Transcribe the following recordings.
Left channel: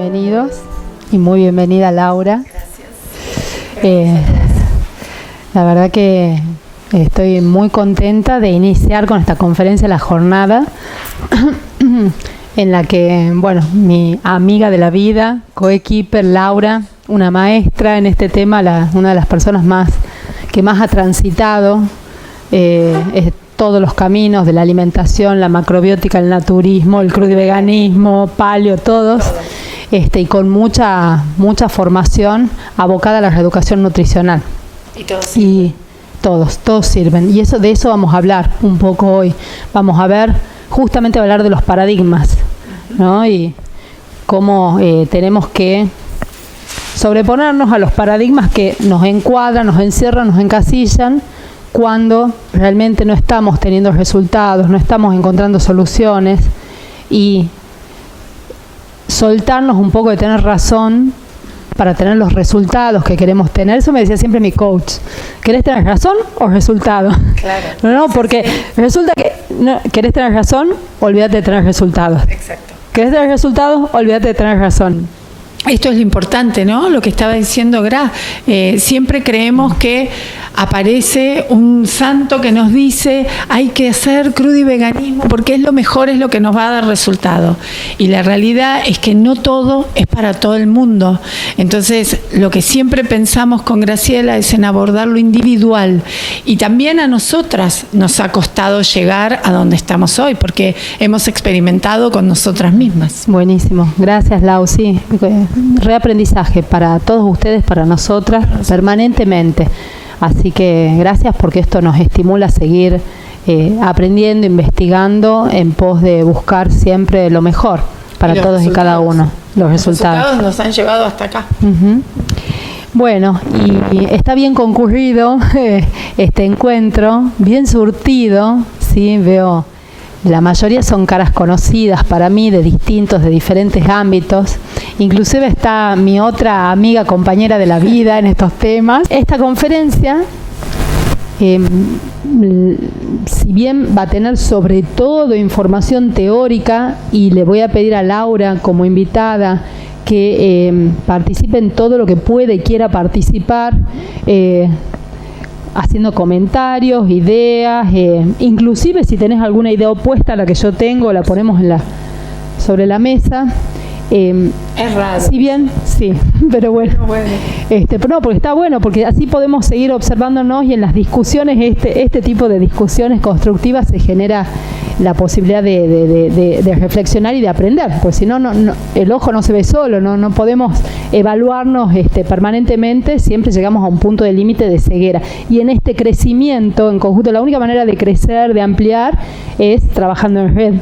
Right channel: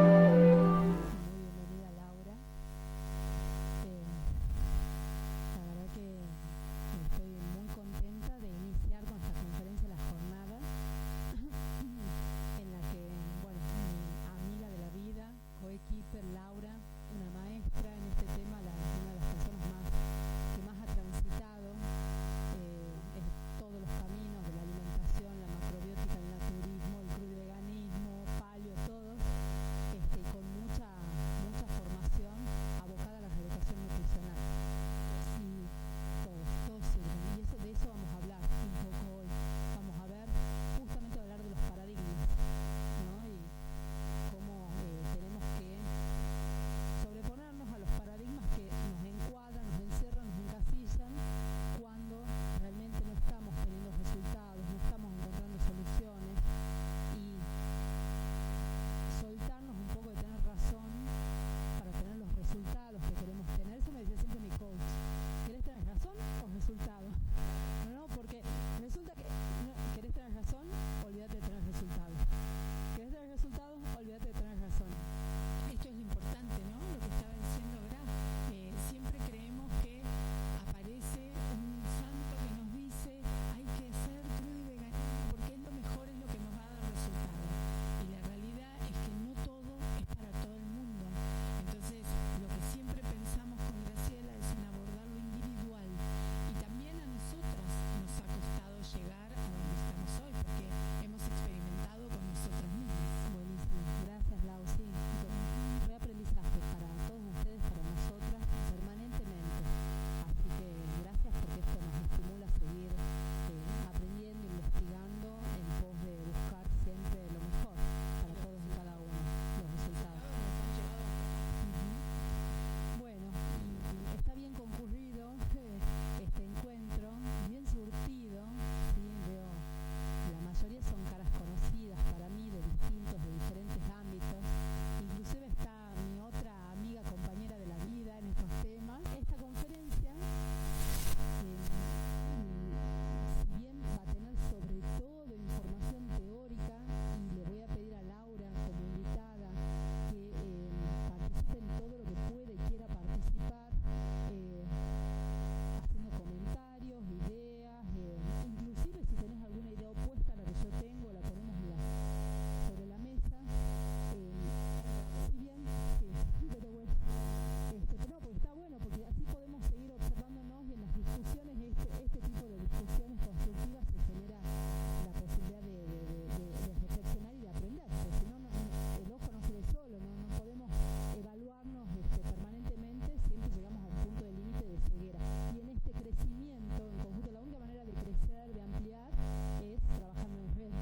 bienvenidos y muy bienvenida Laura. Gracias. La verdad que estoy muy contenta de iniciar con esta conferencia La Jornada, en la que, bueno, mi amiga de la vida, coequiper Laura, una maestra en este tema, una de las personas que más ha transitado todos los caminos de la alimentación, la macrobiótica, el naturismo, el crudiveganismo, paleo, todos. Y con mucha formación abocada a la reeducación nutricional. Y todos sirven. Y de eso vamos a hablar un poco hoy. Vamos a ver, justamente hablar de los paradigmas, ¿no? Y cómo tenemos que sobreponernos a los paradigmas que nos encuadran, nos encierran, nos encasillan, cuando realmente no estamos teniendo resultados, no estamos encontrando soluciones, y soltarnos un poco de tener razón para tener los resultados que queremos tener. Eso me decía siempre mi coach: ¿querés tener razón o resultado? Claro. No, porque resulta que querés tener razón, olvídate de tener resultados. Exacto. ¿Querés tener resultados? Olvídate de tener razón. Esto es lo importante, ¿no? Lo que estaba diciendo Gra. Siempre creemos que aparece un santo que nos dice hay que hacer crudiveganismo porque es lo mejor, es lo que nos va a dar resultado. Y la realidad es que no todo es para todo el mundo. Entonces, lo que siempre pensamos con Graciela es en abordar lo individual. Y también a nosotras nos ha costado llegar a donde estamos hoy, porque hemos experimentado con nosotras mismas. Buenísimo. Gracias, Lau. Sí, reaprendizaje para todos ustedes, para nosotras, permanentemente. Así que gracias, porque esto nos estimula a seguir aprendiendo, investigando, en pos de buscar siempre lo mejor para todos y cada uno. Los resultados nos han llevado hasta acá. Uh-huh. Bueno, y está bien concurrido este encuentro, bien surtido, ¿sí? Veo, la mayoría son caras conocidas para mí, de diferentes ámbitos. Inclusive está mi otra amiga, compañera de la vida en estos temas. Esta conferencia, si bien va a tener sobre todo información teórica, y le voy a pedir a Laura como invitada que participe en todo lo que puede y quiera participar, haciendo comentarios, ideas, inclusive si tenés alguna idea opuesta a la que yo tengo, la ponemos sobre la mesa. Es raro. Si bien, sí, pero bueno. Pero no, porque está bueno, porque así podemos seguir observándonos, y en las discusiones, este tipo de discusiones constructivas, se genera la posibilidad de reflexionar y de aprender, porque si no, el ojo no se ve solo, no podemos evaluarnos permanentemente, siempre llegamos a un punto de límite de ceguera. Y en este crecimiento en conjunto, la única manera de crecer, de ampliar, es trabajando en red.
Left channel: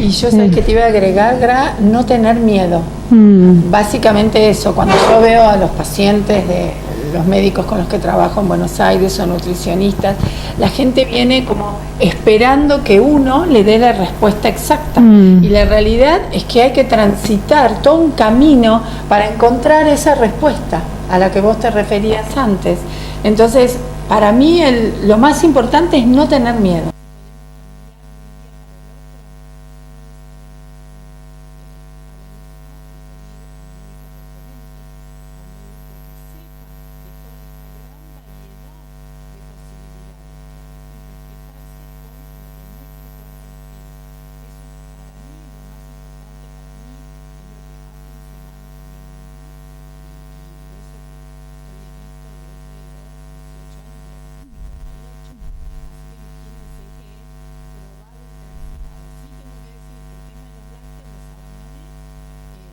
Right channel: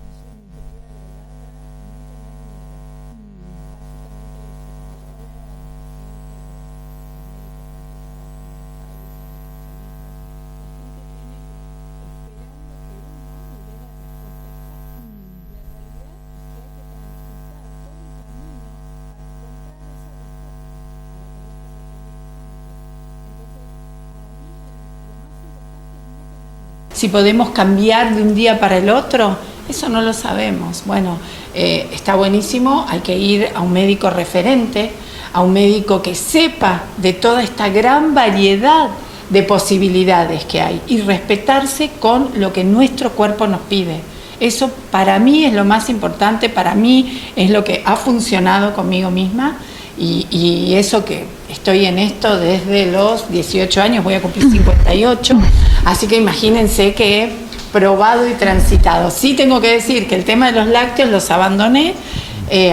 Y yo sé que te iba a agregar, Gra, no tener miedo. Básicamente eso, cuando yo veo a los pacientes de los médicos con los que trabajo en Buenos Aires o nutricionistas, la gente viene como esperando que uno le dé la respuesta exacta. Y la realidad es que hay que transitar todo un camino para encontrar esa respuesta a la que vos te referías antes. Entonces, para mí lo más importante es no tener miedo. Si podemos cambiar de un día para el otro, eso no lo sabemos. Bueno, está buenísimo, hay que ir a un médico referente, a un médico que sepa de toda esta gran variedad de posibilidades que hay, y respetarse con lo que nuestro cuerpo nos pide. Eso para mí es lo más importante, para mí es lo que ha funcionado conmigo misma, y eso que estoy en esto desde los 18 años, voy a cumplir 58, así que imagínense que he probado y transitado. Sí tengo que decir que el tema de los lácteos los abandoné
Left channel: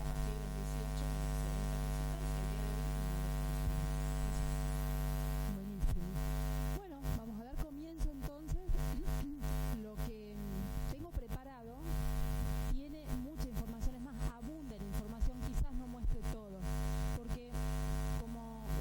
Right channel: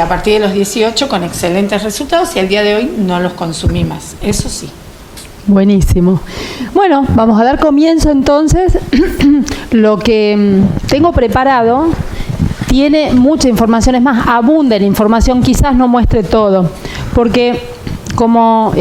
a partir de los 18 con excelentes resultados, y al día de hoy no los consumí más, eso sí. Buenísimo. Bueno, vamos a dar comienzo entonces. Lo que tengo preparado tiene mucha información, es más, abunda la información, quizás no muestre todo, porque como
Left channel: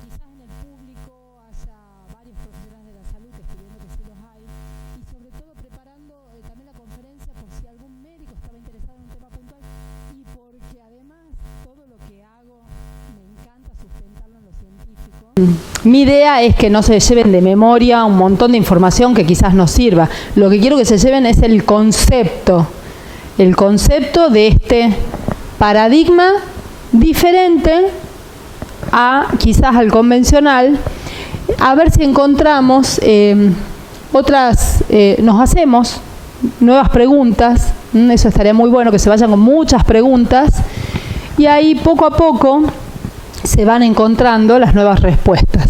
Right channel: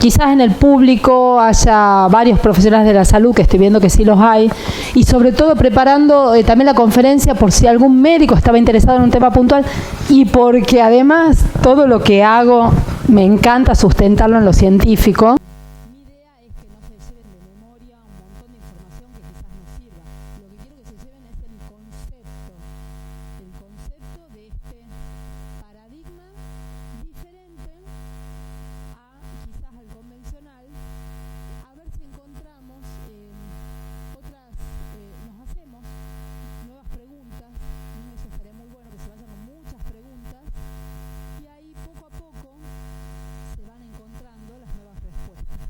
quizás en el público haya varios profesionales de la salud, que estoy viendo que sí los hay, y sobre todo preparando también la conferencia por si algún médico estaba interesado en un tema puntual, y porque además todo lo que hago me encanta sustentarlo en lo científico. Mi idea es que no se lleven de memoria un montón de información que quizás no sirva. Lo que quiero que se lleven es el concepto de este paradigma diferente a quizás al convencional, a ver si encontramos nos hacemos nuevas preguntas, eso estaría muy bueno, que se vayan con muchas preguntas, y ahí poco a poco se van encontrando las nuevas respuestas.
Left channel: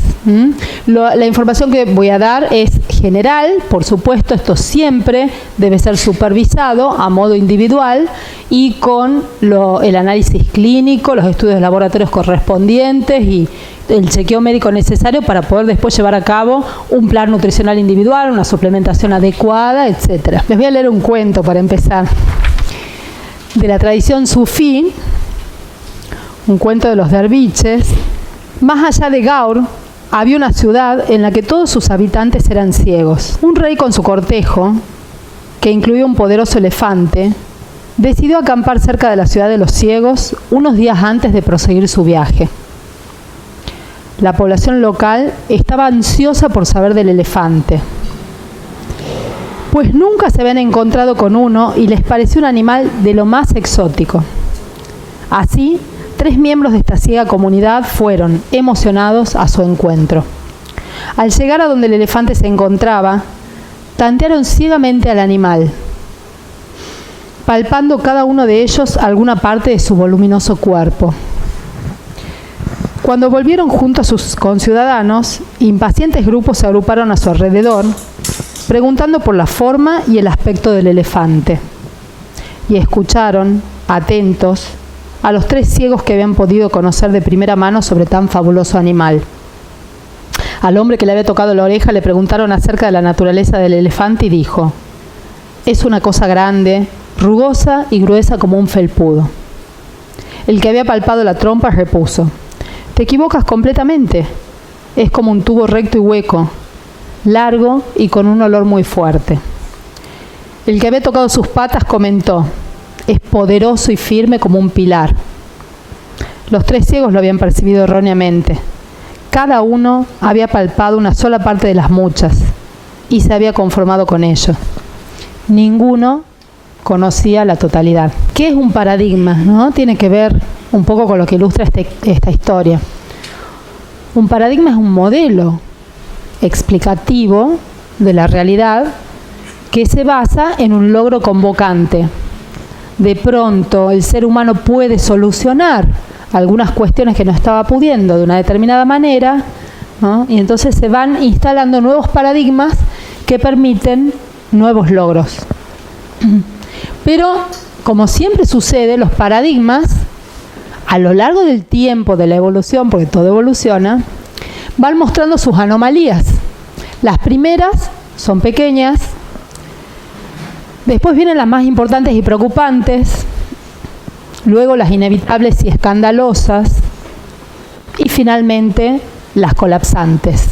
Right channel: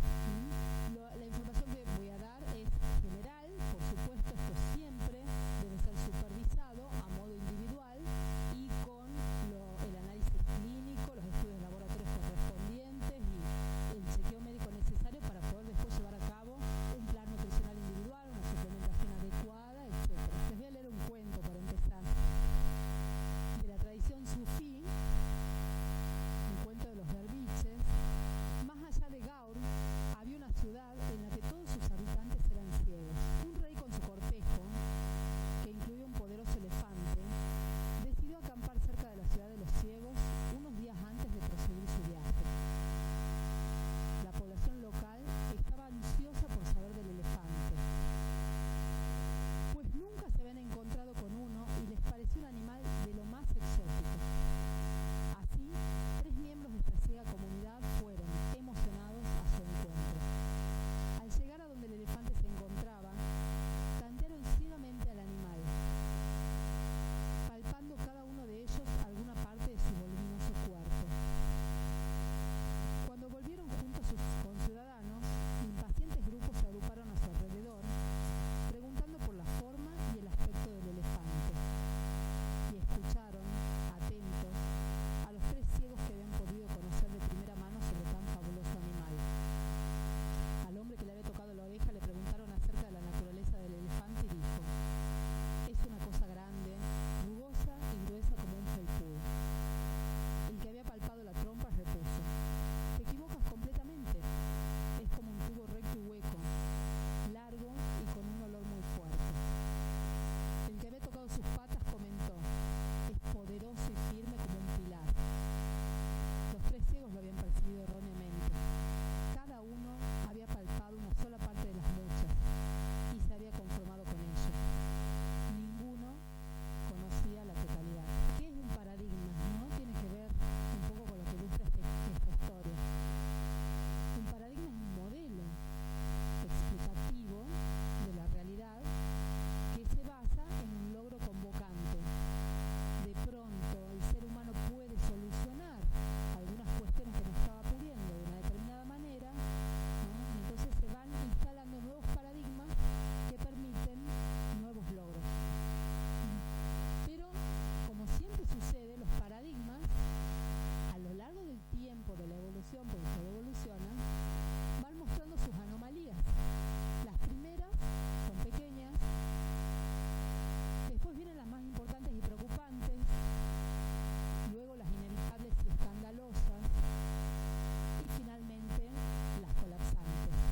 La información que voy a dar es general, por supuesto, esto siempre debe ser supervisado a modo individual y con el análisis clínico, los estudios de laboratorios correspondientes y el chequeo médico necesario para poder después llevar a cabo un plan nutricional individual, una suplementación adecuada, etc. Les voy a leer un cuento para empezar. De la tradición sufí, un cuento de los derviches. Más allá de Gaur, había una ciudad en la que todos sus habitantes eran ciegos. Un rey con su cortejo, que incluía un poderoso elefante, decidió acampar cerca de la ciudad de los ciegos unos días antes de proseguir su viaje. La población local estaba ansiosa por saber del elefante, pues nunca se habían encontrado con uno y les pareció un animal de lo más exótico. Así, 3 miembros de esta ciega comunidad fueron emocionados a su encuentro. Al llegar a donde el elefante se encontraba, tantearon ciegamente al animal, palpando cada uno de ellos alguna parte de su voluminoso cuerpo. Cuando volvieron junto a sus conciudadanos, impacientes grupos se agruparon a su alrededor, preguntando por la forma y el aspecto del elefante. Y escucharon, atentos, a los 3 ciegos que habían podido conocer de primera mano sobre tan fabuloso animal. Al hombre que le había tocado la oreja le preguntaron acerca de la naturaleza del elefante y dijo: es una cosa grande, rugosa y gruesa como un felpudo. El que había palpado la trompa repuso: te equivocas completamente. Es como un tubo recto y hueco, largo y con un olor muy fuerte. El que había tocado sus patas comentó: es poderoso y firme como un pilar. Los 3 ciegos lo habían percibido erróneamente. Cada uno había palpado una sola parte de las muchas y se había conformado con ello. Ninguno conocía la totalidad. ¿Qué es un paradigma? ¿No? Tiene que ver un poco con lo que ilustra esta historia. Un paradigma es un modelo explicativo de la realidad que se basa en un logro convocante. De pronto el ser humano puede solucionar algunas cuestiones que no estaba pudiendo de una determinada manera, ¿no? Y entonces se van instalando nuevos paradigmas que permiten nuevos logros. Pero, como siempre sucede, los paradigmas, a lo largo del tiempo de la evolución, porque todo evoluciona, van mostrando sus anomalías. Las primeras son pequeñas, después vienen las más importantes y preocupantes, luego las inevitables y escandalosas, y finalmente las colapsantes.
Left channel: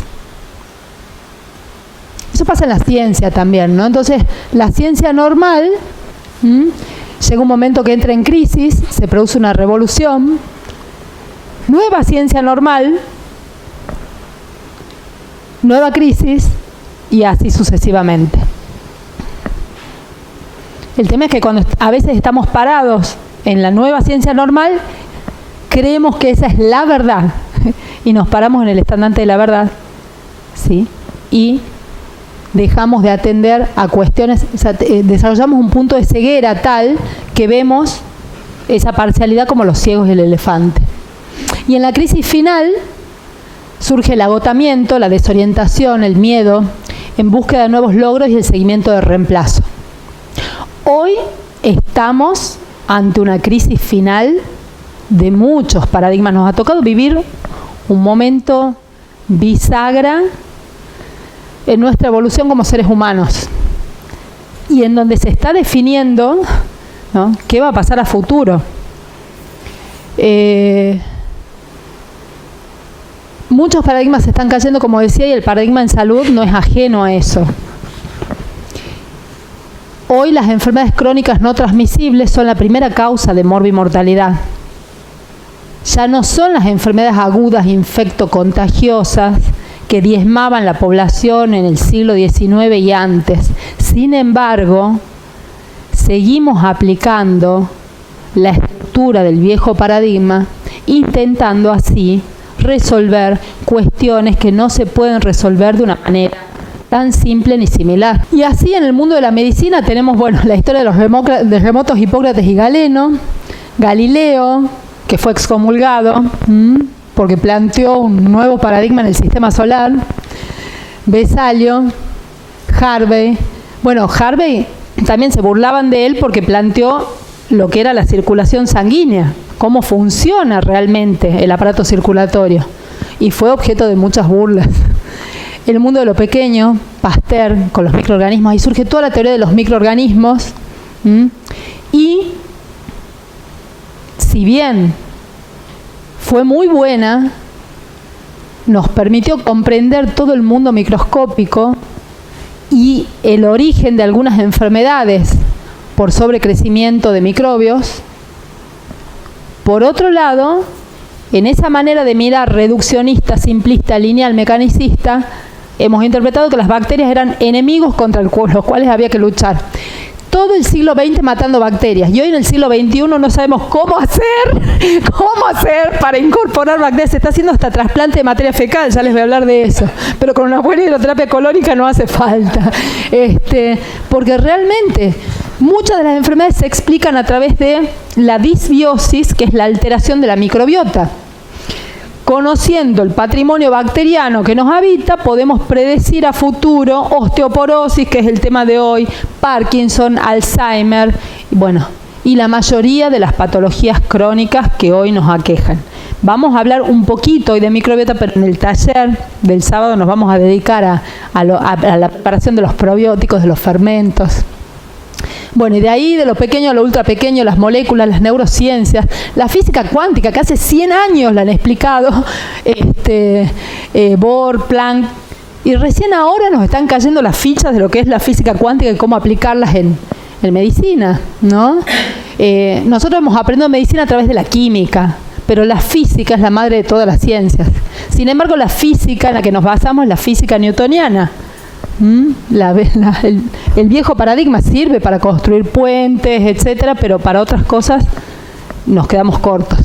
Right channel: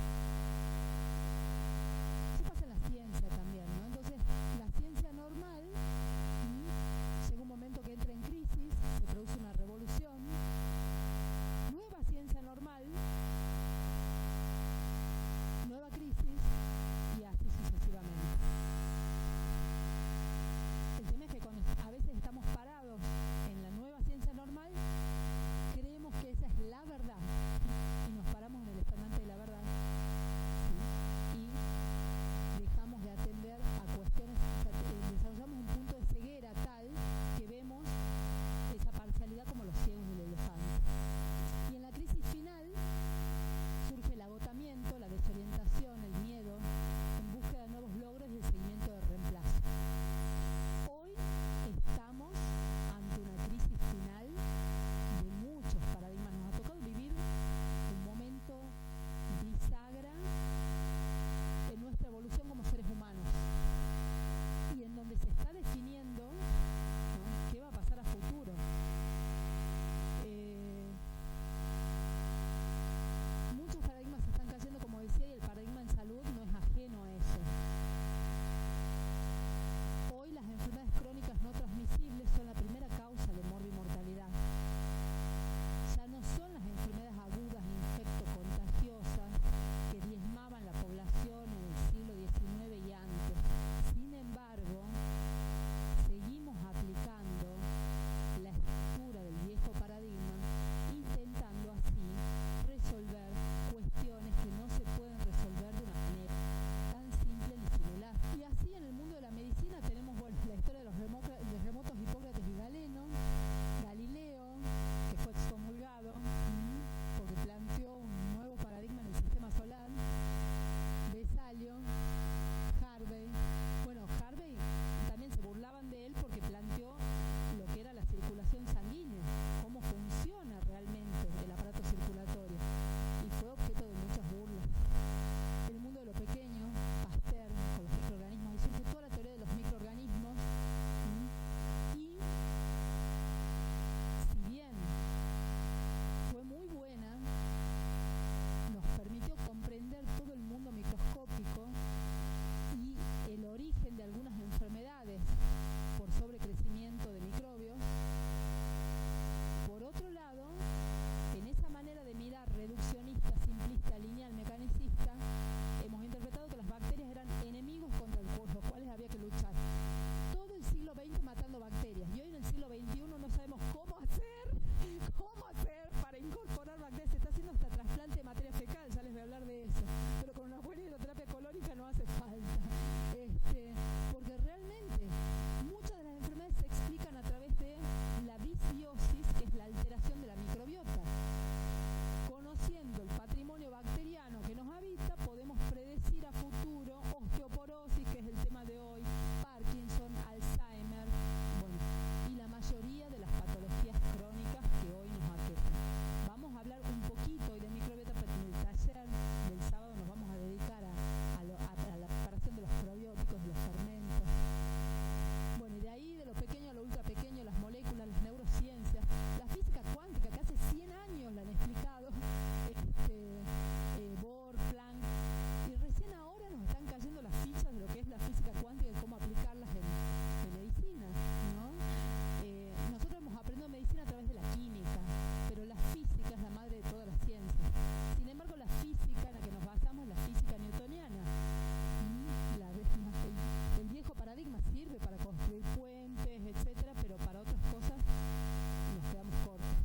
Eso pasa en la ciencia también, ¿no? Entonces, la ciencia normal, llega un momento que entra en crisis, se produce una revolución, nueva ciencia normal, nueva crisis, y así sucesivamente. El tema es que cuando a veces estamos parados en la nueva ciencia normal, creemos que esa es la verdad y nos paramos en el estandarte de la verdad, ¿sí? Y dejamos de atender a cuestiones, o sea, desarrollamos un punto de ceguera tal que vemos esa parcialidad como los ciegos y el elefante. Y en la crisis final surge el agotamiento, la desorientación, el miedo, en búsqueda de nuevos logros y el seguimiento de reemplazo. Hoy estamos ante una crisis final de muchos paradigmas. Nos ha tocado vivir un momento bisagra en nuestra evolución como seres humanos y en donde se está definiendo, ¿no?, qué va a pasar a futuro. Muchos paradigmas se están cayendo, como decía, y el paradigma en salud no es ajeno a eso. Hoy las enfermedades crónicas no transmisibles son la primera causa de morbimortalidad. Ya no son las enfermedades agudas infectocontagiosas que diezmaban la población en el siglo XIX y antes. Sin embargo, seguimos aplicando la estructura ruptura del viejo paradigma, intentando así resolver cuestiones que no se pueden resolver de una manera tan simple ni similar. Y así en el mundo de la medicina tenemos, bueno, la historia de los remotos Hipócrates y Galeno, Galileo, que fue excomulgado porque planteó un nuevo paradigma en el sistema solar, Besalio, Harvey. Bueno, Harvey también se burlaban de él porque planteó lo que era la circulación sanguínea, cómo funciona realmente el aparato circulatorio, y fue objeto de muchas burlas. El mundo de lo pequeño, Pasteur con los microorganismos, ahí surge toda la teoría de los microorganismos, y si bien fue muy buena, nos permitió comprender todo el mundo microscópico y el origen de algunas enfermedades por sobrecrecimiento de microbios. Por otro lado, en esa manera de mirar reduccionista, simplista, lineal, mecanicista, hemos interpretado que las bacterias eran enemigos contra los cuales había que luchar. Todo el siglo XX matando bacterias, y hoy en el siglo XXI no sabemos cómo hacer para incorporar bacterias. Se está haciendo hasta trasplante de materia fecal, ya les voy a hablar de eso, pero con una buena hidroterapia colónica no hace falta, porque realmente muchas de las enfermedades se explican a través de la disbiosis, que es la alteración de la microbiota. Conociendo el patrimonio bacteriano que nos habita, podemos predecir a futuro osteoporosis, que es el tema de hoy, Parkinson, Alzheimer, bueno, y la mayoría de las patologías crónicas que hoy nos aquejan. Vamos a hablar un poquito hoy de microbiota, pero en el taller del sábado nos vamos a dedicar a la preparación de los probióticos, de los fermentos. Bueno, y de ahí, de lo pequeño a lo ultra pequeño, las moléculas, las neurociencias, la física cuántica, que hace 100 años la han explicado, Bohr, Planck, y recién ahora nos están cayendo las fichas de lo que es la física cuántica y cómo aplicarlas en medicina, ¿no? Nosotros hemos aprendido medicina a través de la química, pero la física es la madre de todas las ciencias. Sin embargo, la física en la que nos basamos es la física newtoniana. El viejo paradigma sirve para construir puentes, etcétera, pero para otras cosas nos quedamos cortos.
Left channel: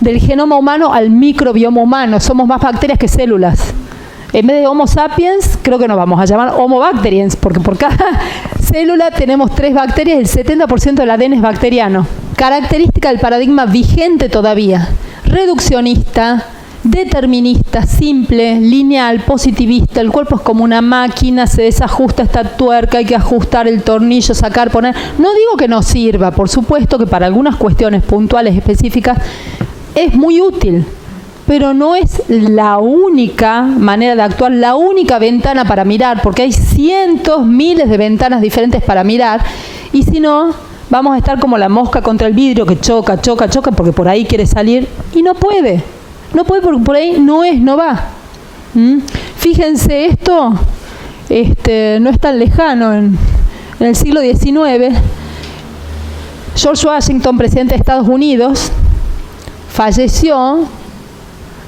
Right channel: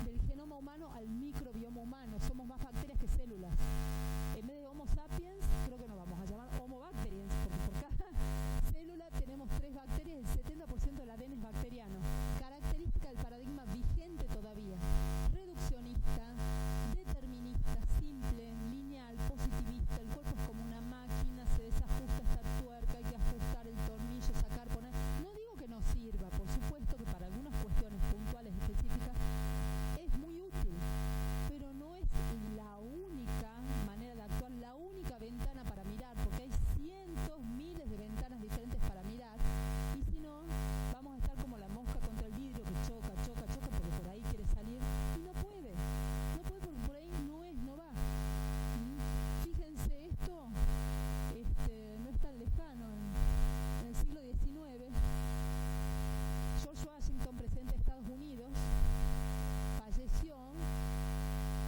Del genoma humano al microbioma humano, somos más bacterias que células. En vez de Homo sapiens, creo que nos vamos a llamar Homo bacteriens, porque por cada célula tenemos 3 bacterias, el 70% del ADN es bacteriano. Característica del paradigma vigente todavía, reduccionista, determinista, simple, lineal, positivista. El cuerpo es como una máquina, se desajusta esta tuerca, hay que ajustar el tornillo, sacar, poner. No digo que no sirva, por supuesto que para algunas cuestiones puntuales específicas es muy útil, pero no es la única manera de actuar, la única ventana para mirar, porque hay cientos, miles de ventanas diferentes para mirar, y si no, vamos a estar como la mosca contra el vidrio que choca, porque por ahí quiere salir y no puede. No puede porque por ahí no va. Fíjense, esto no es tan lejano. En el siglo XIX, George Washington, presidente de Estados Unidos, falleció,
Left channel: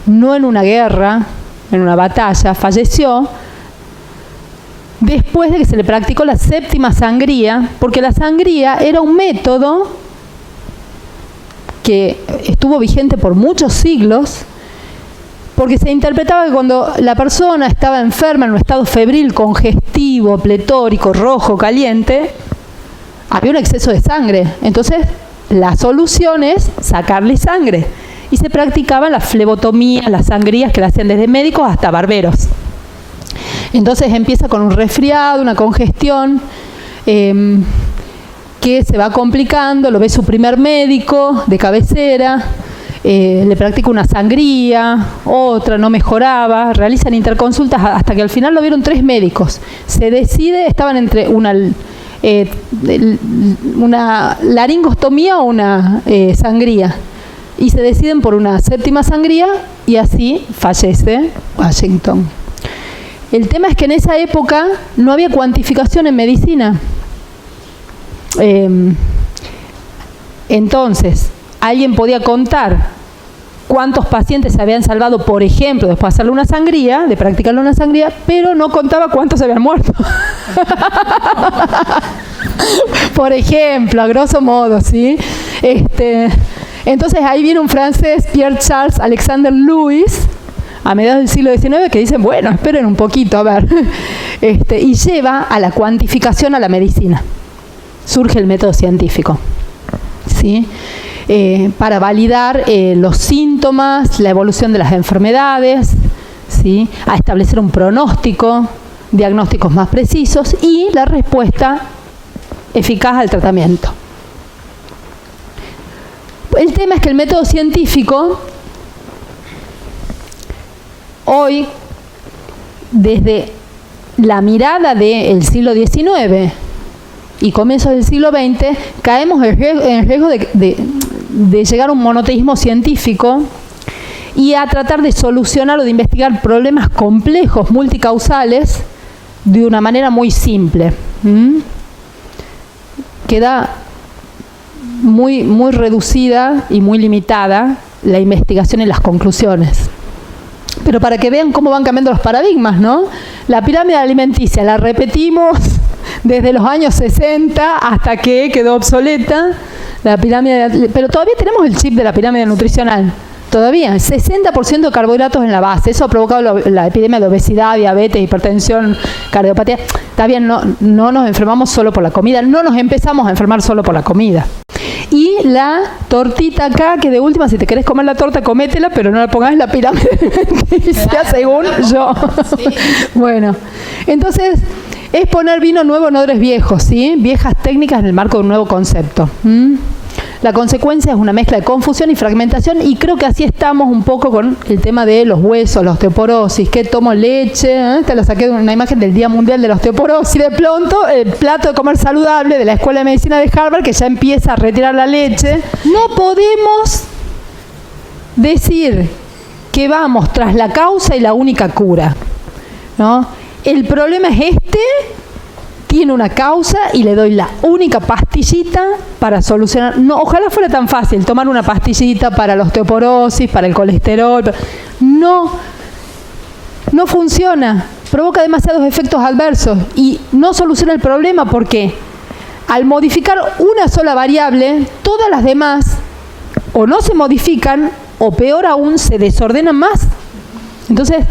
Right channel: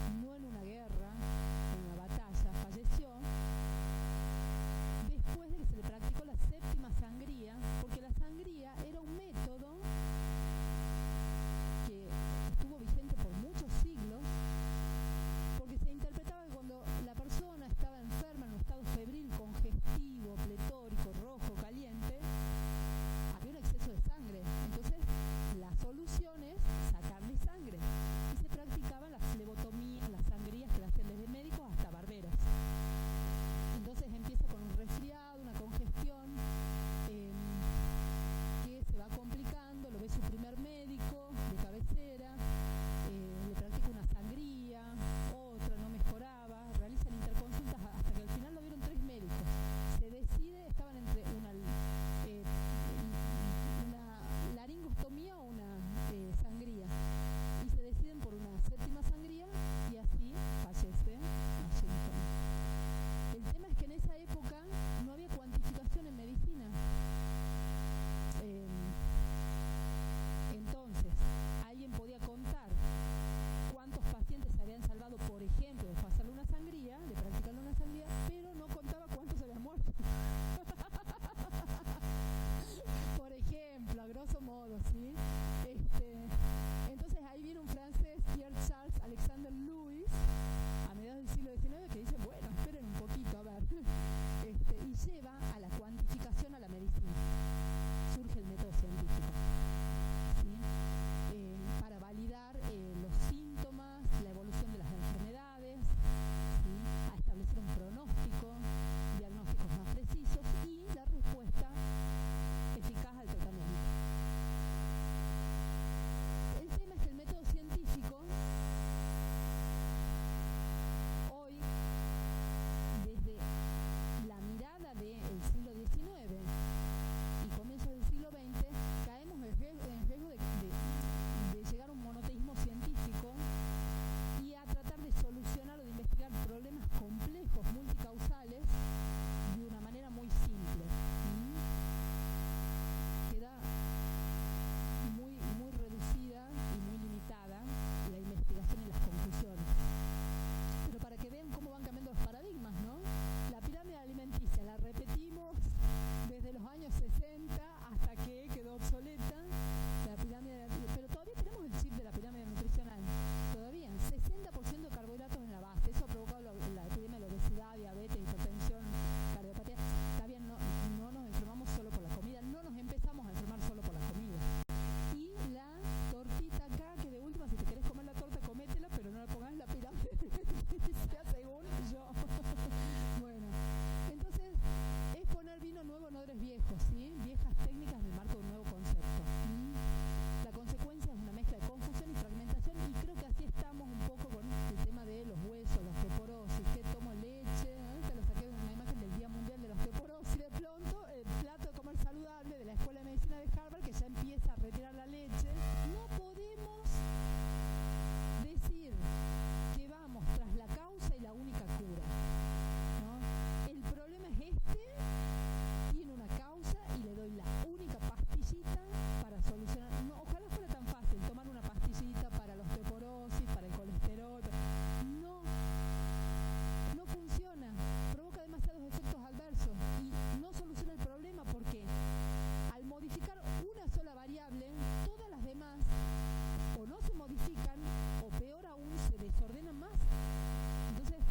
no en una guerra, en una batalla, falleció después de que se le practicó la séptima sangría, porque la sangría era un método que estuvo vigente por muchos siglos, porque se interpretaba que cuando la persona estaba enferma en un estado febril, congestivo, pletórico, rojo, caliente, había un exceso de sangre. Entonces, la solución es sacarle sangre. Y se practicaban las flebotomías, las sangrías que la hacían desde médicos hasta barberos. Entonces empieza con un resfriado, una congestión, que se va complicando, lo ve su primer médico de cabecera, le practica una sangría, otra, no mejoraba, realizan interconsultas hasta que al final lo vieron 3 médicos. Se decide, estaban entre una laringostomía o una sangría, y se deciden por una séptima sangría y así fallece Washington. El tema es que en esa época no había cuantificación en medicina. Entonces, alguien podía contar cuántos pacientes se habían salvado, por ejemplo, después de hacerle una sangría, de practicarle una sangría, pero no contaba cuántos se habían muerto. Por ejemplo, a grosso modo, ¿sí? Entonces ahí viene un francés, Pierre Charles Alexander Louis, a mediados del siglo XIX, que dicen, bueno, esperen un poquito, a ver, y lleva a la cuantificación a la medicina. Surge el método científico, ¿sí? Para validar los síntomas, la evolución de las enfermedades, ¿sí? A establecer un pronóstico, diagnósticos más precisos y la respuesta eficaz al tratamiento. El tema es que el método científico hoy, desde la mirada del siglo XIX y comienzos del siglo XX, caemos en riesgo de llegar a un monoteísmo científico y a tratar de solucionar o de investigar problemas complejos, multicausales, de una manera muy simple. Queda muy reducida y muy limitada la investigación y las conclusiones. Pero para que vean cómo van cambiando los paradigmas, ¿no? La pirámide alimenticia la repetimos desde los años 60 hasta que quedó obsoleta. La pirámide, pero todavía tenemos el chip de la pirámide nutricional. Todavía, 60% de carbohidratos en la base. Eso ha provocado la epidemia de obesidad, diabetes, hipertensión, cardiopatía. Está bien, no nos enfermamos solo por la comida. No nos empezamos a enfermar solo por la comida. Y la tortita acá, que de última, si te querés comer la torta, cométela, pero no la pongas en la pirámide alimenticia, según yo. Sí. Bueno, entonces, es poner vino nuevo en odres viejos, ¿sí? Viejas técnicas en el marco de un nuevo concepto. La consecuencia es una mezcla de confusión y fragmentación, y creo que así estamos un poco con el tema de los huesos, la osteoporosis. ¿Qué tomo leche? Te lo saqué de una imagen del Día Mundial de la Osteoporosis. Y de pronto, el plato de comer saludable de la Escuela de Medicina de Harvard, que ya empieza a retirar la leche. No podemos decir que vamos tras la causa y la única cura, ¿no? El problema es tiene una causa y le doy la única pastillita para solucionar. No, ojalá fuera tan fácil tomar una pastillita para la osteoporosis, para el colesterol. No funciona. Provoca demasiados efectos adversos y no soluciona el problema porque al modificar una sola variable, todas las demás o no se modifican o peor aún se desordenan más. Entonces,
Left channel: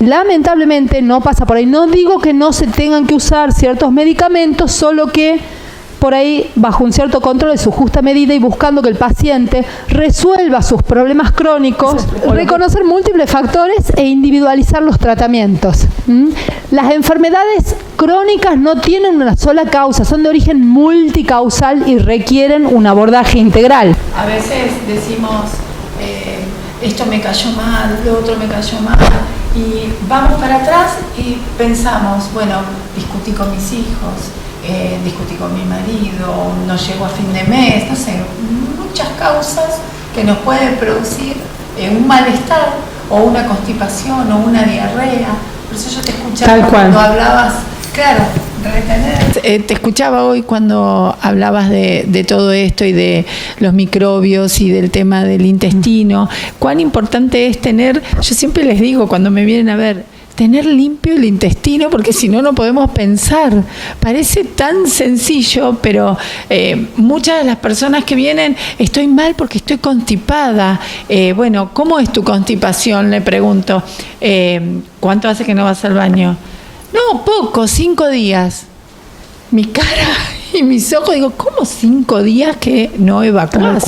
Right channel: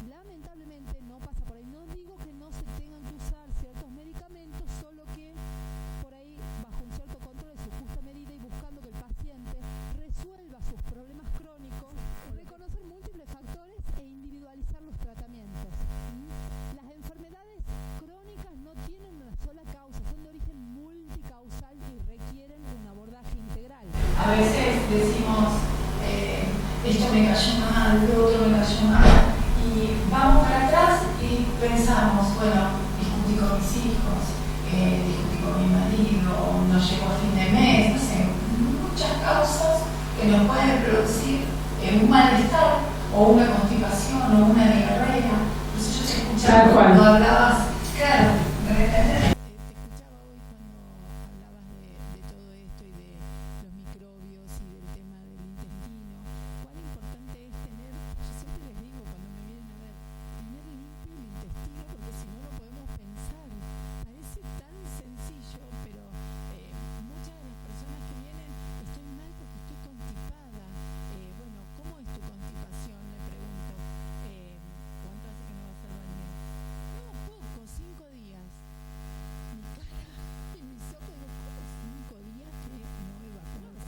lamentablemente no pasa por ahí. No digo que no se tengan que usar ciertos medicamentos, solo que por ahí bajo un cierto control de su justa medida y buscando que el paciente resuelva sus problemas crónicos, reconocer múltiples factores e individualizar los tratamientos. Las enfermedades crónicas no tienen una sola causa, son de origen multicausal y requieren un abordaje integral. A veces decimos, esto me cayó mal, lo otro me cayó mal. Y vamos para atrás y pensamos, bueno, discutí con mis hijos, discutí con mi marido, no llegó a fin de mes, no sé, muchas causas que nos pueden producir un malestar o una constipación o una diarrea. Por eso yo te escuchaba cuando hablabas, claro, retener. Te escuchaba hoy cuando hablabas de todo esto y de los microbios y del tema del intestino. Cuán importante es tener, yo siempre les digo cuando me vienen a ver, tener limpio el intestino, porque si no, no podemos pensar. Parece tan sencillo, pero muchas de las personas que vienen, estoy mal porque estoy constipada. Bueno, ¿cómo es tu constipación? Le pregunto. ¿Cuánto hace que no vas al baño? No, poco, 5 días. Mi cara y mis ojos, digo, ¿cómo 5 días que no evacuás?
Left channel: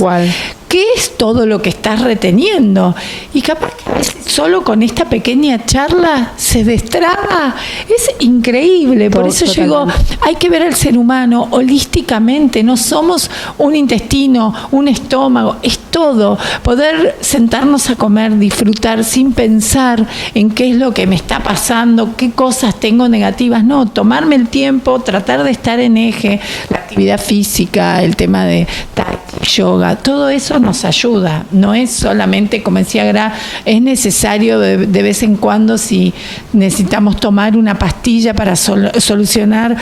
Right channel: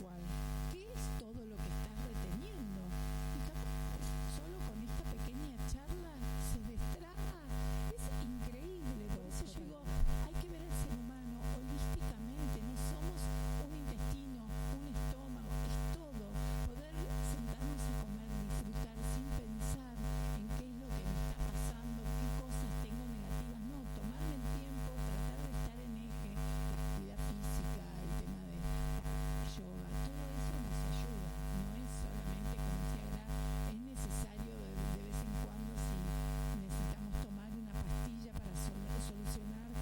¿Qué es todo lo que estás reteniendo? Y capaz que solo con esta pequeña charla se destraba. Es increíble. Por eso yo digo, hay que ver al ser humano holísticamente. No somos un intestino, un estómago, es todo. Poder sentarnos a comer, disfrutar sin pensar en qué es lo que me está pasando, qué cosas tengo negativas. No, tomarme el tiempo, tratar de estar en eje, la actividad física, el tema de tai chi, yoga, todo eso nos ayuda. No es solamente, como decía Gra, es necesario de vez en cuando si necesitamos tomar una pastilla para solucionar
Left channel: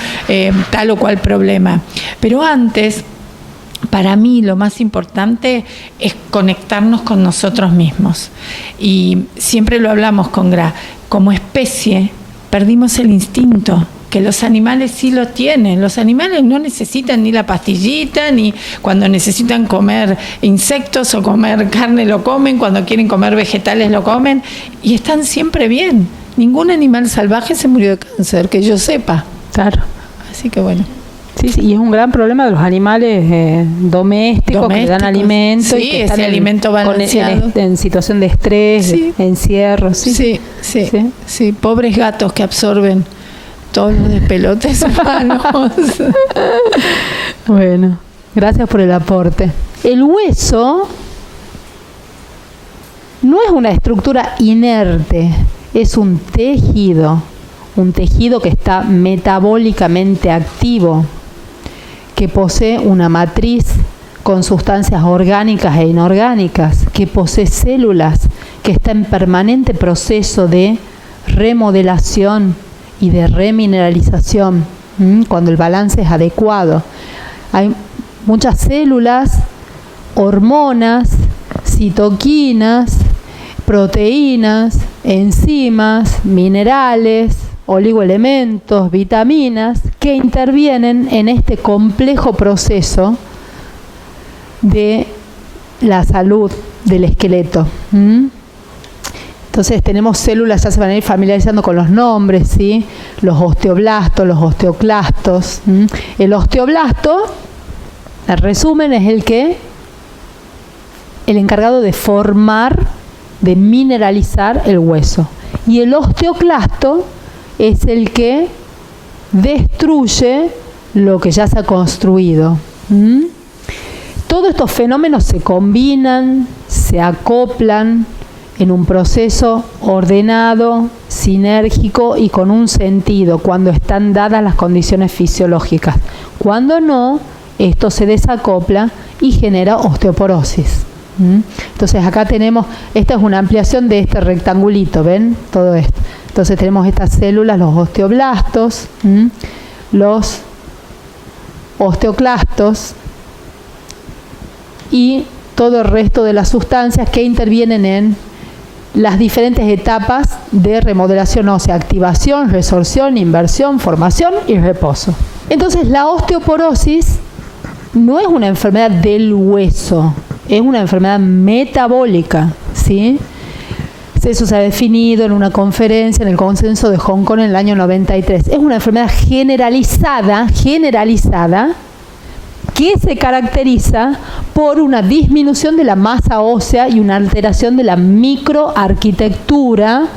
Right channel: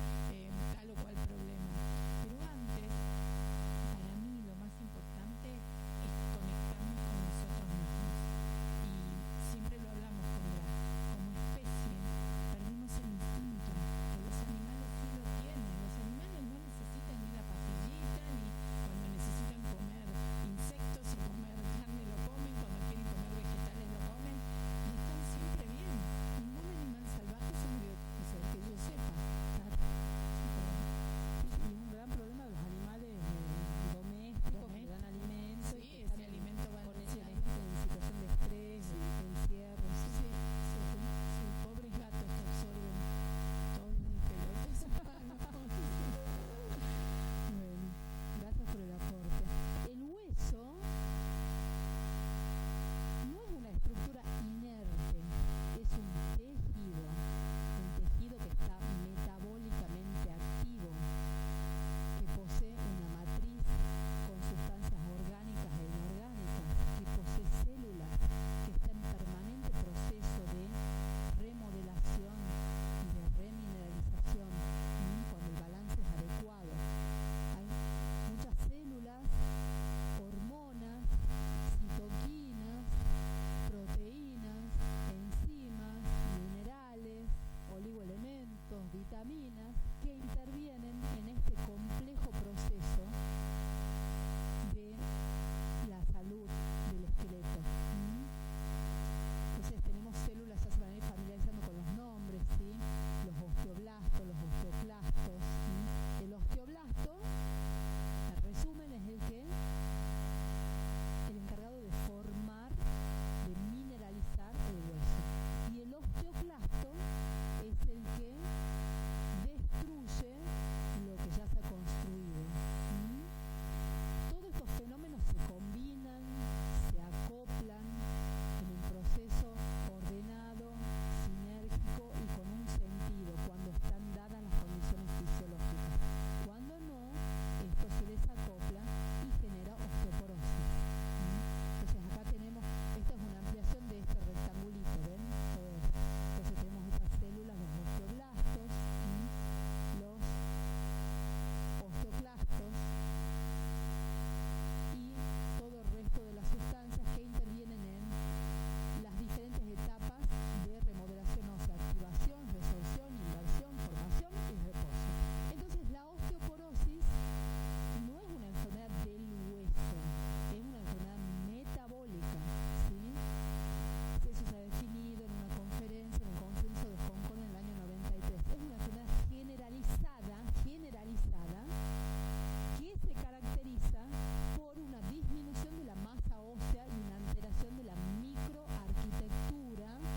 tal o cual problema. Pero antes, para mí lo más importante es conectarnos con nosotros mismos. Y siempre lo hablamos con Gra, como especie perdimos el instinto, que los animales sí lo tienen. Los animales no necesitan ni la pastillita, ni cuando necesitan comer insectos o comer carne lo comen, cuando quieren comer vegetales lo comen, y están siempre bien. Ningún animal salvaje se murió de cáncer, que yo sepa. Claro. Así que bueno. Sí, y es un gran problema de los animales domésticos que le dan alimento, sí, y que están alimento balanceado en situación de estrés, sí, de encierro. Sí, pobres gatos que absorben todos los despelotes humanos. Bueno, gracias por el aporte. El hueso no es una estructura inerte, es un tejido que está metabólicamente activo, que posee una matriz con sustancias orgánicas e inorgánicas, que posee células, que está en permanente proceso de remodelación y de remineralización, cuando el balance es adecuado. Hay muchas células, hormonas, citoquinas, proteínas, enzimas, minerales, oligoelementos, vitaminas, que intervienen en este complejo proceso de la salud del esqueleto. Entonces tenemos células, ya se van a ir familiarizando con los nombres, ¿sí? Los osteoblastos, los osteoclastos. El osteoblasto, en resumen, es el encargado de formar, de mineralizar el hueso. Y el osteoclasto es el que destruye lo que ya se ha construido. Todos estos fenómenos se combinan, se acoplan en un proceso ordenado, sinérgico y con un sentido cuando están dadas las condiciones fisiológicas. Cuando no, esto se desacopla y genera osteoporosis. Entonces acá tenemos, esta es una ampliación de este rectangulito, ¿ven? Todo esto. Entonces tenemos estas células, los osteoblastos, los osteoclastos y todo el resto de las sustancias que intervienen en las diferentes etapas de remodelación ósea: activación, resorción, inversión, formación y reposo. Entonces la osteoporosis no es una enfermedad del hueso, es una enfermedad metabólica, ¿sí? Eso se ha definido en una conferencia en el Consenso de Hong Kong en el año 93. Es una enfermedad generalizada, que se caracteriza por una disminución de la masa ósea y una alteración de la microarquitectura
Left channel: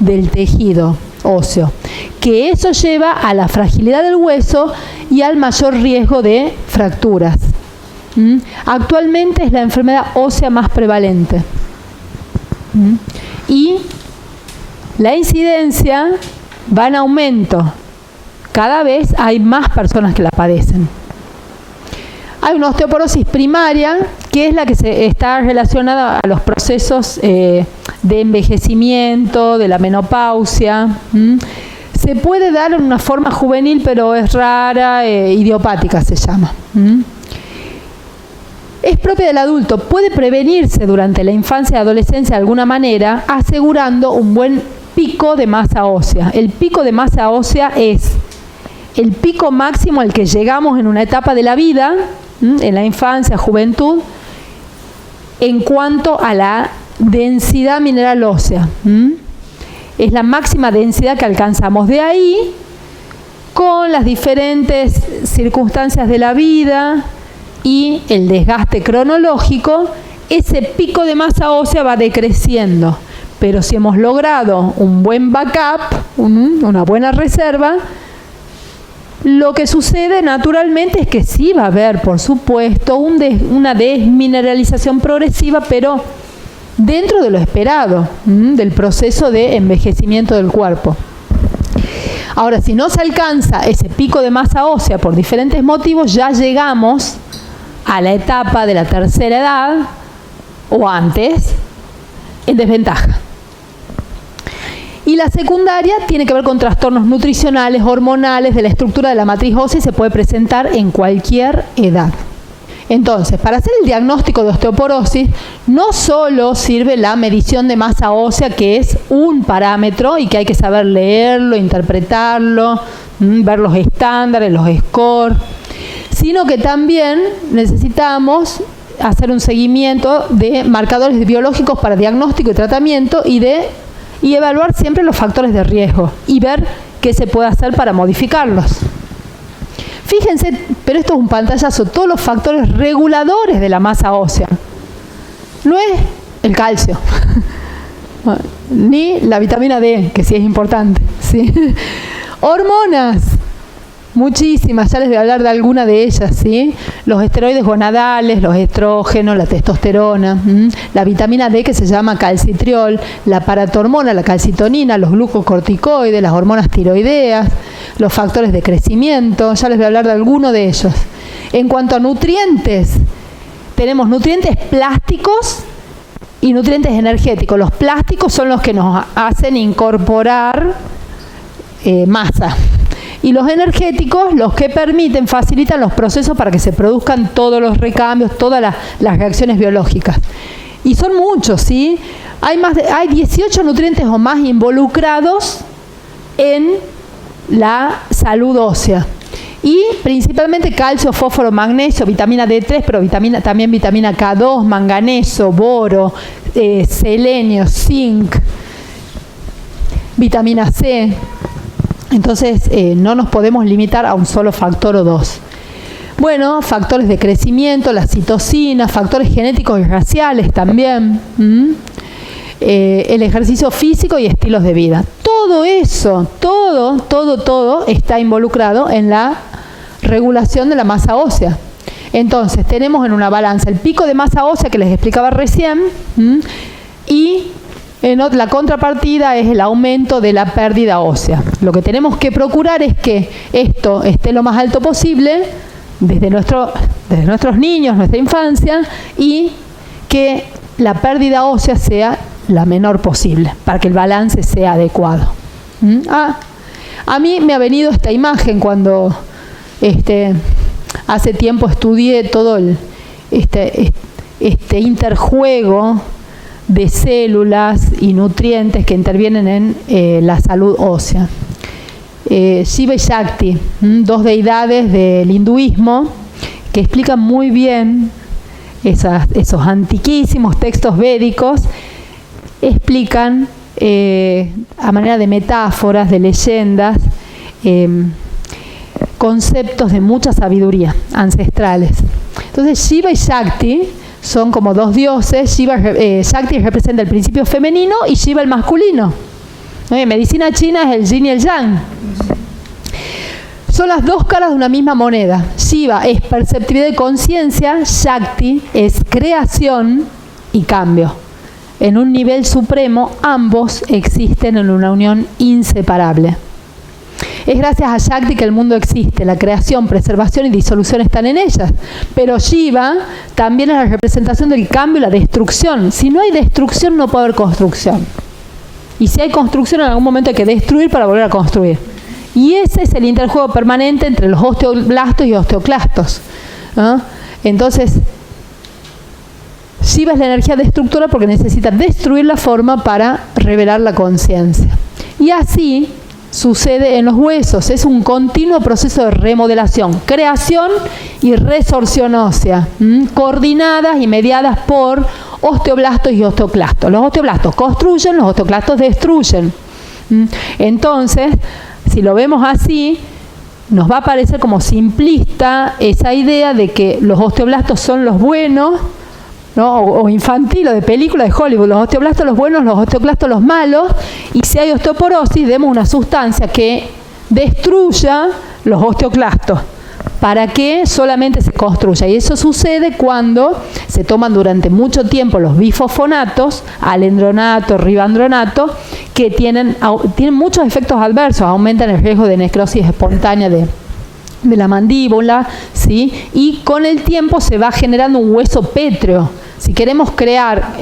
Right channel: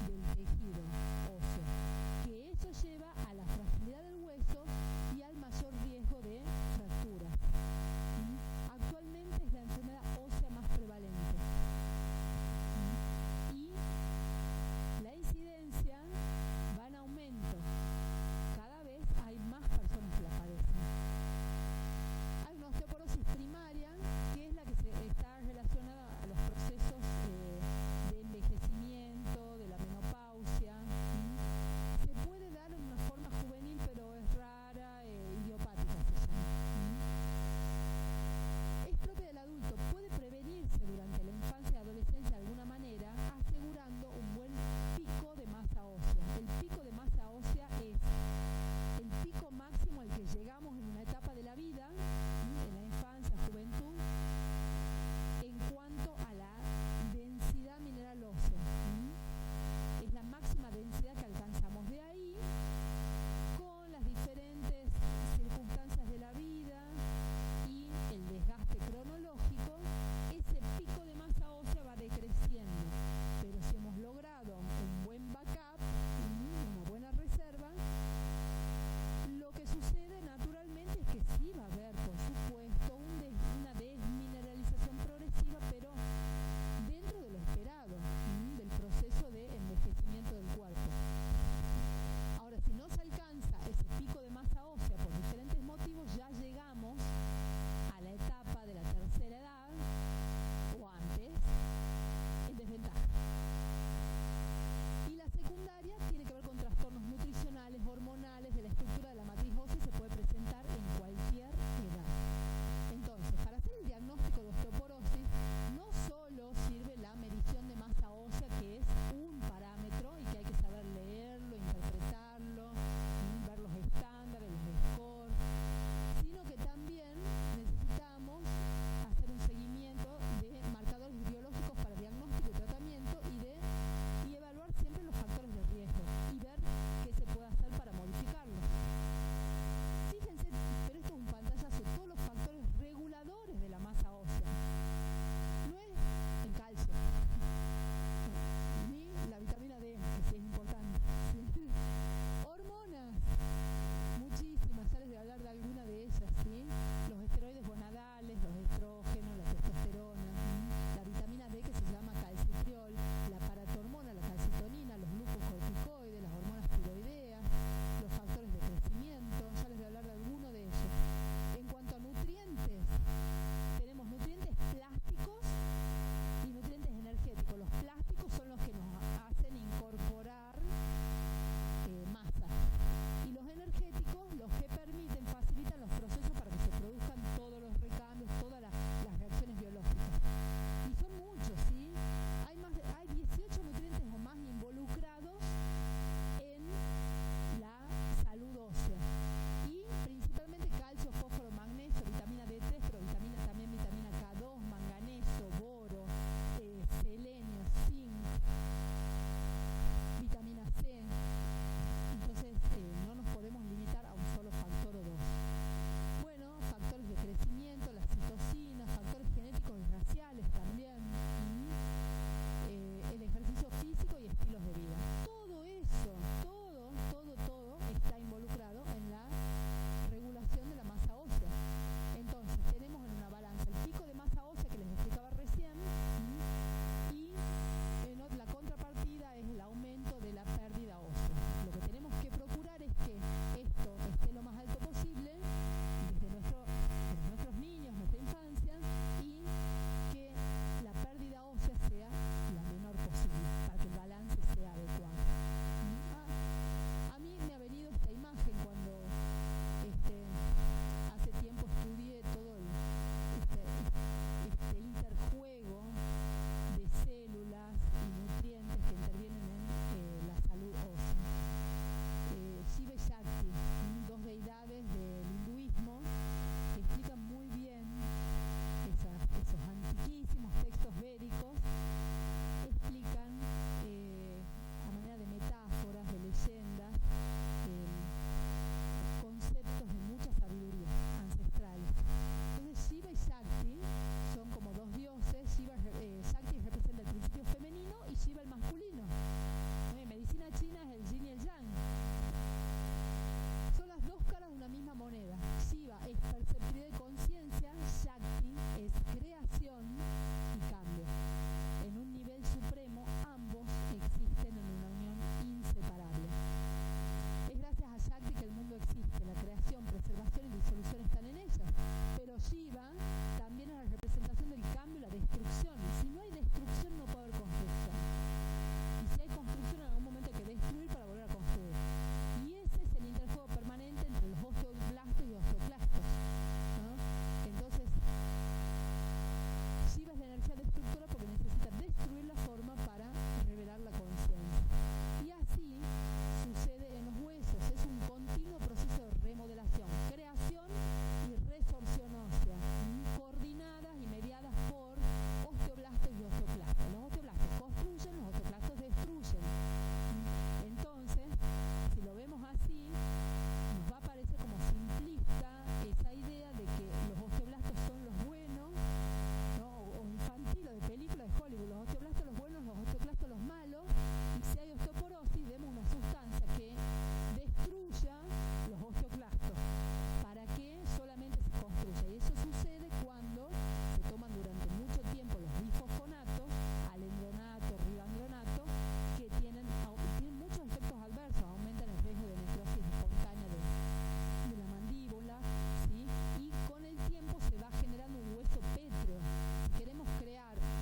del tejido óseo, que eso lleva a la fragilidad del hueso y al mayor riesgo de fracturas. Actualmente es la enfermedad ósea más prevalente. Y la incidencia va en aumento. Cada vez hay más personas que la padecen. Hay una osteoporosis primaria, que es la que está relacionada a los procesos de envejecimiento, de la menopausia. Se puede dar en una forma juvenil, pero es rara, idiopática se llama. Es propia del adulto, puede prevenirse durante la infancia y adolescencia de alguna manera, asegurando un buen pico de masa ósea. El pico de masa ósea es el pico máximo al que llegamos en una etapa de la vida, en la infancia, juventud, en cuanto a la densidad mineral ósea. Es la máxima densidad que alcanzamos. De ahí, con las diferentes circunstancias de la vida y el desgaste cronológico, ese pico de masa ósea va decreciendo. Pero si hemos logrado un buen backup, una buena reserva, lo que sucede naturalmente es que sí va a haber, por supuesto, una desmineralización progresiva, pero dentro de lo esperado, del proceso de envejecimiento del cuerpo. Ahora, si no se alcanza ese pico de masa ósea por diferentes motivos, ya llegamos a la etapa de la tercera edad o antes en desventaja. Y la secundaria tiene que ver con trastornos nutricionales, hormonales, de la estructura de la matriz ósea, y se puede presentar en cualquier edad. Entonces, para hacer el diagnóstico de osteoporosis, no solo sirve la medición de masa ósea, que es un parámetro y que hay que saber leerlo, interpretarlo, ver los estándares, los scores, sino que también necesitamos hacer un seguimiento de marcadores biológicos para diagnóstico y tratamiento y evaluar siempre los factores de riesgo y ver qué se puede hacer para modificarlos. Fíjense, pero esto es un pantallazo, todos los factores reguladores de la masa ósea. No es el calcio, ni la vitamina D, que sí es importante, ¿sí? Hormonas, muchísimas, ya les voy a hablar de alguna de ellas, ¿sí? Los esteroides gonadales, los estrógenos, la testosterona, la vitamina D que se llama calcitriol, la paratormona, la calcitonina, los glucocorticoides, las hormonas tiroideas, los factores de crecimiento, ya les voy a hablar de alguno de ellos. En cuanto a nutrientes, tenemos nutrientes plásticos y nutrientes energéticos. Los plásticos son los que nos hacen incorporar masa. Y los energéticos, los que facilitan los procesos para que se produzcan todos los recambios, todas las reacciones biológicas. Y son muchos, ¿sí? Hay 18 nutrientes o más involucrados en la salud ósea. Y principalmente calcio, fósforo, magnesio, vitamina D3, pero también vitamina K2, manganeso, boro, selenio, zinc, vitamina C. Entonces no nos podemos limitar a un solo factor o dos. Bueno, factores de crecimiento, la citocina, factores genéticos y raciales también, el ejercicio físico y estilos de vida. Todo eso, todo está involucrado en la regulación de la masa ósea. Entonces tenemos en una balanza el pico de masa ósea que les explicaba recién, y la contrapartida es el aumento de la pérdida ósea. Lo que tenemos que procurar es que esto esté lo más alto posible desde nuestros niños, nuestra infancia, y que la pérdida ósea sea la menor posible, para que el balance sea adecuado. A mí me ha venido esta imagen cuando hace tiempo estudié todo este interjuego de células y nutrientes que intervienen en la salud ósea. Shiva y Shakti, dos deidades del hinduismo que explican muy bien esos antiquísimos textos védicos, explican a manera de metáforas, de leyendas, conceptos de mucha sabiduría ancestrales. Entonces Shiva y Shakti son como dos dioses. Shakti representa el principio femenino y Shiva el masculino. En medicina china es el yin y el yang. Son las dos caras de una misma moneda. Shiva es perceptividad y conciencia, Shakti es creación y cambio. En un nivel supremo, ambos existen en una unión inseparable. Es gracias a Shakti que el mundo existe, la creación, preservación y disolución están en ellas. Pero Shiva también es la representación del cambio y la destrucción. Si no hay destrucción, no puede haber construcción. Y si hay construcción, en algún momento hay que destruir para volver a construir. Y ese es el interjuego permanente entre los osteoblastos y osteoclastos, ¿no? Entonces, Shiva es la energía destructora porque necesita destruir la forma para revelar la conciencia. Y así sucede en los huesos. Es un continuo proceso de remodelación, creación y resorción ósea, coordinadas y mediadas por osteoblastos y osteoclastos. Los osteoblastos construyen, los osteoclastos destruyen. Entonces, si lo vemos así, nos va a parecer como simplista esa idea de que los osteoblastos son los buenos, ¿no? O infantil o de película de Hollywood, los osteoblastos los buenos, los osteoclastos los malos, y si hay osteoporosis demos una sustancia que destruya los osteoclastos para que solamente se construya. Y eso sucede cuando se toman durante mucho tiempo los bifosfonatos, alendronato, ribandronato, que tienen muchos efectos adversos, aumentan el riesgo de necrosis espontánea de la mandíbula, ¿sí? Y con el tiempo se va generando un hueso pétreo. Si queremos crear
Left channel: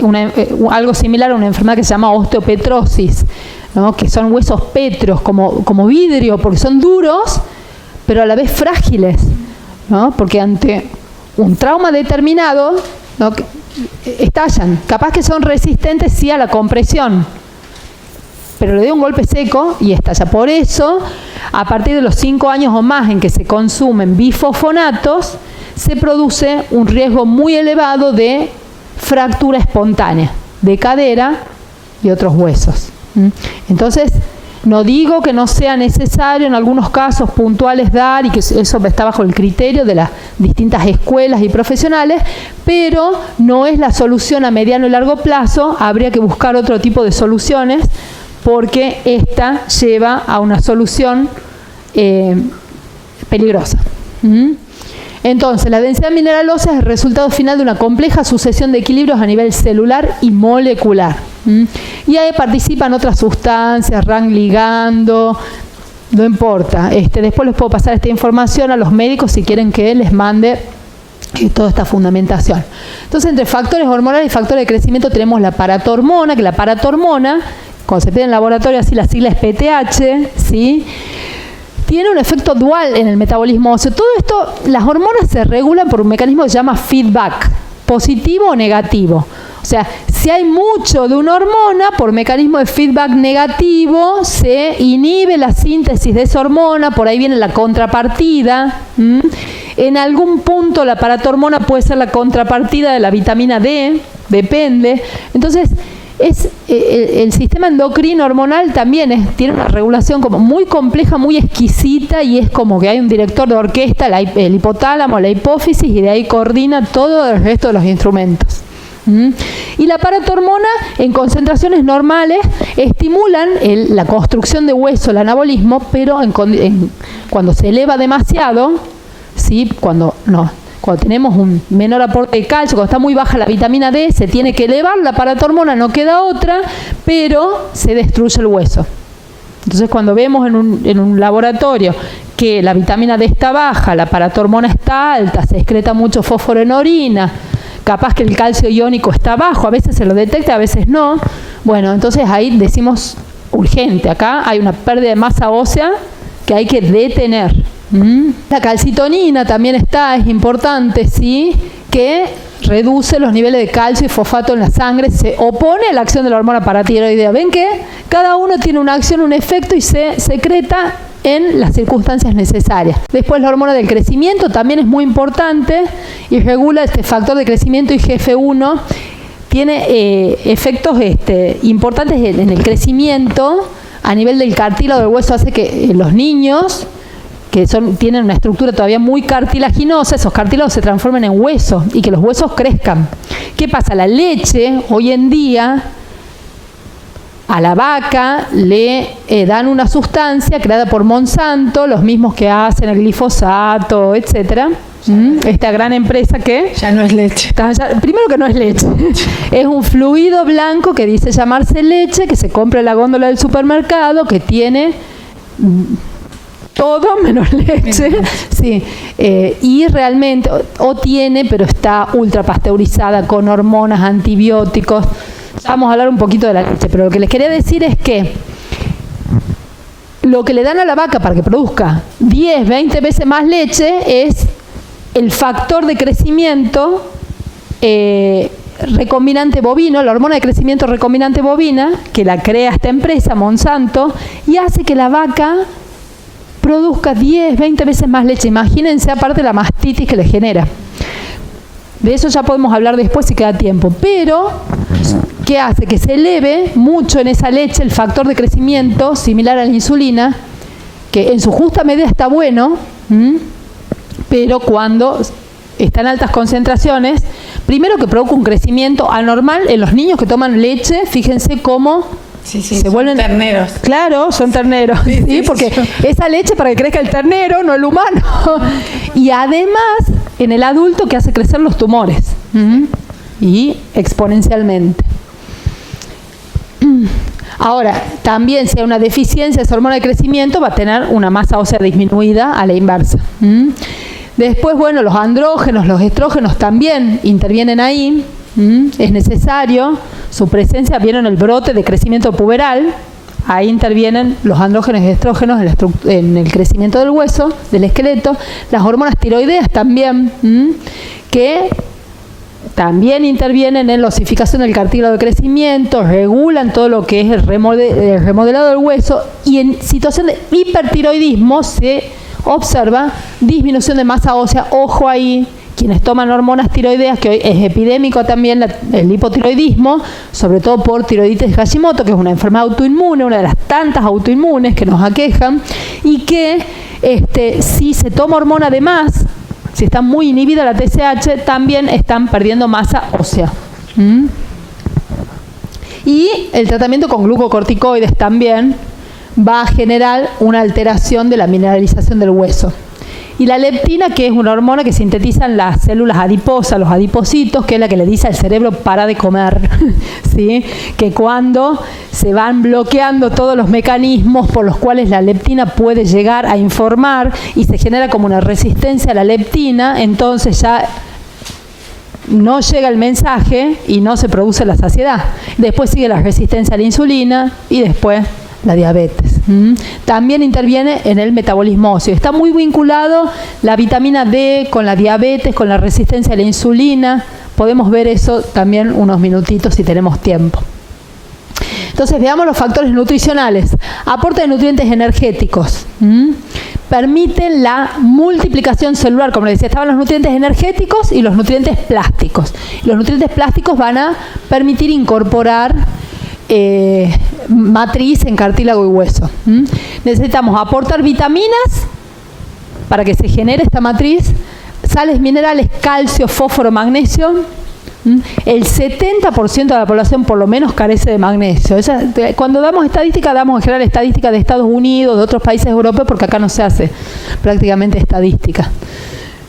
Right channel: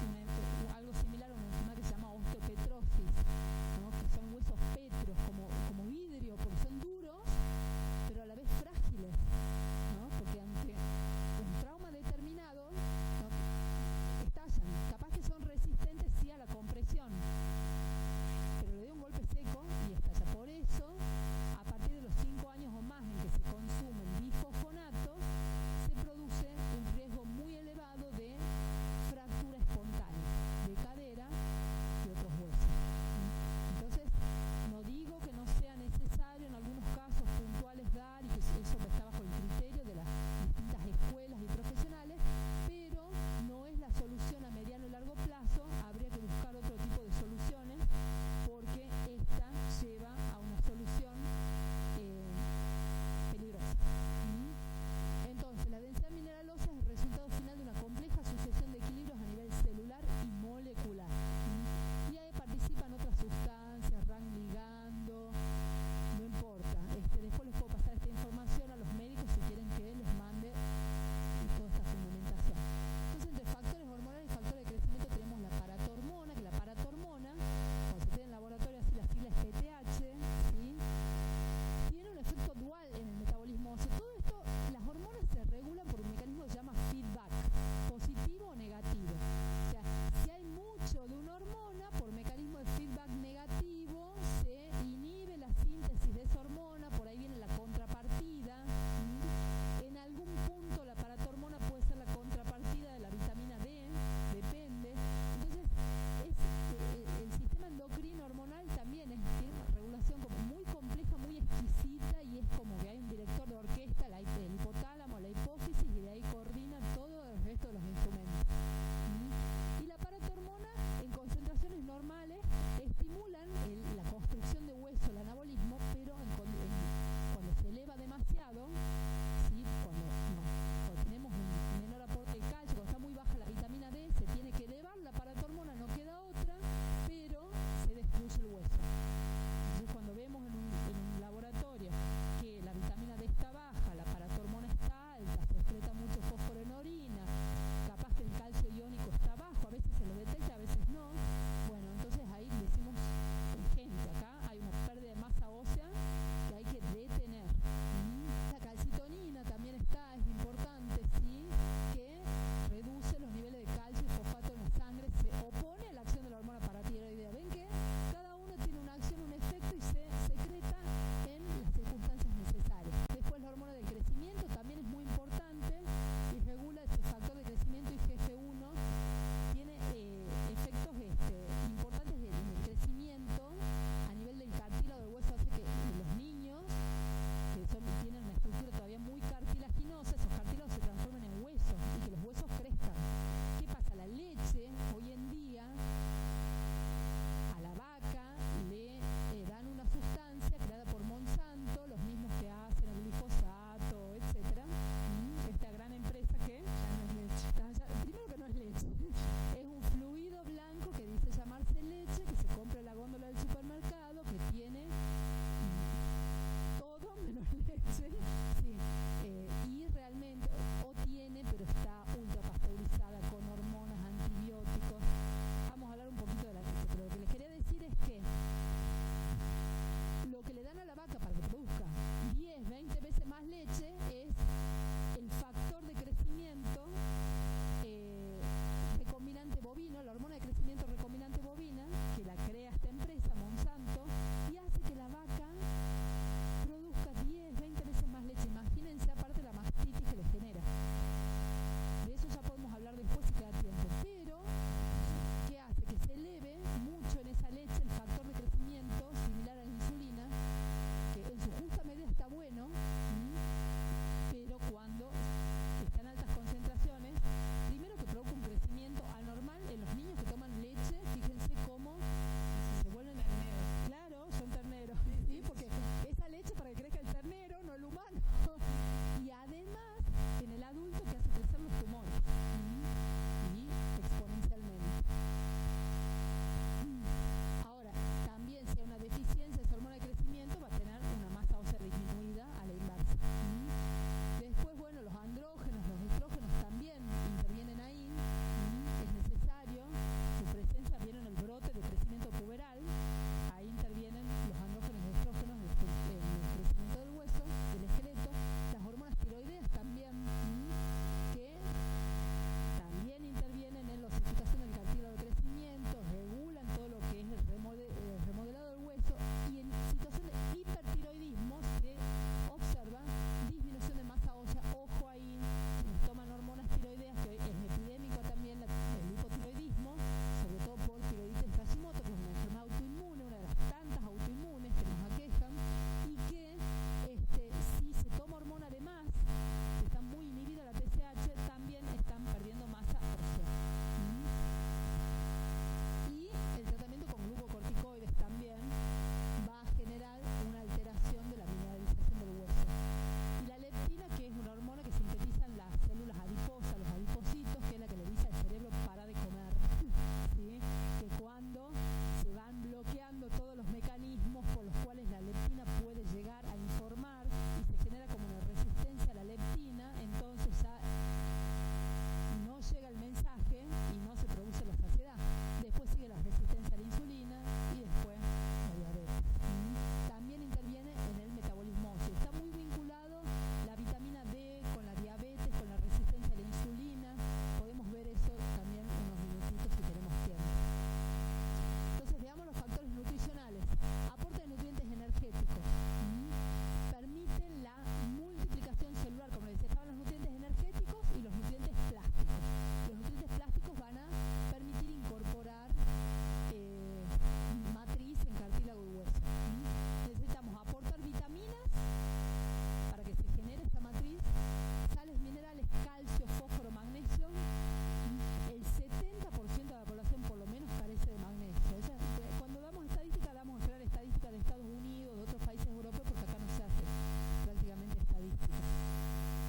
algo similar a una enfermedad que se llama osteopetrosis, ¿no? Que son huesos pétreos como vidrio, porque son duros, pero a la vez frágiles, ¿no? Porque ante un trauma determinado, ¿no? Estallan. Capaz que son resistentes sí a la compresión, pero le doy un golpe seco y estalla. Por eso a partir de los 5 años o más en que se consumen bifosfonatos, se produce un riesgo muy elevado de fractura espontánea de cadera y otros huesos. Entonces, no digo que no sea necesario en algunos casos puntuales dar, y que eso está bajo el criterio de las distintas escuelas y profesionales, pero no es la solución a mediano y largo plazo. Habría que buscar otro tipo de soluciones, porque esta lleva a una solución peligrosa. Entonces, la densidad mineral ósea es el resultado final de una compleja sucesión de equilibrios a nivel celular y molecular. Y ahí participan otras sustancias, RAN ligando, no importa. Después les puedo pasar esta información a los médicos si quieren que les mande toda esta fundamentación. Entonces, entre factores hormonales y factores de crecimiento tenemos la paratormona, que la paratormona, cuando se pide en laboratorio, así la sigla es PTH, ¿sí? Tiene un efecto dual en el metabolismo óseo. Todo esto, las hormonas se regulan por un mecanismo que se llama feedback, positivo o negativo. O sea, si hay mucho de una hormona, por mecanismo de feedback negativo, se inhibe la síntesis de esa hormona, por ahí viene la contrapartida. En algún punto la paratormona puede ser la contrapartida de la vitamina D, depende. Entonces, el sistema endocrino hormonal también tiene una regulación como muy compleja, muy exquisita, y es como que hay un director de orquesta, el hipotálamo, la hipófisis, y de ahí coordina todo el resto de los instrumentos. Y la paratormona en concentraciones normales estimulan la construcción de hueso, el anabolismo, pero cuando se eleva demasiado, ¿sí? Cuando tenemos un menor aporte de calcio, cuando está muy baja la vitamina D, se tiene que elevar la paratormona, no queda otra, pero se destruye el hueso. Entonces, cuando vemos en un laboratorio que la vitamina D está baja, la paratormona está alta, se excreta mucho fósforo en orina, capaz que el calcio iónico está bajo, a veces se lo detecta, a veces no. Bueno, entonces ahí decimos urgente, acá hay una pérdida de masa ósea que hay que detener. La calcitonina también es importante, ¿sí? Que reduce los niveles de calcio y fosfato en la sangre, se opone a la acción de la hormona paratiroidea. ¿Ven que cada uno tiene una acción, un efecto, y se secreta en las circunstancias necesarias? Después, la hormona del crecimiento también es muy importante y regula este factor de crecimiento, IGF-1. Tiene efectos importantes en el crecimiento a nivel del cartílago del hueso. Hace que los niños que tienen una estructura todavía muy cartilaginosa, esos cartílagos se transformen en hueso y que los huesos crezcan. ¿Qué pasa? La leche, hoy en día, a la vaca le dan una sustancia creada por Monsanto, los mismos que hacen el glifosato, etcétera. Esta gran empresa que ya no es leche. Primero que no es leche. Es un fluido blanco que dice llamarse leche, que se compra en la góndola del supermercado, que tiene todo menos leche, sí, y realmente, o tiene, pero está ultra pasteurizada con hormonas, antibióticos. Vamos a hablar un poquito de la leche, pero lo que les quería decir es que lo que le dan a la vaca para que produzca 10, 20 veces más leche es el factor de crecimiento recombinante bovino, la hormona de crecimiento recombinante bovina, que la crea esta empresa, Monsanto, y hace que la vaca produzca 10, 20 veces más leche. Imagínense, aparte, la mastitis que le genera. De eso ya podemos hablar después si queda tiempo. Pero, ¿qué hace? Que se eleve mucho en esa leche el factor de crecimiento, similar a la insulina, que en su justa medida está bueno, pero cuando está en altas concentraciones, primero que provoca un crecimiento anormal en los niños que toman leche. Fíjense cómo se vuelven terneros. Claro, son terneros, ¿sí? Porque esa leche para que crezca el ternero, no el humano. Y además, en el adulto, que hace crecer los tumores. Y exponencialmente. Ahora, también si hay una deficiencia de esa hormona de crecimiento, va a tener una masa ósea disminuida a la inversa. Después, bueno, los andrógenos, los estrógenos también intervienen ahí. Es necesario su presencia. Vieron el brote de crecimiento puberal, ahí intervienen los andrógenos y estrógenos en el crecimiento del hueso, del esqueleto. Las hormonas tiroideas también, que también intervienen en la osificación del cartílago de crecimiento, regulan todo lo que es el remodelado del hueso, y en situación de hipertiroidismo se observa disminución de masa ósea. Ojo ahí, quienes toman hormonas tiroideas, que hoy es epidémico también el hipotiroidismo, sobre todo por tiroiditis de Hashimoto, que es una enfermedad autoinmune, una de las tantas autoinmunes que nos aquejan, y que si se toma hormona de más, si está muy inhibida la TSH, también están perdiendo masa ósea. Y el tratamiento con glucocorticoides también va a generar una alteración de la mineralización del hueso. Y la leptina, que es una hormona que sintetizan las células adiposas, los adipocitos, que es la que le dice al cerebro para de comer, ¿sí? Que cuando se van bloqueando todos los mecanismos por los cuales la leptina puede llegar a informar y se genera como una resistencia a la leptina, entonces ya no llega el mensaje y no se produce la saciedad. Después sigue la resistencia a la insulina y después la diabetes. También interviene en el metabolismo óseo. Está muy vinculado la vitamina D con la diabetes, con la resistencia a la insulina. Podemos ver eso también unos minutitos si tenemos tiempo. Entonces veamos los factores nutricionales. Aporte de nutrientes energéticos. Permiten la multiplicación celular. Como les decía, estaban los nutrientes energéticos y los nutrientes plásticos. Los nutrientes plásticos van a permitir incorporar matriz en cartílago y hueso. Necesitamos aportar vitaminas para que se genere esta matriz, sales minerales, calcio, fósforo, magnesio. El 70% de la población por lo menos carece de magnesio. Cuando damos estadística, damos en general estadística de Estados Unidos, de otros países europeos, porque acá no se hace prácticamente estadística.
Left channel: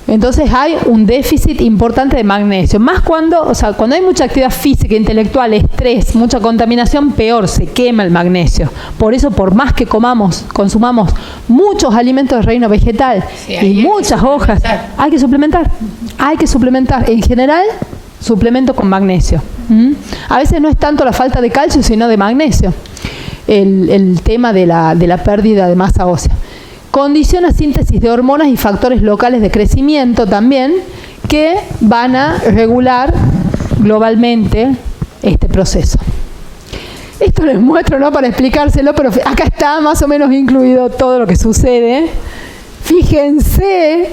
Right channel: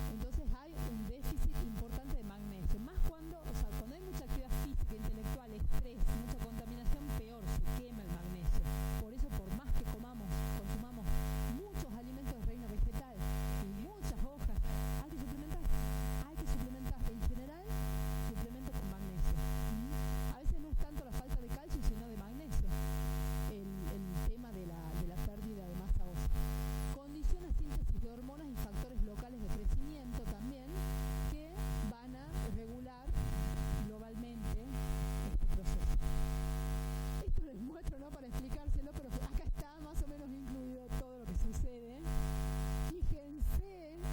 Entonces hay un déficit importante de magnesio. Más cuando hay mucha actividad física, intelectual, estrés, mucha contaminación, peor, se quema el magnesio. Por eso, por más que consumamos muchos alimentos del reino vegetal y muchas hojas, hay que suplementar. Hay que suplementar. En general, suplemento con magnesio. A veces no es tanto la falta de calcio, sino de magnesio. El tema de la pérdida de masa ósea. Condiciona síntesis de hormonas y factores locales de crecimiento también, que van a regular globalmente este proceso. Esto les muestro, ¿no?, para explicárselo, pero acá está más o menos incluido todo lo que sucede. Fíjense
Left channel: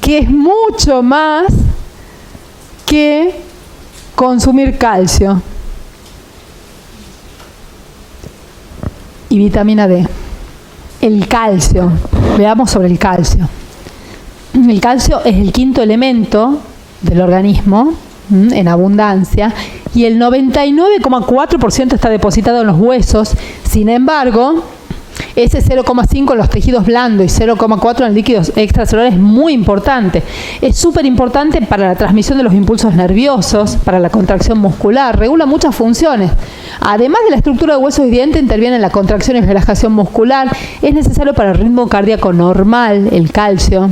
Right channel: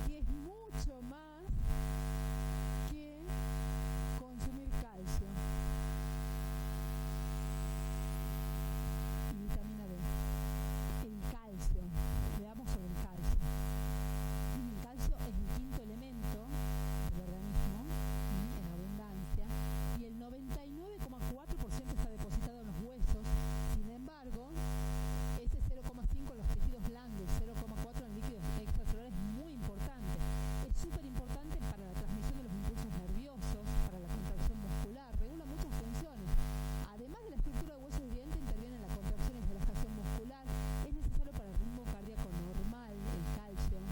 que es mucho más que consumir calcio y vitamina D. El calcio, veamos sobre el calcio. El calcio es el quinto elemento del organismo en abundancia y el 99,4% está depositado en los huesos. Sin embargo, ese 0,5 en los tejidos blandos y 0,4 en el líquido extracelular es muy importante. Es súper importante para la transmisión de los impulsos nerviosos, para la contracción muscular, regula muchas funciones. Además de la estructura de huesos y dientes, interviene en la contracción y relajación muscular. Es necesario para el ritmo cardíaco normal, el calcio.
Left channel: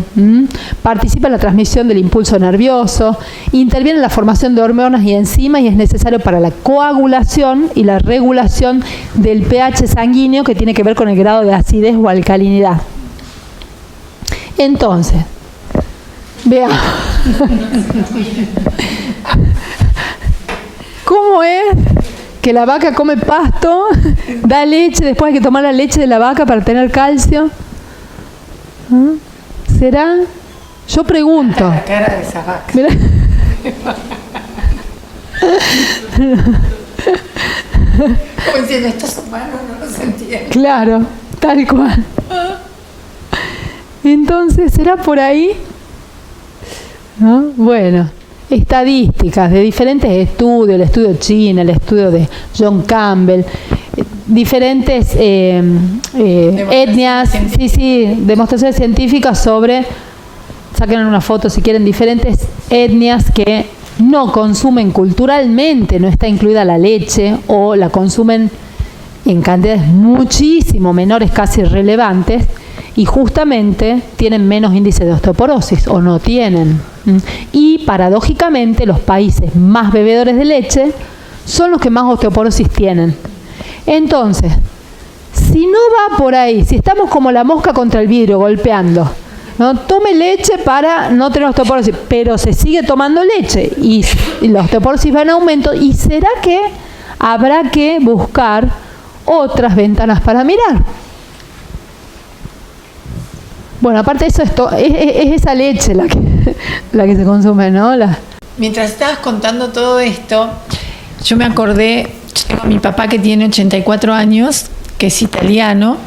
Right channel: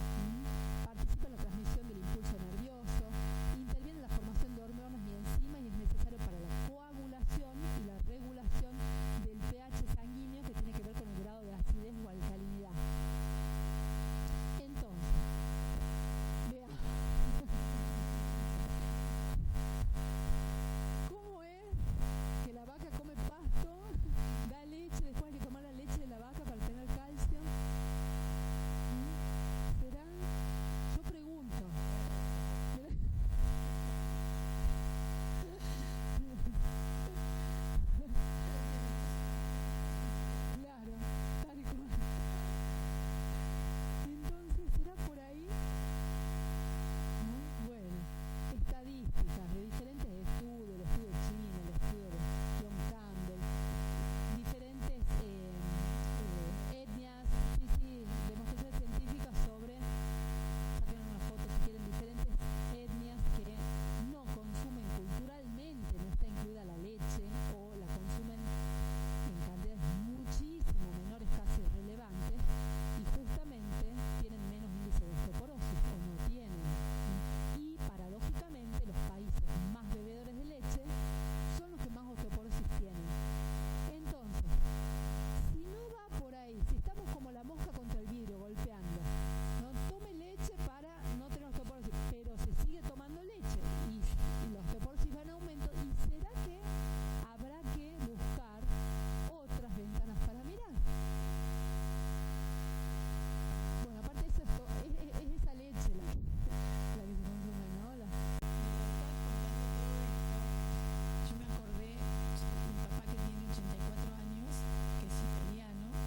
Participa en la transmisión del impulso nervioso. Interviene en la formación de hormonas y enzimas y es necesario para la coagulación y la regulación del pH sanguíneo, que tiene que ver con el grado de acidez o alcalinidad. Entonces, veamos. ¿Cómo es que la vaca come pasto, da leche, después hay que tomar la leche de la vaca para tener calcio? ¿Será? Yo pregunto. La cara de esa vaca. Mirá. Como diciendo, estos humanos no los entienden. Claro, tal cual. Entonces, ¿será por ahí? ¿No? Bueno, estadísticas de diferentes estudios, el estudio chino, el estudio de John Campbell, diferentes etnias, demostraciones científicas sobre, saquen una foto si quieren, diferentes etnias que no consumen culturalmente, no está incluida la leche o la consumen en cantidades muchísimo menores, casi irrelevantes, y justamente tienen menos índice de osteoporosis o no tienen. Y paradójicamente los países más bebedores de leche son los que más osteoporosis tienen. Entonces, si no va por ahí, si estamos como la mosca contra el vidrio golpeando, no tome leche para no tener osteoporosis, pero se sigue tomando leche y la osteoporosis va en aumento. ¿Y será que habrá que buscar otras ventanas para mirar? Bueno, aparte de eso, es esa leche la que se consume, ¿no? Mientras estabas contando todo esto, yo me acordé, yo tengo a mi papá que tiene 84 años, que es italiano,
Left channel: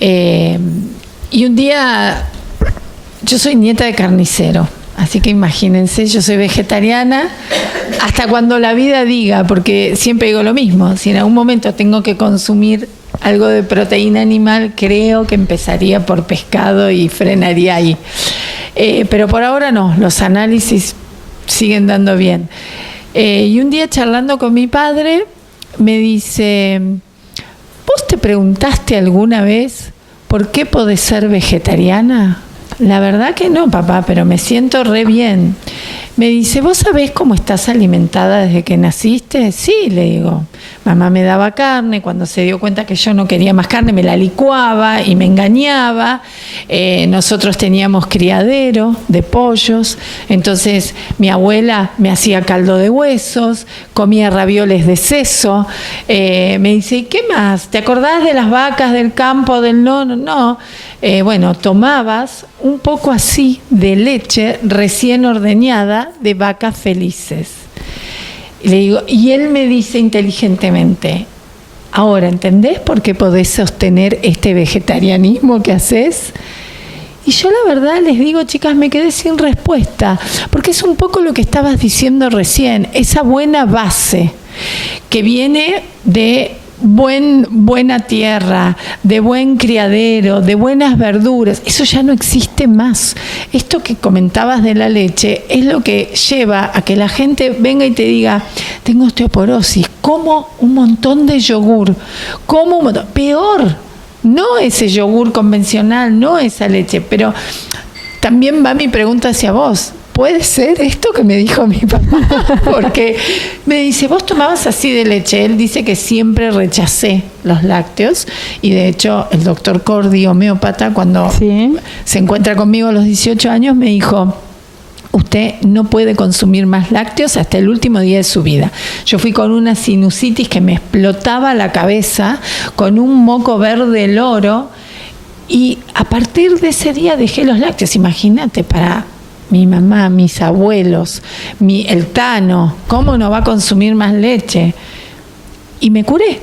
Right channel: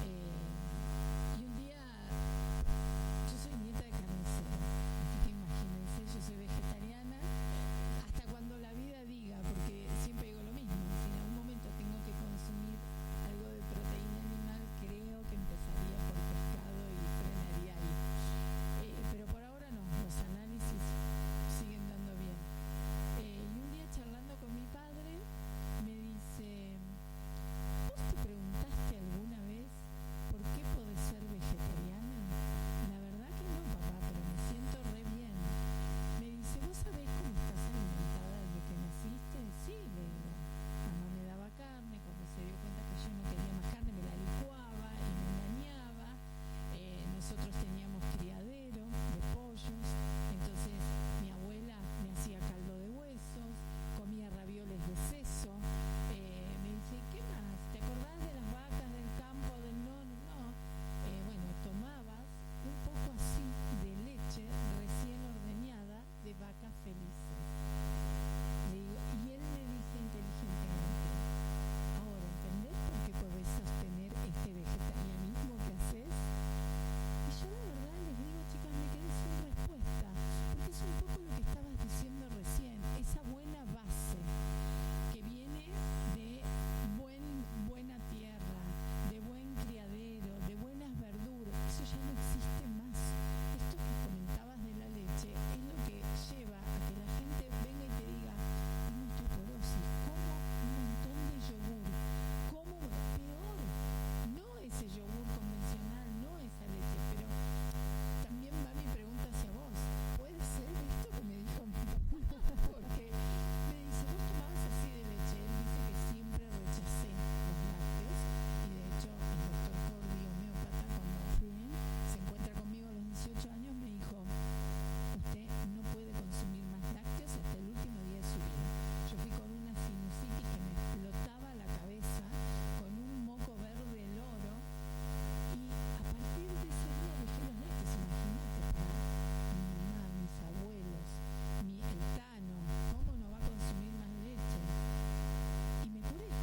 y un día, yo soy nieta de carnicero, así que imagínense, yo soy vegetariana hasta cuando la vida diga, porque siempre digo lo mismo, si en algún momento tengo que consumir algo de proteína animal, creo que empezaría por pescado y frenaría ahí. Pero por ahora no, los análisis siguen dando bien. Y un día charlando con mi padre, me dice, ¿vos te preguntaste alguna vez por qué podés ser vegetariana? La verdad que no, papá, pero me siento re bien. Me dice, ¿vos sabés cómo estás alimentada desde que naciste? Sí, le digo. Mamá me daba carne, cuando se dio cuenta que yo no quería más carne me la licuaba y me engañaba. Nosotros teníamos criadero de pollos, entonces mi abuela me hacía caldo de huesos, comía ravioles de seso. Me dice, ¿y qué más? ¿Te acordás de las vacas del campo del nono? No. Bueno, tomabas un poco así de leche recién ordeñada de vacas felices. Y le digo, y él me dice inteligentemente, ahora, ¿entendés por qué podés sostener este vegetarianismo que haces? Y yo la verdad les digo, chicas, me quedé sin respuesta, porque es un poco lo que estabas diciendo recién, esa buena base que viene de buena tierra, de buen criadero, de buenas verduras, eso ya no existe más. Esto que comentabas de la leche es lo que lleva a que la gente venga y te diga, tengo osteoporosis, como un montón de yogur, como un montón, peor, no ese yogur convencional, no esa leche, pero también va mi pregunta hacia vos. ¿Puede ser esto que me dijo mi papá? Porque me dice, vos tomabas así de leche. Él dice que siempre rechacé los lácteos y de hecho el doctor Cordi, homeópata, cuando se encuentra conmigo a los 18 años me dijo, usted no puede consumir más lácteos hasta el último día de su vida. Yo fui con una sinusitis que me explotaba la cabeza, con un moco verde loro y a partir de ese día dejé los lácteos. Imagínate, para mi mamá, mis abuelos, el Tano, ¿cómo no va a consumir más leche? Y me curé,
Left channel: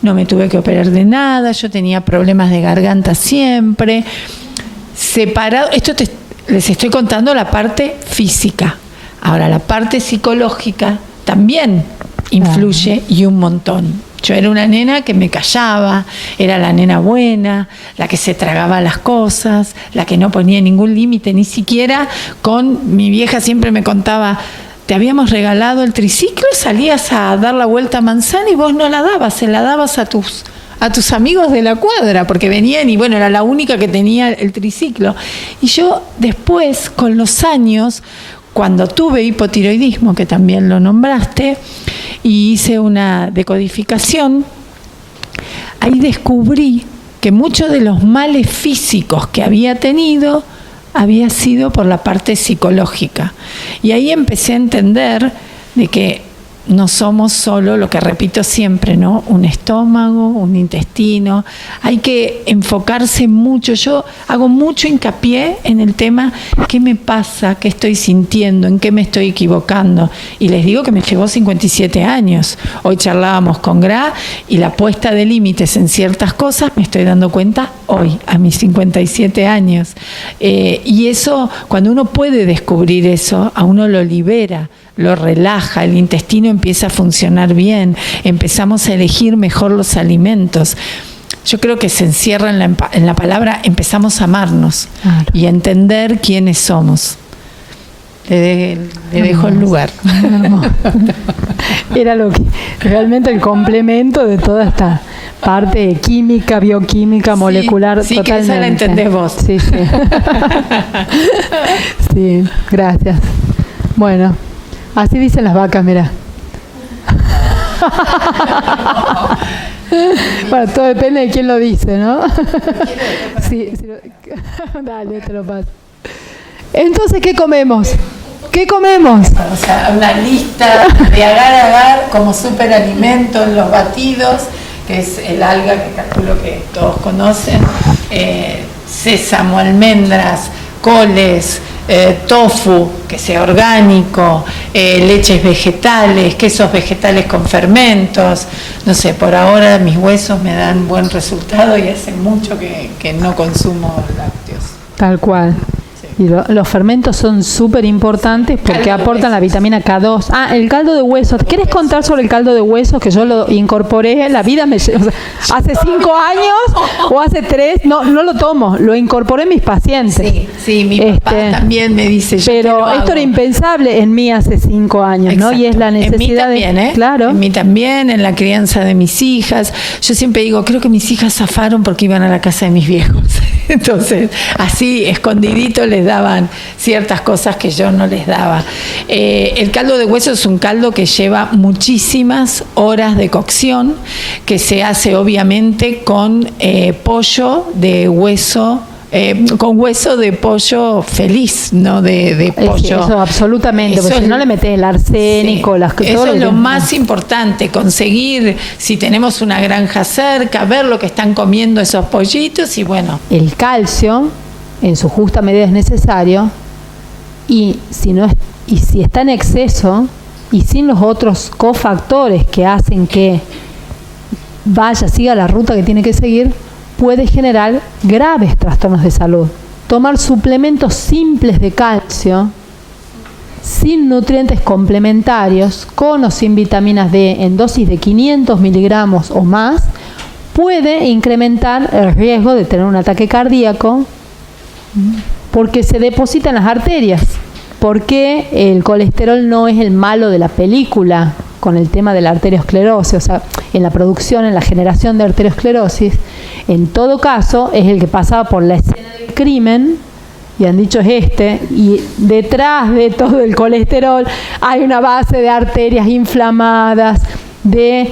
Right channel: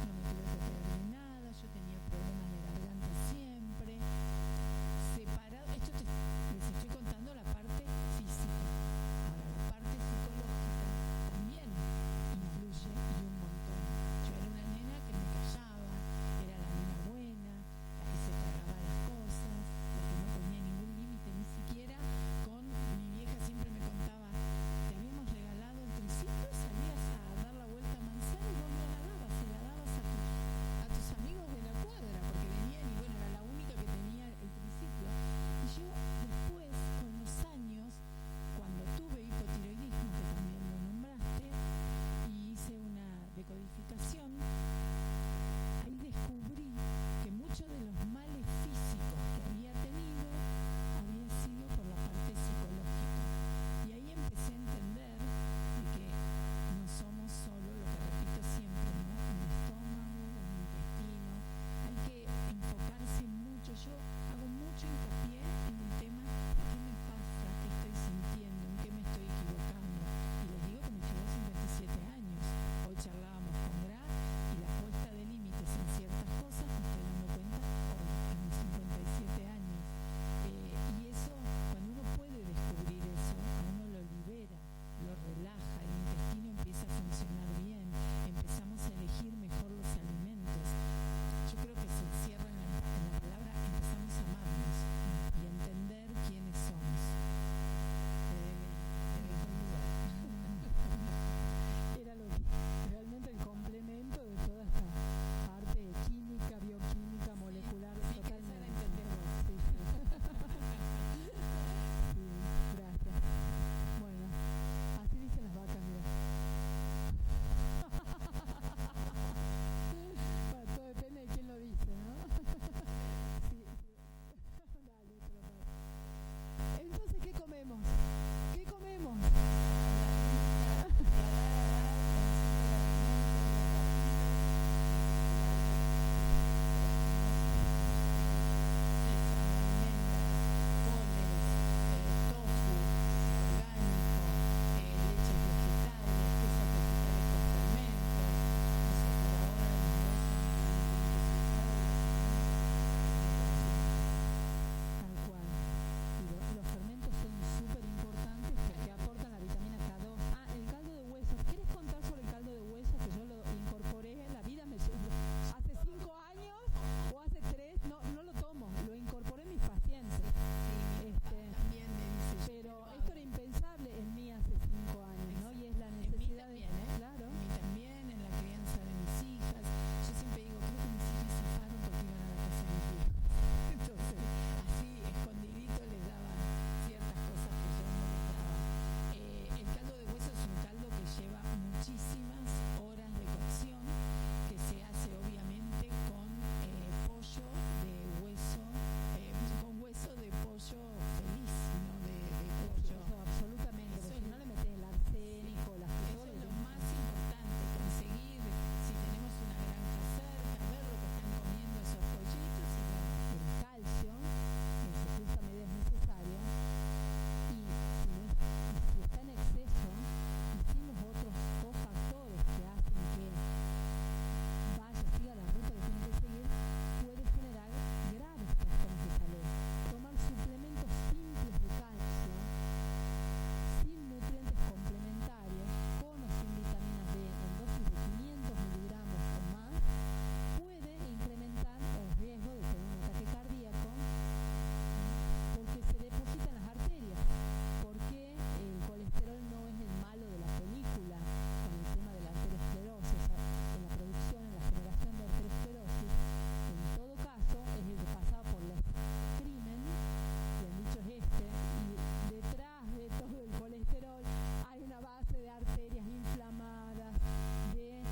no me tuve que operar de nada, yo tenía problemas de garganta siempre, separado. Les estoy contando la parte física. Ahora, la parte psicológica también influye y un montón. Yo era una nena que me callaba, era la nena buena, la que se tragaba las cosas, la que no ponía ningún límite, ni siquiera con mi vieja siempre me contaba, te habíamos regalado el triciclo, salías a dar la vuelta a manzana y vos no la dabas, se la dabas a tus amigos de la cuadra, porque venían y bueno, era la única que tenía el triciclo. Y yo después, con los años, cuando tuve hipotiroidismo, que también lo nombraste, y hice una decodificación, ahí descubrí que muchos de los males físicos que había tenido había sido por la parte psicológica. Y ahí empecé a entender de que no somos solo, lo que repito siempre, ¿no? Un estómago, un intestino. Hay que enfocarse mucho. Yo hago mucho hincapié en el tema, ¿qué me pasa? ¿Qué estoy sintiendo? ¿En qué me estoy equivocando? Y les digo que me llevó 57 años. Hoy charlábamos con Gra y la puesta de límites en ciertas cosas me estoy dando cuenta hoy, a mis 57 años. Y eso, cuando uno puede descubrir eso, a uno lo libera, lo relaja, el intestino empieza a funcionar bien, empezamos a elegir mejor los alimentos. Yo creo que se encierra en la palabra, empezamos a amarnos y a entender quiénes somos. Le dejo el lugar. Era lo que realmente el complemento de toda esta parte química, bioquímica, molecular. Sí, totalmente. Que esa la entendés vos. Sí. Sí, gracias. Bueno, así dicen las vacas, mira. Bueno, todo depende de quién lo dice, ¿no? Sí, dale, te lo paso. Entonces, ¿qué comemos? ¿Qué comemos? O sea, una lista de agar como superalimento, los batidos, que es el alga que calculo que todos conocen, sésamo, almendras, coles, tofu, que sea orgánico, leches vegetales, quesos vegetales con fermentos. No sé, por ahora mis huesos me dan buen resultado y hace mucho que no consumo lácteos. Tal cual. Y los fermentos son súper importantes porque aportan la vitamina K2. Ah, el caldo de huesos. ¿Quieres contar sobre el caldo de huesos? Que yo lo incorporé en la vida. O sea, hace 5 años o hace 3, no lo tomo. Lo incorporé en mis pacientes. Sí, mi papá también me dice. Pero esto era impensable en mí hace 5 años, exacto, ¿no? Y es la necesidad en mí también, Claro. En mí también, en la crianza de mis hijas. Yo siempre digo, creo que mis hijas zafaron porque iban a la casa de mis viejos. Entonces, así, escondidito, les daban ciertas cosas que yo no les daba. El caldo de hueso es un caldo que lleva muchísimas horas de cocción, que se hace obviamente con pollo de hueso, con hueso de pollo feliz, no de pollo. Eso absolutamente, porque si no le metes el arsénico, sí, las cosas. Eso es lo más importante, conseguir, si tenemos una granja cerca, ver lo que están comiendo esos pollitos y bueno. El calcio, en su justa medida, es necesario, y si está en exceso y sin los otros cofactores que hacen que siga la ruta que tiene que seguir, puede generar graves trastornos de salud. Tomar suplementos simples de calcio, sin nutrientes complementarios, con o sin vitaminas D, en dosis de 500 miligramos o más, puede incrementar el riesgo de tener un ataque cardíaco, porque se deposita en las arterias. Porque el colesterol no es el malo de la película con el tema de la arteriosclerosis, o sea, en la producción, en la generación de arteriosclerosis. En todo caso, es el que pasaba por la escena del crimen, y han dicho y detrás de todo el colesterol hay una base de arterias inflamadas, de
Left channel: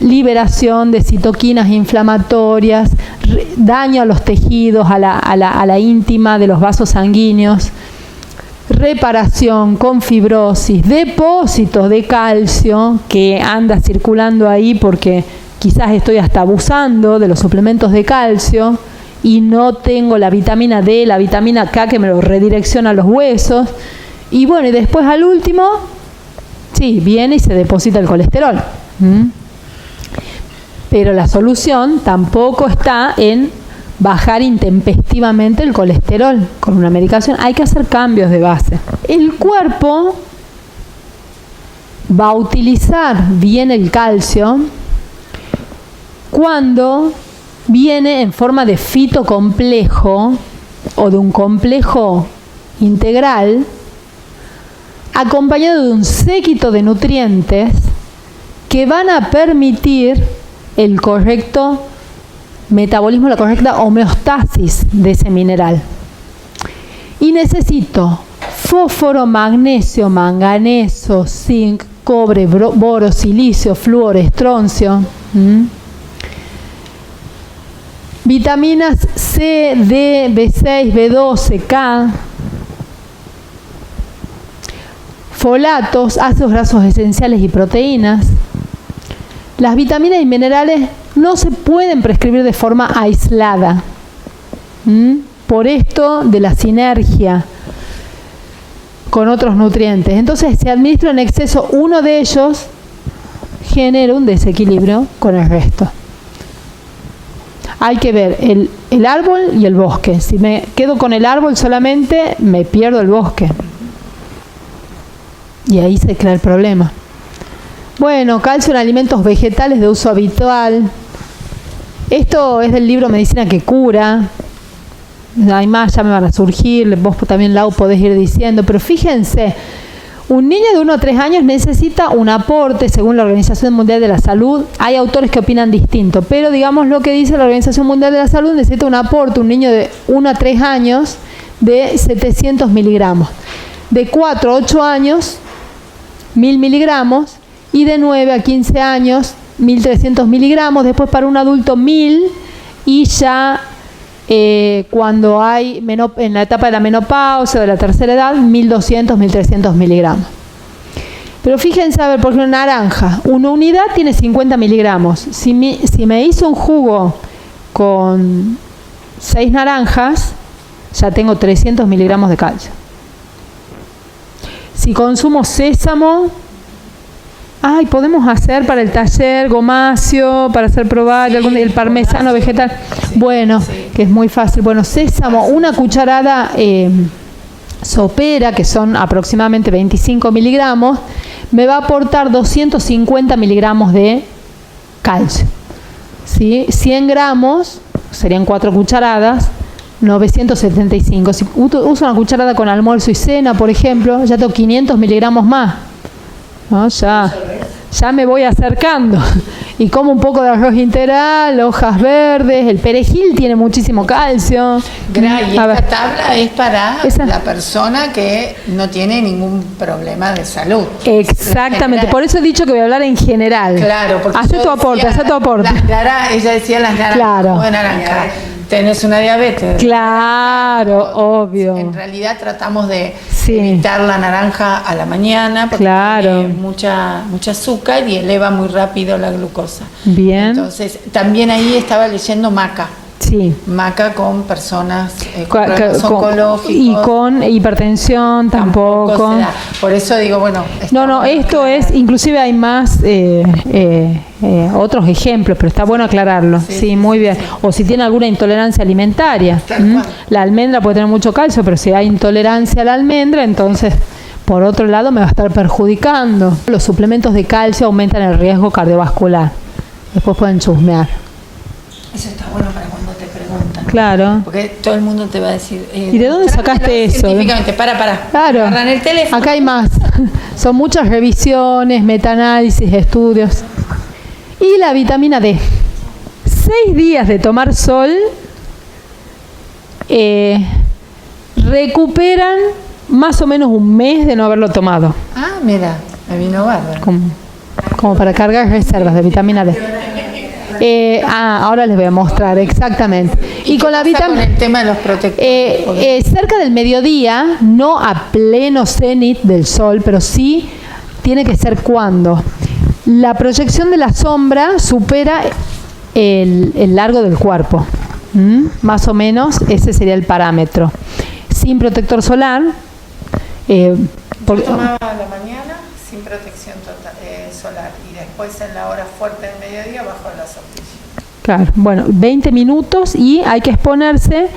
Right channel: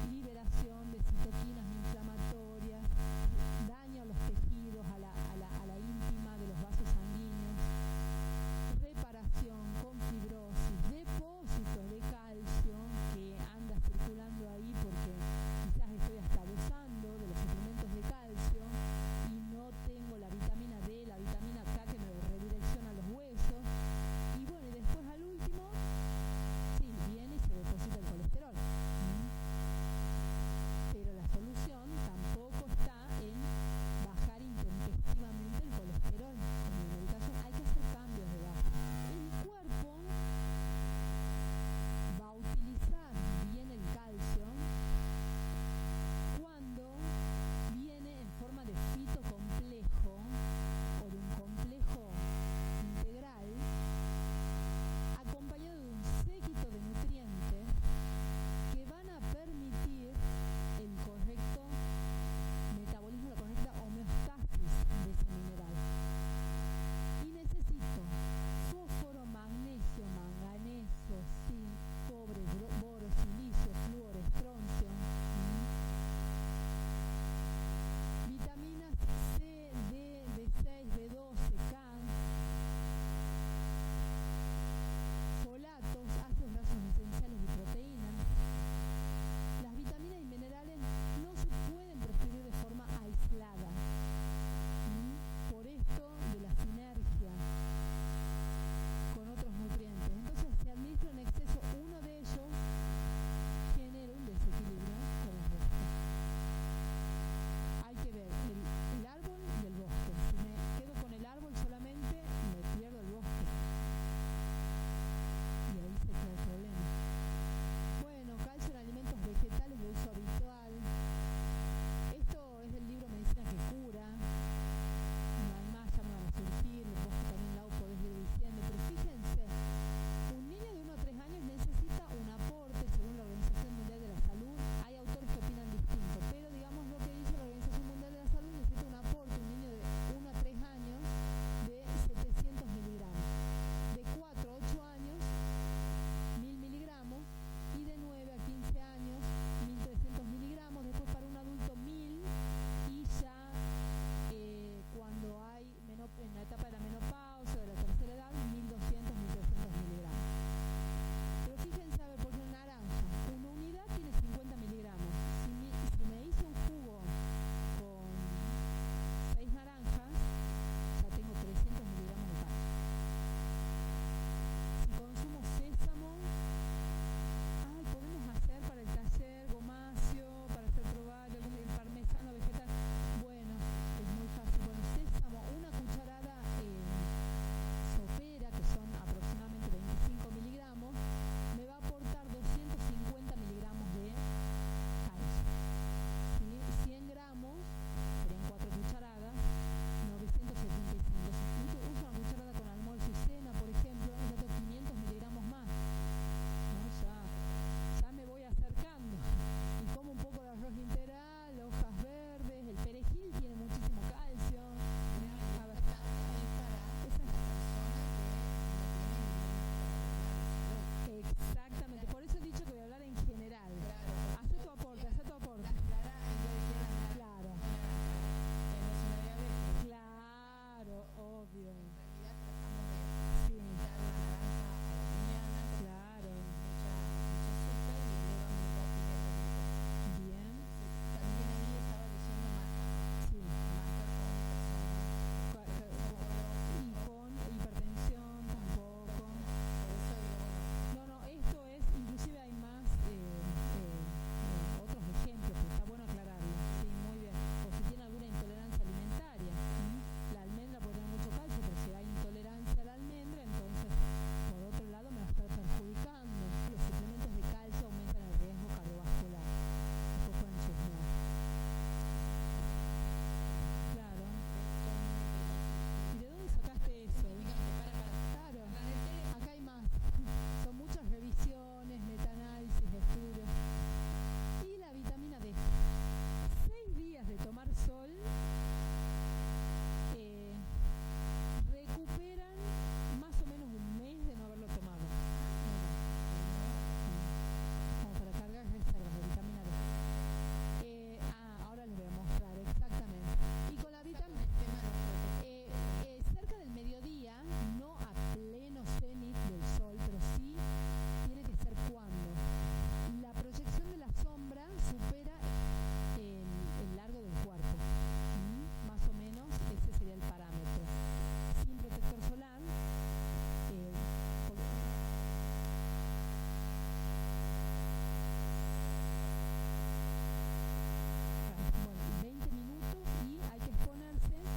liberación de citoquinas inflamatorias, daño a los tejidos, a la íntima de los vasos sanguíneos, reparación con fibrosis, depósitos de calcio que anda circulando ahí porque quizás estoy hasta abusando de los suplementos de calcio y no tengo la vitamina D, la vitamina K que me lo redirecciona a los huesos. Y bueno, y después al último, sí, viene y se deposita el colesterol. Pero la solución tampoco está en bajar intempestivamente el colesterol con una medicación. Hay que hacer cambios de base. El cuerpo va a utilizar bien el calcio cuando viene en forma de fitocomplejo o de un complejo integral, acompañado de un séquito de nutrientes que van a permitir el correcto metabolismo, la correcta homeostasis de ese mineral. Y necesito fósforo, magnesio, manganeso, zinc, cobre, boro, silicio, flúor, estroncio. Vitaminas C, D, B6, B12, K. Folatos, ácidos grasos esenciales y proteínas. Las vitaminas y minerales no se pueden prescribir de forma aislada. Por esto de la sinergia con otros nutrientes. Entonces, si administro en exceso uno de ellos, genera un desequilibrio con el resto. Hay que ver el árbol y el bosque. Si me quedo con el árbol solamente, me pierdo el bosque. Y ahí se crea el problema. Bueno, calcio en alimentos vegetales de uso habitual. Esto es del libro Medicina que cura. Hay más, ya me van a surgir. Vos también, Lau, podés ir diciendo. Pero fíjense, un niño de 1 a 3 años necesita un aporte, según la Organización Mundial de la Salud. Hay autores que opinan distinto, pero digamos lo que dice la Organización Mundial de la Salud, necesita un aporte, un niño de 1 a 3 años, de 700 miligramos. De 4 a 8 años, 1000 miligramos. Y de 9 a 15 años, 1.300 miligramos, después para un adulto 1.000 y ya cuando hay en la etapa de la menopausia o de la tercera edad, 1.200, 1.300 miligramos. Pero fíjense, a ver, por ejemplo, naranja, una unidad tiene 50 miligramos. Si me hizo un jugo con 6 naranjas, ya tengo 300 miligramos de calcio. Si consumo sésamo, podemos hacer para el taller gomacio, para hacer probar el parmesano vegetal. Bueno, que es muy fácil. Bueno, sésamo, una cucharada sopera, que son aproximadamente 25 miligramos, me va a aportar 250 miligramos de calcio. ¿Sí? 100 gramos, serían 4 cucharadas, 975. Si uso una cucharada con almuerzo y cena, por ejemplo, ya tengo 500 miligramos más. ¿No? Ya me voy acercando. Y como un poco de arroz integral, hojas verdes, el perejil tiene muchísimo calcio. Y esta tabla es para la persona que no tiene ningún problema de salud. Exactamente, por eso he dicho que voy a hablar en general. Claro, porque haz tu aporte. Ella decía las naranjas, claro. de naranja. Tenés una diabetes. Claro, obvio. En realidad tratamos de evitar la naranja a la mañana porque tiene mucha azúcar y eleva muy rápido la glucosa. Bien. Entonces, también ahí estaba leyendo maca. Sí. Maca con personas con problemas oncológicos. Y con hipertensión tampoco. Por eso digo, bueno. Esto es, inclusive hay más otros ejemplos, pero está bueno aclararlo. Sí, muy bien. O si tiene alguna intolerancia alimentaria. La almendra puede tener mucho calcio, pero si hay intolerancia a la almendra, entonces, por otro lado, me va a estar perjudicando. Los suplementos de calcio aumentan el riesgo cardiovascular. Después pueden chusmear. Eso está bueno para cuando te preguntan. Claro. Porque todo el mundo te va a decir... ¿Y de dónde sacaste eso? Científicamente, para. Claro. Agarran el teléfono. Acá hay más. Son muchas revisiones, metaanálisis, estudios. Y la vitamina D. 6 días de tomar sol recuperan más o menos un mes de no haberlo tomado. Mira, me vino bárbaro. Como para cargar reservas de vitamina D. Ahora les voy a mostrar exactamente. Y con la vitamina, con el tema de los protectores. Cerca del mediodía, no a pleno cenit del sol, pero sí tiene que ser cuando la proyección de la sombra supera el largo del cuerpo. Más o menos ese sería el parámetro. Sin protector solar. Yo tomaba a la mañana sin protección solar y después en la hora fuerte del mediodía bajo la sombrilla. Claro, bueno, 20 minutos y hay que exponerse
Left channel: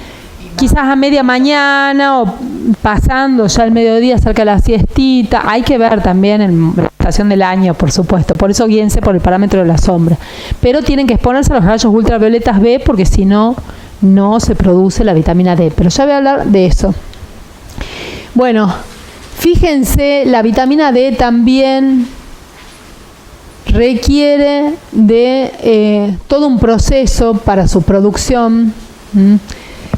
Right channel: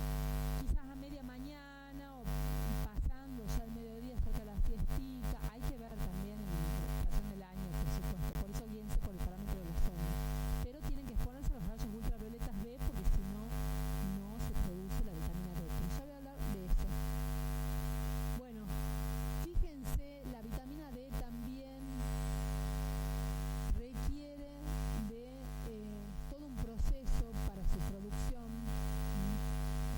quizás a media mañana o pasando ya el mediodía cerca de la siestita. Hay que ver también en la estación del año, por supuesto. Por eso guíense por el parámetro de la sombra. Pero tienen que exponerse a los rayos ultravioletas B porque si no, no se produce la vitamina D. Pero ya voy a hablar de eso. Bueno, fíjense, la vitamina D también requiere de todo un proceso para su producción.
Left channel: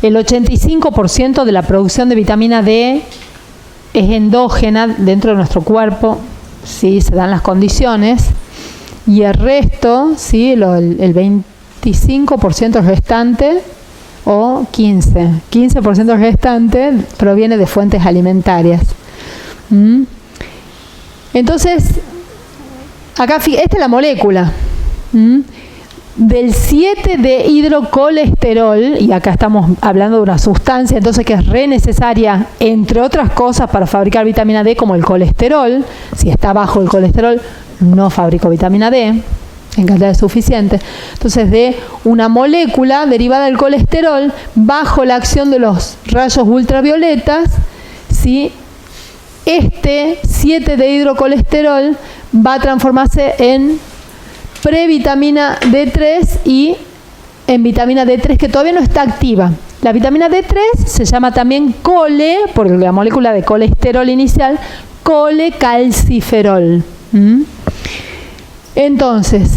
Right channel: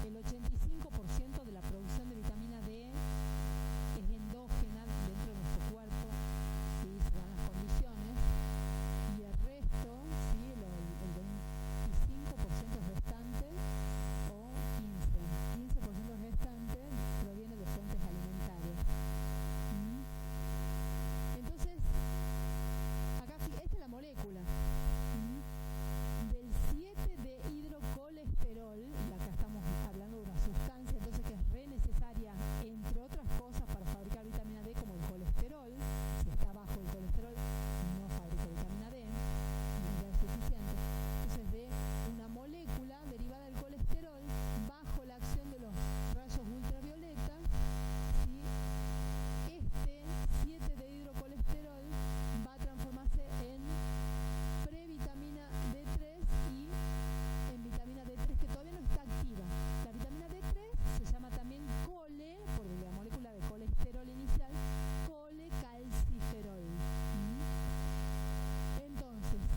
El 85% de la producción de vitamina D es endógena dentro de nuestro cuerpo, si se dan las condiciones, y el resto, ¿sí? el 25% restante o 15% restante proviene de fuentes alimentarias. Entonces, acá, esta es la molécula del 7 de hidrocolesterol, y acá estamos hablando de una sustancia entonces que es re necesaria, entre otras cosas, para fabricar vitamina D, como el colesterol. Si está bajo el colesterol, no fabrico vitamina D en cantidad suficiente. Entonces, de una molécula derivada del colesterol, bajo la acción de los rayos ultravioletas, ¿sí? Este 7 de hidrocolesterol va a transformarse en previtamina D3 y en vitamina D3 que todavía no está activa. La vitamina D3 se llama también cole, por la molécula de colesterol inicial, colecalciferol. Entonces,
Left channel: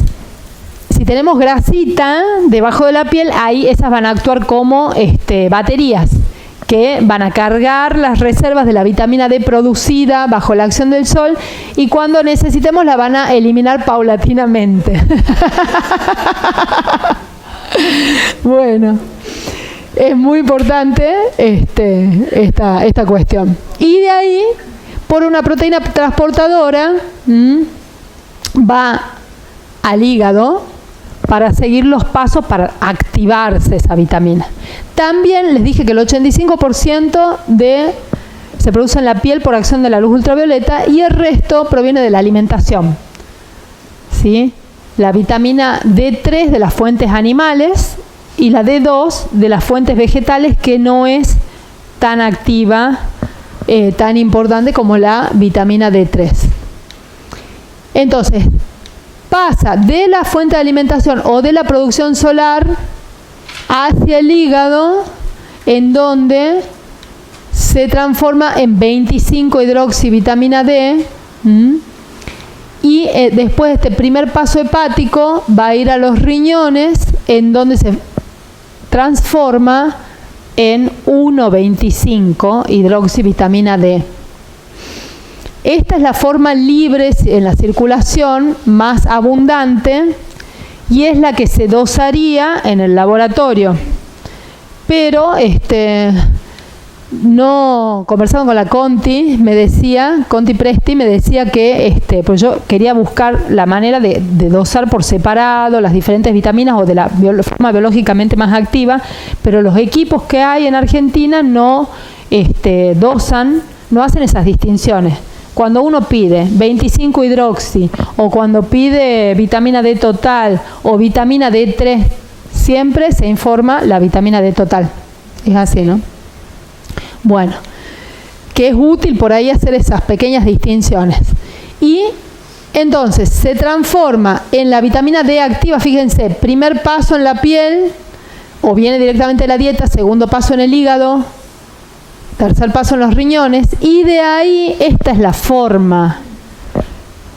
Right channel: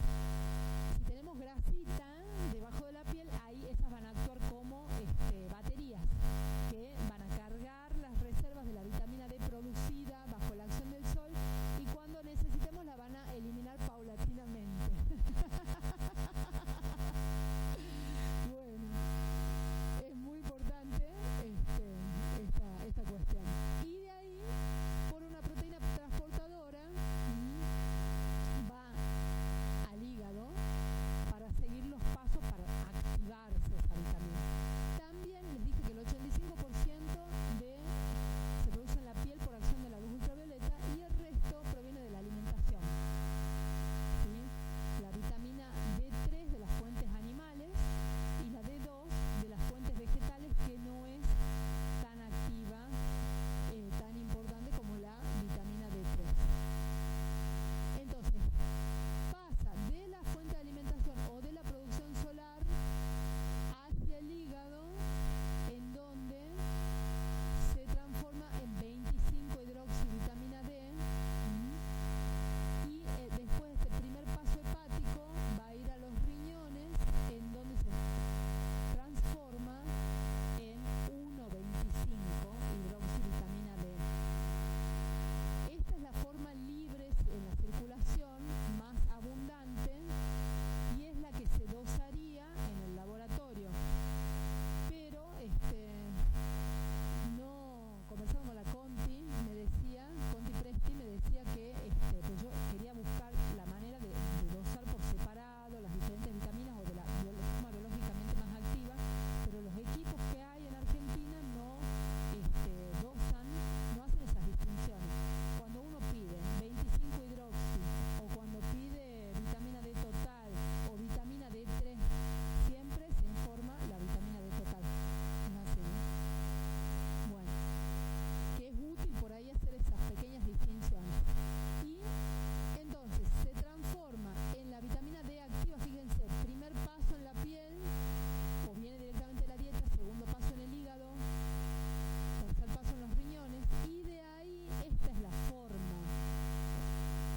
si tenemos grasita debajo de la piel, ahí esas van a actuar como baterías que van a cargar las reservas de la vitamina D producida bajo la acción del sol y cuando necesitemos la van a eliminar paulatinamente. Bueno, es muy importante esta cuestión. Y de ahí, por una proteína transportadora, va al hígado para seguir los pasos para activarse esa vitamina. También les dije que el 85% se produce en la piel por acción de la luz ultravioleta y el resto proviene de la alimentación. ¿Sí? La vitamina D3 de las fuentes animales y la D2 de las fuentes vegetales, que no es tan activa, tan importante como la vitamina D3. Entonces, pasa de la fuente de alimentación o de la producción solar hacia el hígado, en donde se transforma en 25-hidroxivitamina D, y después de este primer paso hepático va a ir a los riñones, en donde se transforma en 1,25-hidroxivitamina D. Esta es la forma libre en la circulación más abundante y es la que se dosaría en el laboratorio. Pero no, conversando con la Conti Presti me decía que pues yo quería buscar la manera de dosar por separado las diferentes vitaminas o de la forma biológicamente más activa, pero los equipos que hay en Argentina no dosan, no hacen esas distinciones. Cuando uno pide 25-hidroxi o cuando pide vitamina D total o vitamina D3, siempre se informa la vitamina D total. Es así, ¿no? Bueno, que es útil por ahí hacer esas pequeñas distinciones. Y entonces se transforma en la vitamina D activa, fíjense, primer paso en la piel, o viene directamente de la dieta, segundo paso en el hígado, tercer paso en los riñones, y de ahí esta es la forma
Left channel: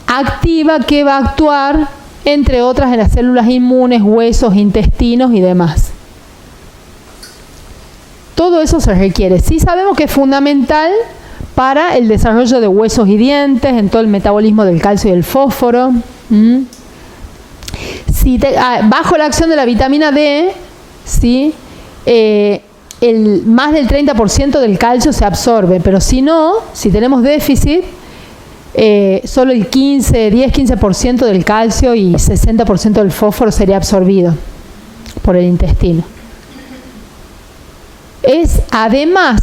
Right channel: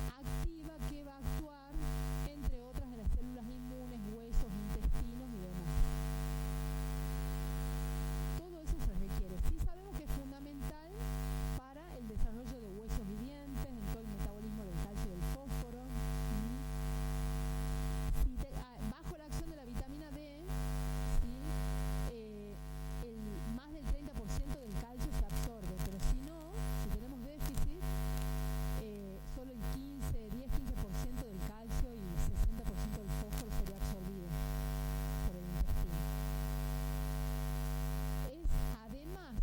activa que va a actuar, entre otras, en las células inmunes, huesos, intestinos y demás. Todo eso se requiere. Sí sabemos que es fundamental para el desarrollo de huesos y dientes, en todo el metabolismo del calcio y el fósforo. Bajo la acción de la vitamina D, ¿sí? Más del 30% del calcio se absorbe, pero si no, si tenemos déficit, solo el 10-15% del calcio y 60% del fósforo sería absorbido por el intestino. Es además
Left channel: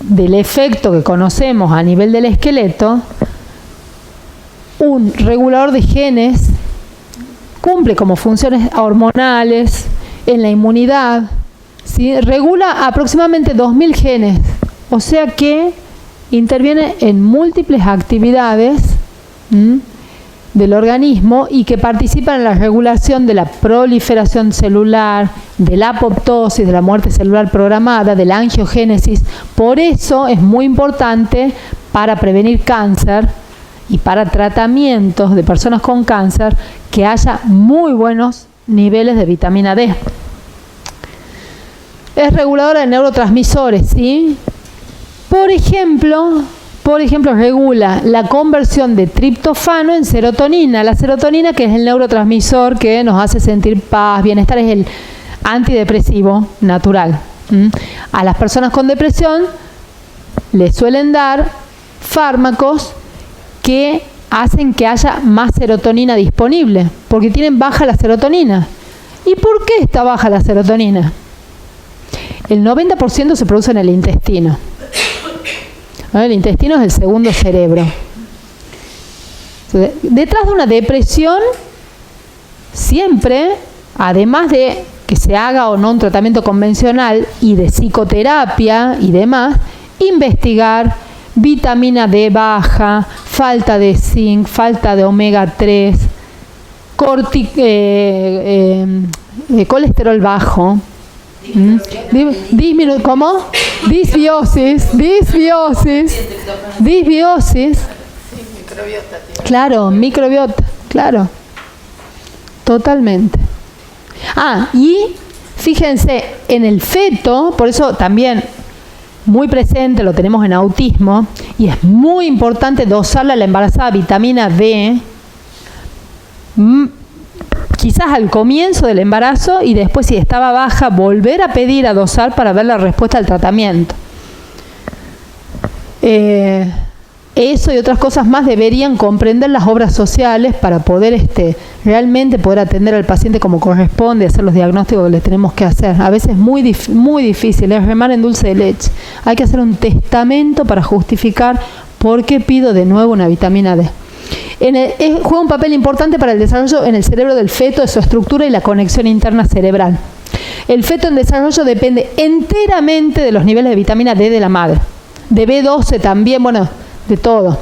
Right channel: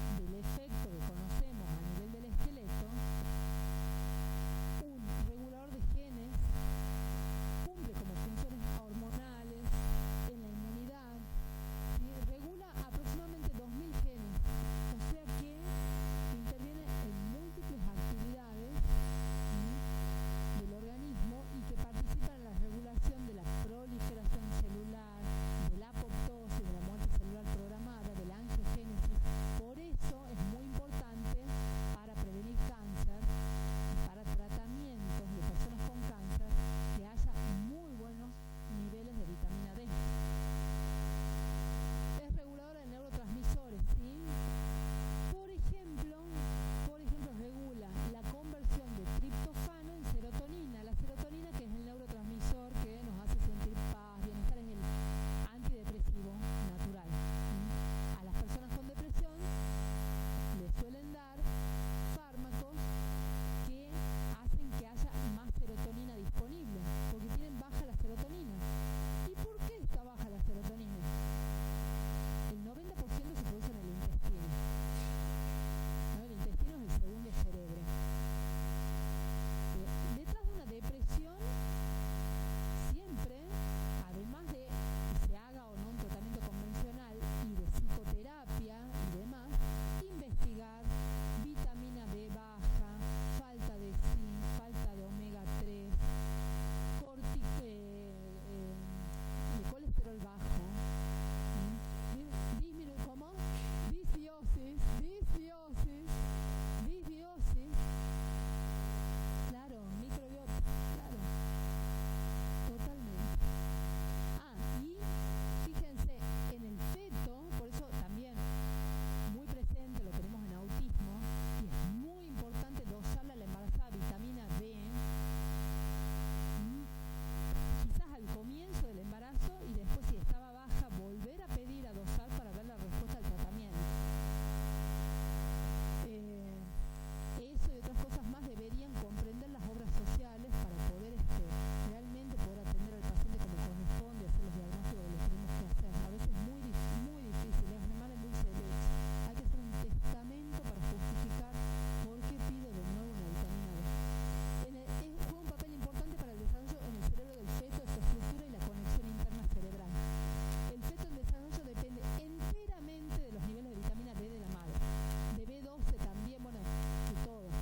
del efecto que conocemos a nivel del esqueleto, un regulador de genes, cumple como funciones hormonales, en la inmunidad, ¿sí? Regula aproximadamente 2.000 genes, o sea que interviene en múltiples actividades del organismo y que participan en la regulación de la proliferación celular, de la apoptosis, de la muerte celular programada, de la angiogénesis. Por eso es muy importante para prevenir cáncer y para tratamientos de personas con cáncer que haya muy buenos niveles de vitamina D. Es reguladora de neurotransmisores, ¿sí? Por ejemplo, regula la conversión de triptofano en serotonina. La serotonina, que es el neurotransmisor que nos hace sentir paz, bienestar, es el antidepresivo natural. A las personas con depresión les suelen dar fármacos que hacen que haya más serotonina disponible, porque tienen baja la serotonina. ¿Y por qué está baja la serotonina? El 90% se produce en el intestino. El intestino es el segundo cerebro. Detrás de una depresión, siempre, además de que se haga o no un tratamiento convencional y de psicoterapia y demás, investigar vitamina D baja, falta de zinc, falta de omega 3, colesterol bajo. ¿Cómo? Disbiosis. Claro, microbiota, claro. Totalmente. Y Fíjense, en el feto, por eso también muy presente, lo tenemos en autismo, y es muy importante dosarle a la embarazada vitamina D, quizás al comienzo del embarazo, y después, si estaba baja, volver a pedir a dosar para ver la respuesta al tratamiento. Eso y otras cosas más deberían comprender las obras sociales para poder realmente poder atender al paciente como corresponde, hacer los diagnósticos que les tenemos que hacer. A veces es muy difícil, es remar en dulce de leche. Hay que hacer un testamento para justificar por qué pido de nuevo una vitamina D. Juega un papel importante para el desarrollo en el cerebro del feto, de su estructura y la conexión interna cerebral. El feto en desarrollo depende enteramente de los niveles de vitamina D de la madre. De B12 también, bueno, de todo.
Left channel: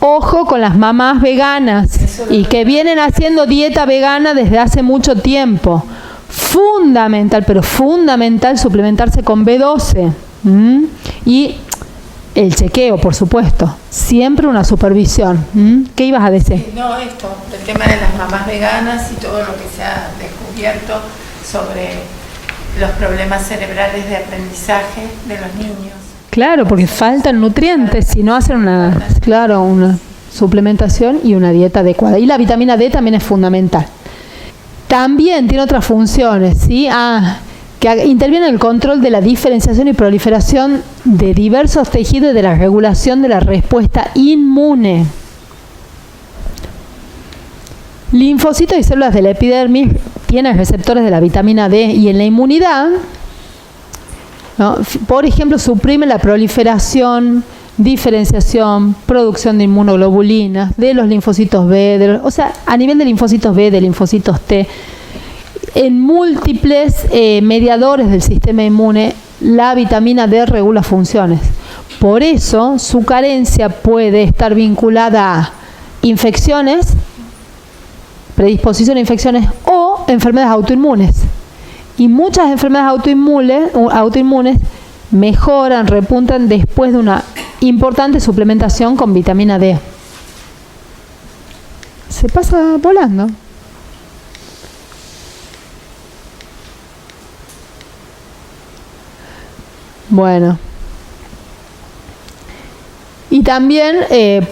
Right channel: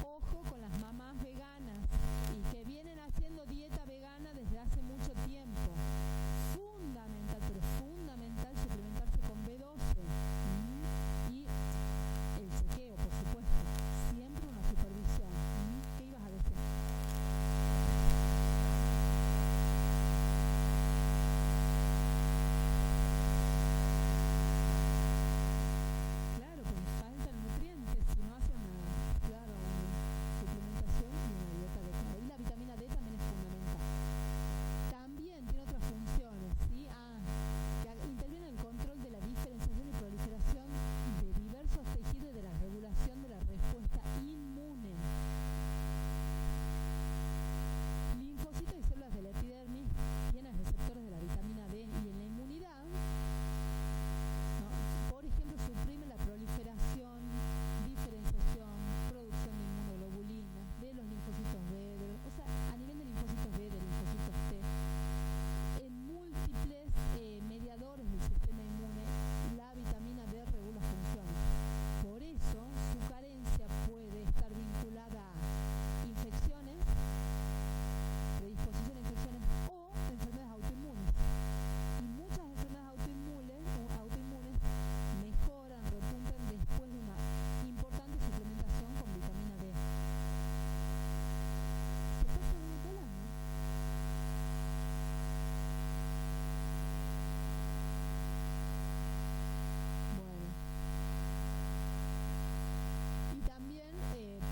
Ojo con las mamás veganas y que vienen haciendo dieta vegana desde hace mucho tiempo. Fundamental, pero fundamental suplementarse con B12. Y el chequeo, por supuesto. Siempre una supervisión. ¿Qué ibas a decir? No, el tema de las mamás veganas y todo lo que se ha descubierto sobre los problemas cerebrales de aprendizaje de los niños. Claro, porque faltan nutrientes si no hacen una suplementación y una dieta adecuada. Y la vitamina D también es fundamental. También tiene otras funciones, ¿sí? Que interviene en el control de la diferenciación y proliferación de diversos tejidos y de la regulación de la respuesta inmune. Linfocitos y células de la epidermis tienen receptores de la vitamina D, y en la inmunidad, ¿no? Por ejemplo, suprime la proliferación, diferenciación, producción de inmunoglobulinas, de los linfocitos B, a nivel de linfocitos B, de linfocitos T, en múltiples mediadores del sistema inmune, la vitamina D regula funciones. Por eso, su carencia puede estar vinculada a infecciones, predisposición a infecciones o enfermedades autoinmunes. Y muchas enfermedades autoinmunes mejoran, repuntan después de una importante suplementación con vitamina D. Se pasa volando. Bueno. Y también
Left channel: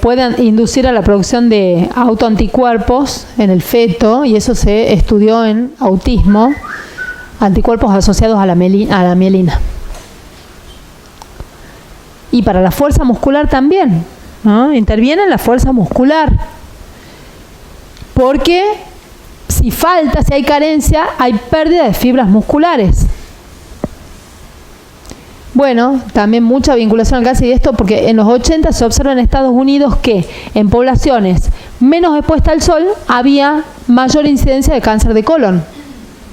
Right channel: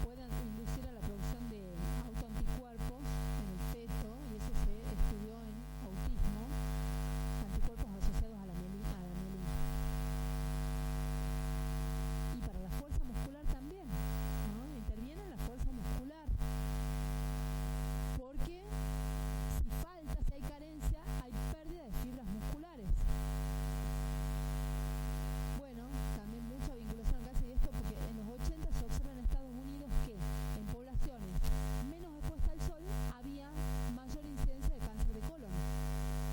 pueden inducir a la producción de autoanticuerpos en el feto, y eso se estudió en autismo. Anticuerpos asociados a la mielina. Y para la fuerza muscular también, ¿no? Interviene en la fuerza muscular. Porque si hay carencia, hay pérdida de fibras musculares. Bueno, también mucha vinculación al cáncer y esto, porque en los 80 se observa en Estados Unidos que en poblaciones menos expuestas al sol había mayor incidencia de cáncer de colon.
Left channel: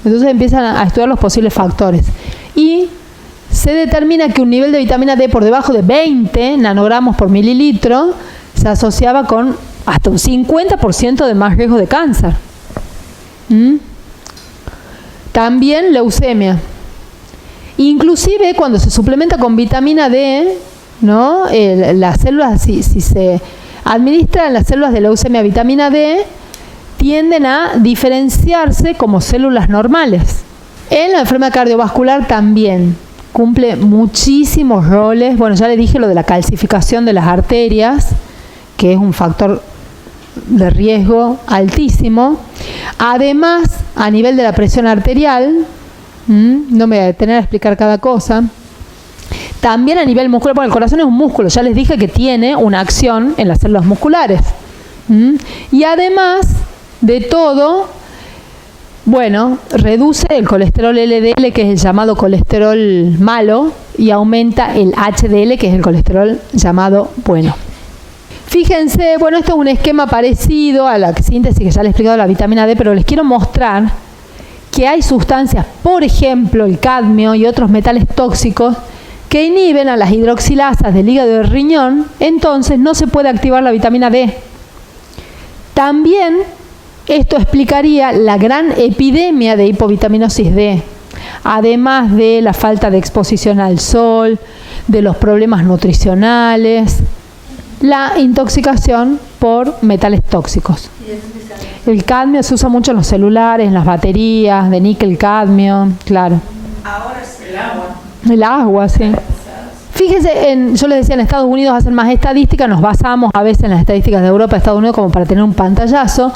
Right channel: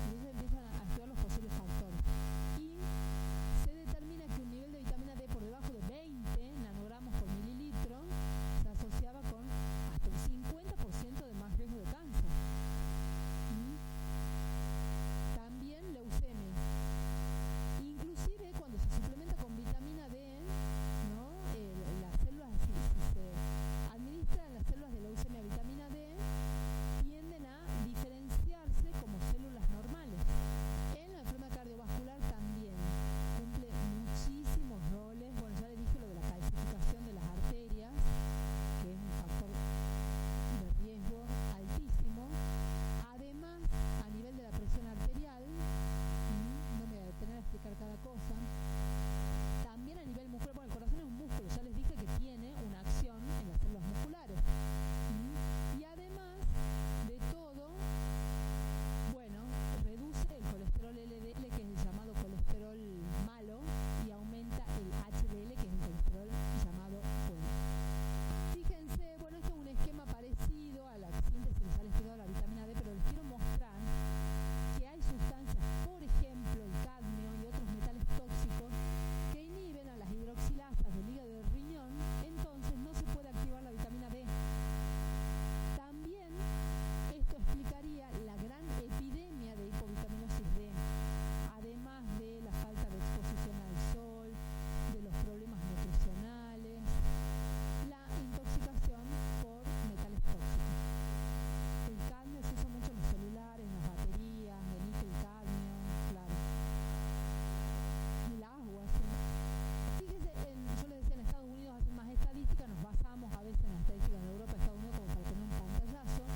Entonces empiezan a estudiar los posibles factores. Y se determina que un nivel de vitamina D por debajo de 20 nanogramos por mililitro se asociaba con hasta un 50% de más riesgo de cáncer. También leucemia. Inclusive cuando se suplementa con vitamina D, ¿no? Las células, si se administran las células de leucemia vitamina D, tienden a diferenciarse como células normales. En la enfermedad cardiovascular también cumple muchísimos roles. Bueno, ya le dije lo de la calcificación de las arterias, que es un factor de riesgo altísimo. Además, a nivel de la presión arterial, no me voy a detener a explicar cada cosa. También a nivel muscular, porque el corazón es un músculo, ya les dije que tiene una acción en las células musculares. Y además de todo, bueno, reduce el colesterol LDL, que es el llamado colesterol malo, y aumenta el HDL, que es el colesterol llamado bueno. Fíjense, bueno, esto es un esquema parecido a la síntesis que ya les he explicado de la vitamina D, pero les quiero mostrar que hay sustancias, por ejemplo, el cadmio y otros metales tóxicos, que inhiben a las hidroxilasas del hígado y del riñón, entonces no se puede activar la vitamina D. También esto explicaría la gran epidemia de hipovitaminosis D, además de la falta de exposición al sol, de los problemas nutricionales, la intoxicación por metales tóxicos. El cadmio se usa mucho en los celulares, en las baterías, de níquel, cadmio, claro. Ahora es el agua. El agua, sí. Fíjese, yo les decía, en Estados Unidos hacen más estadísticas, nos basamos a veces en las estadísticas de Europa, Estados Unidos, como para tener un pantallazo.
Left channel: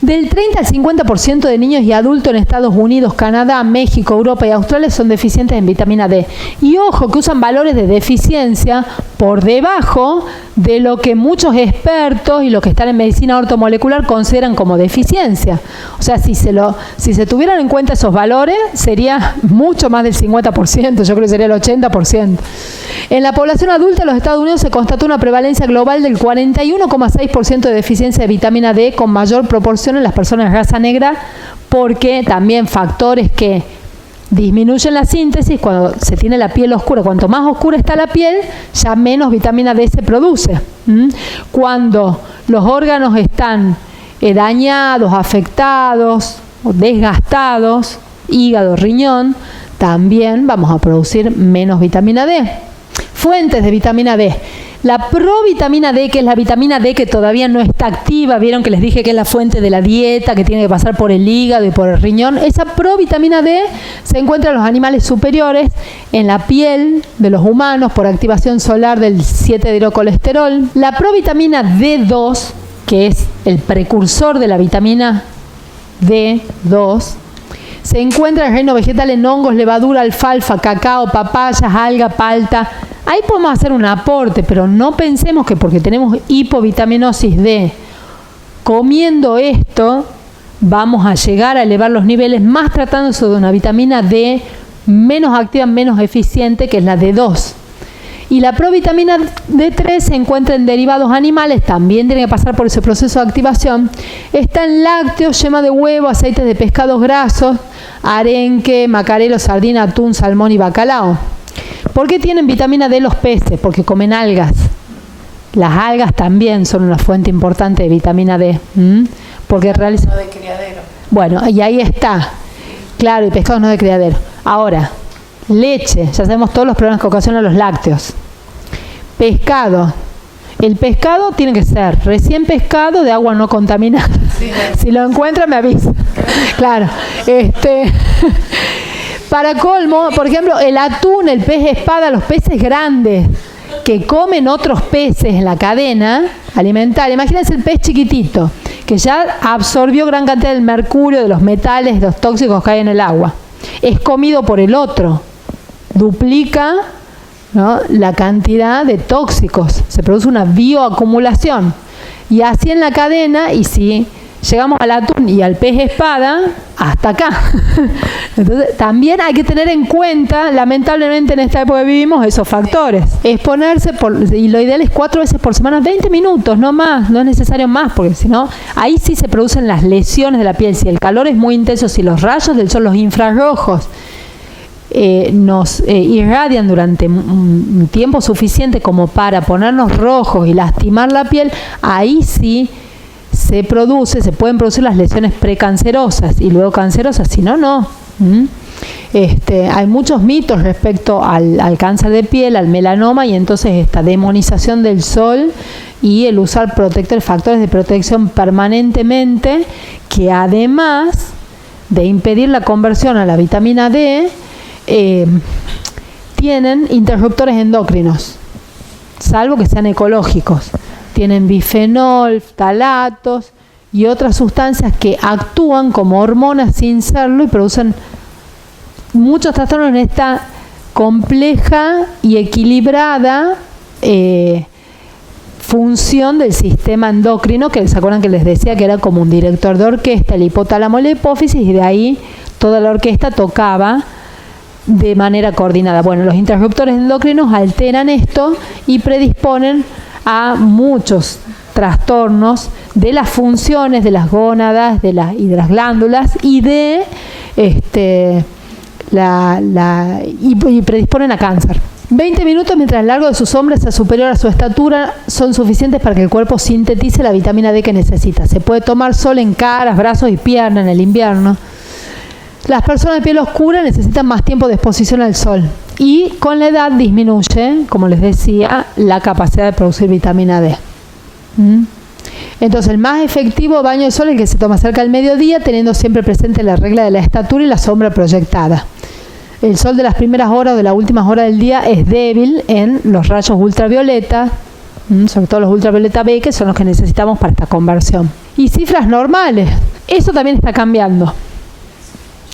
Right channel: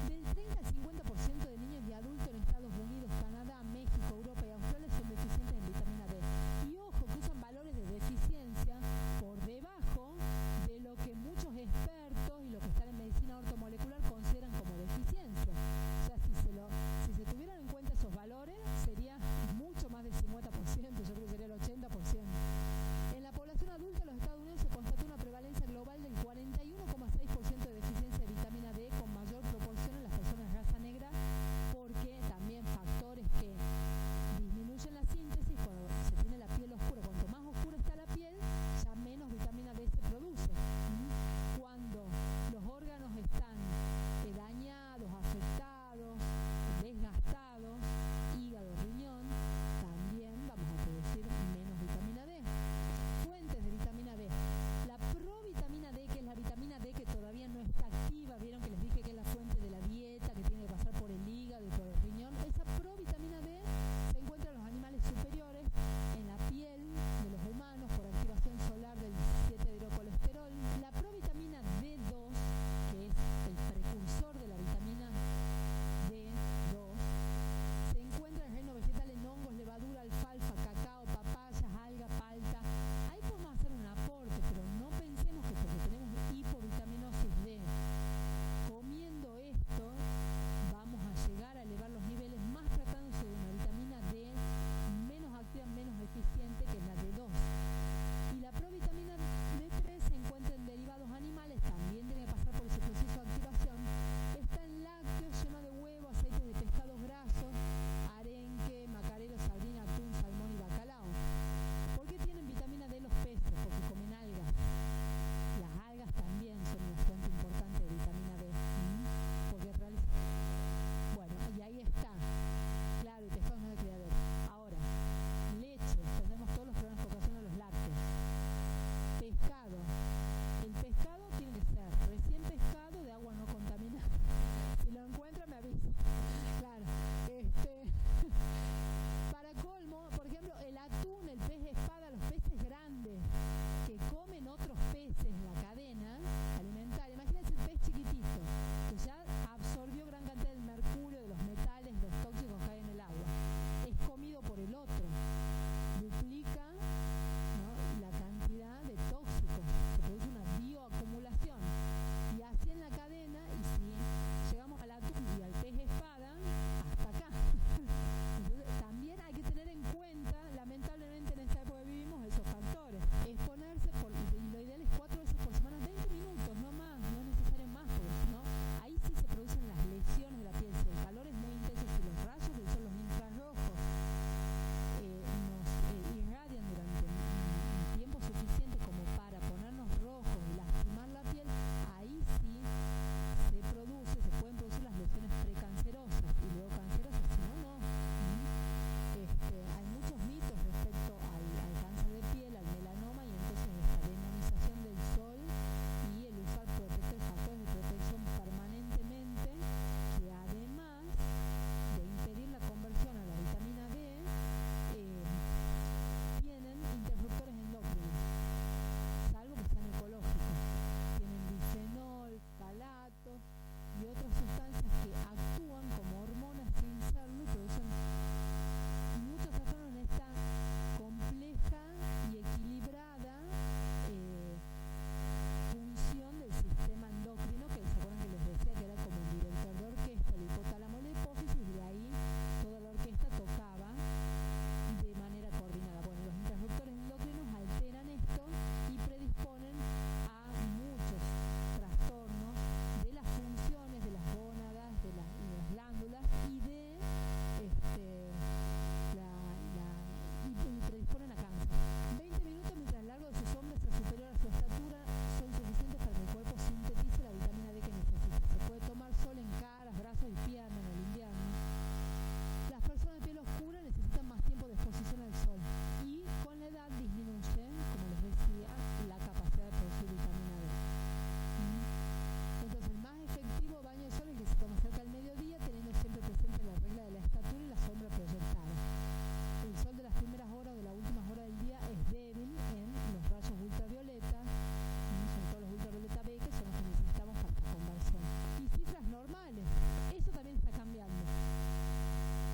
Del 30 al 50% de niños y adultos en Estados Unidos, Canadá, México, Europa y Australia son deficientes en vitamina D. Y ojo, que usan valores de deficiencia por debajo de lo que muchos expertos y los que están en medicina ortomolecular consideran como deficiencia. O sea, si se tuvieran en cuenta esos valores, sería mucho más del 50%, yo creo que sería el 80%. En la población adulta de los Estados Unidos se constató una prevalencia global del 41,6% de deficiencia de vitamina D, con mayor proporción en las personas de raza negra, porque también factores que disminuyen la síntesis cuando se tiene la piel oscura. Cuanto más oscura está la piel, ya menos vitamina D se produce. Cuando los órganos están dañados, afectados o desgastados, hígado, riñón, también vamos a producir menos vitamina D. Fuentes de vitamina D. La provitamina D, que es la vitamina D que todavía no está activa, vieron que les dije que es la fuente de la dieta, que tiene que pasar por el hígado y por el riñón. Esa provitamina D se encuentra en los animales superiores, en la piel de los humanos por activación solar del 7-hidrocolesterol. La provitamina D2, que es el precursor de la vitamina D2, se encuentra en el reino vegetal en hongos, levadura, alfalfa, cacao, papayas, alga, palta. Ahí podemos hacer un aporte, pero no pensemos que porque tenemos hipovitaminosis D, comiendo esto, vamos a llegar a elevar los niveles, más tratándose de una vitamina D menos activa, menos eficiente, que es la D2. Y la provitamina D3 se encuentra en derivados animales, también tiene que pasar por ese proceso de activación. Está en lácteos, yema de huevo, aceites de pescados grasos, arenque, macarelo, sardina, atún, salmón y bacalao. ¿Por qué tienen vitamina D los peces? Porque comen algas. Las algas también son una fuente importante de vitamina D. Porque realizan... No de criadero. Bueno, y ahí está. Claro, y pescados no de criadero. Ahora, leche. Ya sabemos todos los problemas que ocasionan los lácteos. Pescado. El pescado tiene que ser recién pescado, de agua no contaminada. Sí, si lo encuentra, me avisa. Claro. Para colmo, por ejemplo, el atún, el pez espada, los peces grandes que comen otros peces en la cadena alimentaria. Imagínense el pez chiquitito, que ya absorbió gran cantidad del mercurio, de los metales, de los tóxicos que hay en el agua. Es comido por el otro. Duplica, ¿no?, la cantidad de tóxicos. Se produce una bioacumulación. Y así en la cadena, y si llegamos al atún y al pez espada, hasta acá. Entonces, también hay que tener en cuenta, lamentablemente en esta época que vivimos, esos factores. Exponerse, y lo ideal es 4 veces por semana, 20 minutos, no más, no es necesario más, porque si no, ahí sí se producen las lesiones de la piel. Si el calor es muy intenso, si los rayos del sol, los infrarrojos, nos irradian durante un tiempo suficiente como para ponernos rojos y lastimar la piel, ahí sí se pueden producir las lesiones precancerosas y luego cancerosas, si no, no. Hay muchos mitos respecto al cáncer de piel, al melanoma, y entonces esta demonización del sol y el usar factores de protección permanentemente, que además de impedir la conversión a la vitamina D, tienen interruptores endocrinos, salvo que sean ecológicos. Tienen bifenol, ftalatos y otras sustancias que actúan como hormonas sin serlo y producen muchos trastornos en esta compleja y equilibrada función del sistema endocrino, que se acuerdan que les decía que era como un director de orquesta, el hipotálamo y la hipófisis, y de ahí toda la orquesta tocaba de manera coordinada. Bueno, los interruptores endocrinos alteran esto y predisponen a muchos trastornos de las funciones de las gónadas, y de las glándulas, y de y predisponen a cáncer. 20 minutos mientras el largo de sus hombros sea superior a su estatura son suficientes para que el cuerpo sintetice la vitamina D que necesita. Se puede tomar sol en caras, brazos y piernas en el invierno. Las personas de piel oscura necesitan más tiempo de exposición al sol y con la edad disminuye, como les decía, la capacidad de producir vitamina D. Entonces, el más efectivo baño de sol es el que se toma cerca del mediodía, teniendo siempre presente la regla de la estatura y la sombra proyectada. El sol de las primeras horas o de las últimas horas del día es débil en los rayos ultravioleta, sobre todo los ultravioleta B, que son los que necesitamos para esta conversión. Y cifras normales, eso también está cambiando.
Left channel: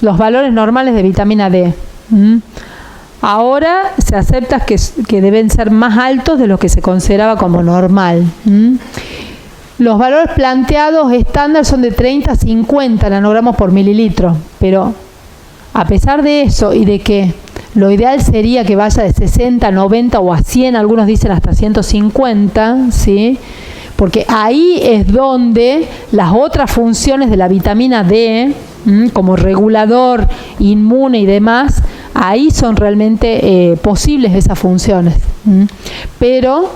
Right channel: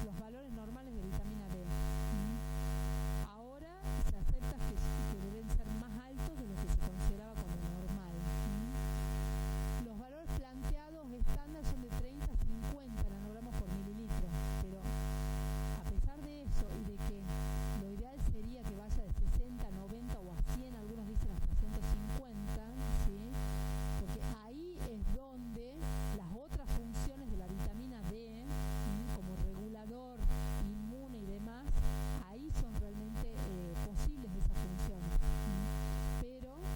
Los valores normales de vitamina D. Ahora se acepta que deben ser más altos de lo que se consideraba como normal. Los valores planteados estándar son de 30 a 50 nanogramos por mililitro, pero a pesar de eso y de que lo ideal sería que vaya de 60 a 90 o a 100, algunos dicen hasta 150, ¿sí? Porque ahí es donde las otras funciones de la vitamina D, como regulador, inmune y demás, ahí son realmente posibles esas funciones. Pero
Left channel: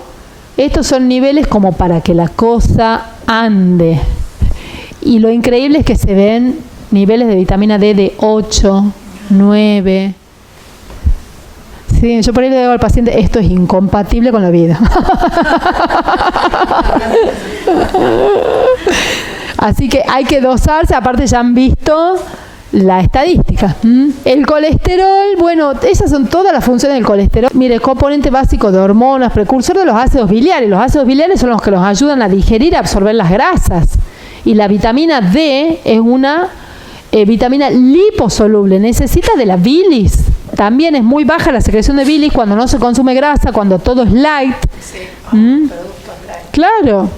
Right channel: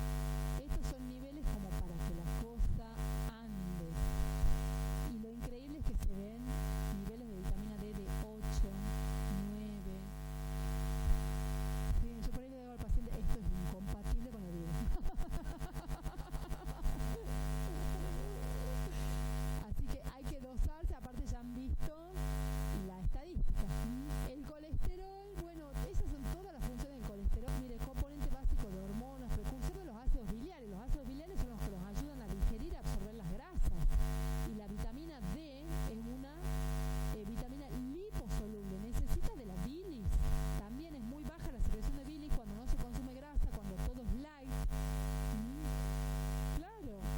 estos son niveles como para que la cosa ande. Y lo increíble es que se ven niveles de vitamina D de 8, 9. Sí, yo por ahí le digo al paciente, esto es incompatible con la vida. Así que hay que dosarse, aparte ya han visto la estadística. El colesterol, bueno, esas son todas las funciones del colesterol. Mire, componente básico de hormonas, precursor de los ácidos biliares. Los ácidos biliares son los que nos ayudan a digerir y absorber las grasas. Y la vitamina D es una vitamina liposoluble, necesita de la bilis. También es muy baja la secreción de bilis cuando no se consume grasa, cuando todo es light. Sí, productos light. Claro.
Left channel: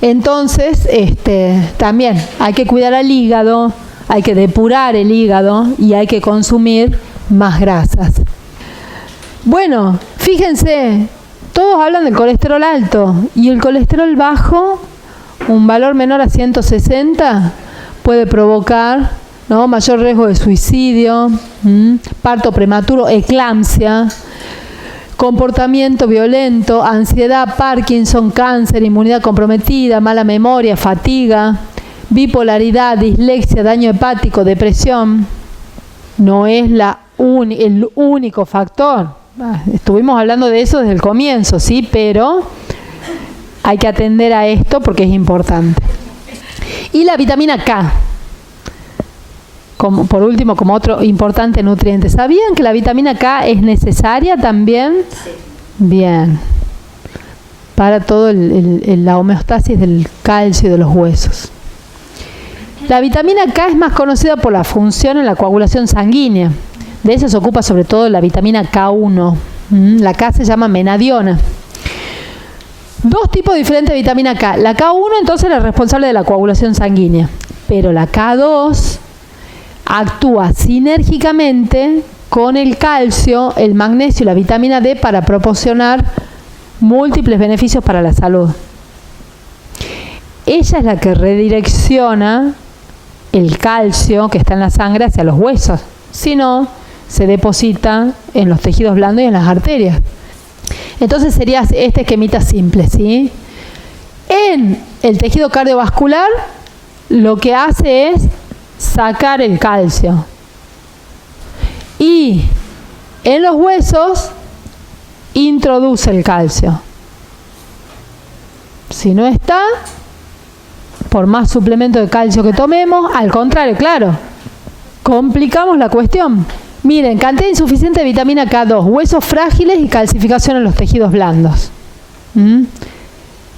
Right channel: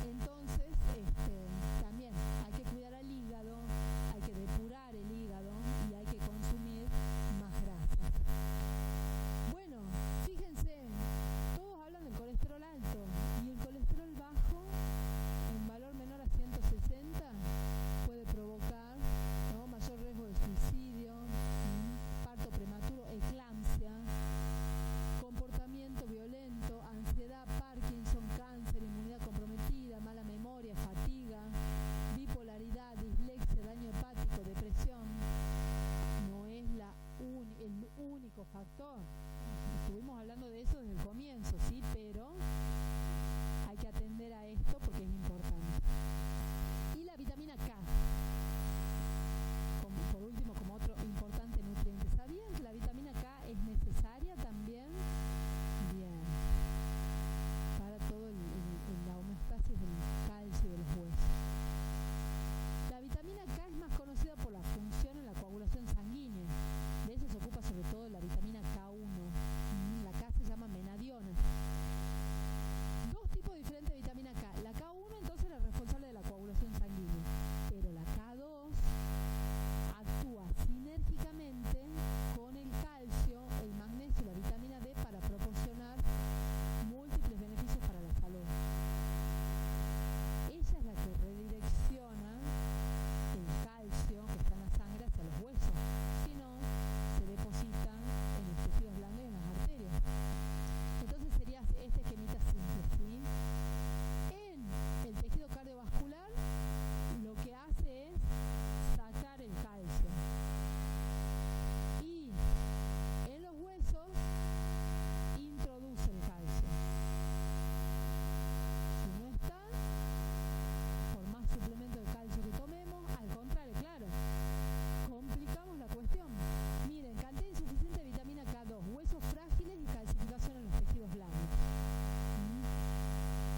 Entonces, también hay que cuidar al hígado, hay que depurar el hígado y hay que consumir más grasas. Bueno, fíjense, todos hablan del colesterol alto y el colesterol bajo, un valor menor a 160, puede provocar, ¿no?, mayor riesgo de suicidio, parto prematuro, eclampsia, comportamiento violento, ansiedad, Parkinson, cáncer, inmunidad comprometida, mala memoria, fatiga, bipolaridad, dislexia, daño hepático, depresión. No es el único factor. Estuvimos hablando de eso desde el comienzo, sí, pero hay que atender a esto porque es importante. Y la vitamina K, por último, como otro importante nutriente. ¿Sabían que la vitamina K es necesaria también? Sí. Bien. Para todo la homeostasis del calcio y de los huesos. La vitamina K es más conocida por la función en la coagulación sanguínea. De eso se ocupa sobre todo la vitamina K1. La K se llama menadiona. Dos tipos diferentes de vitamina K. La K1 entonces es la responsable de la coagulación sanguínea, pero la K2 actúa sinérgicamente con el calcio, el magnesio y la vitamina D para proporcionar múltiples beneficios para la salud. Ella es la que redirecciona el calcio que está en la sangre hacia los huesos. Si no, se deposita en los tejidos blandos y en las arterias. Entonces sería este esquemita simple, ¿sí? En el tejido cardiovascular lo que hace es sacar el calcio. Y en los huesos introduce el calcio. Si no está, por más suplemento de calcio que tomemos, al contrario, claro, complicamos la cuestión. Miren, cantidad insuficiente de vitamina K2, huesos frágiles y calcificación en los tejidos blandos.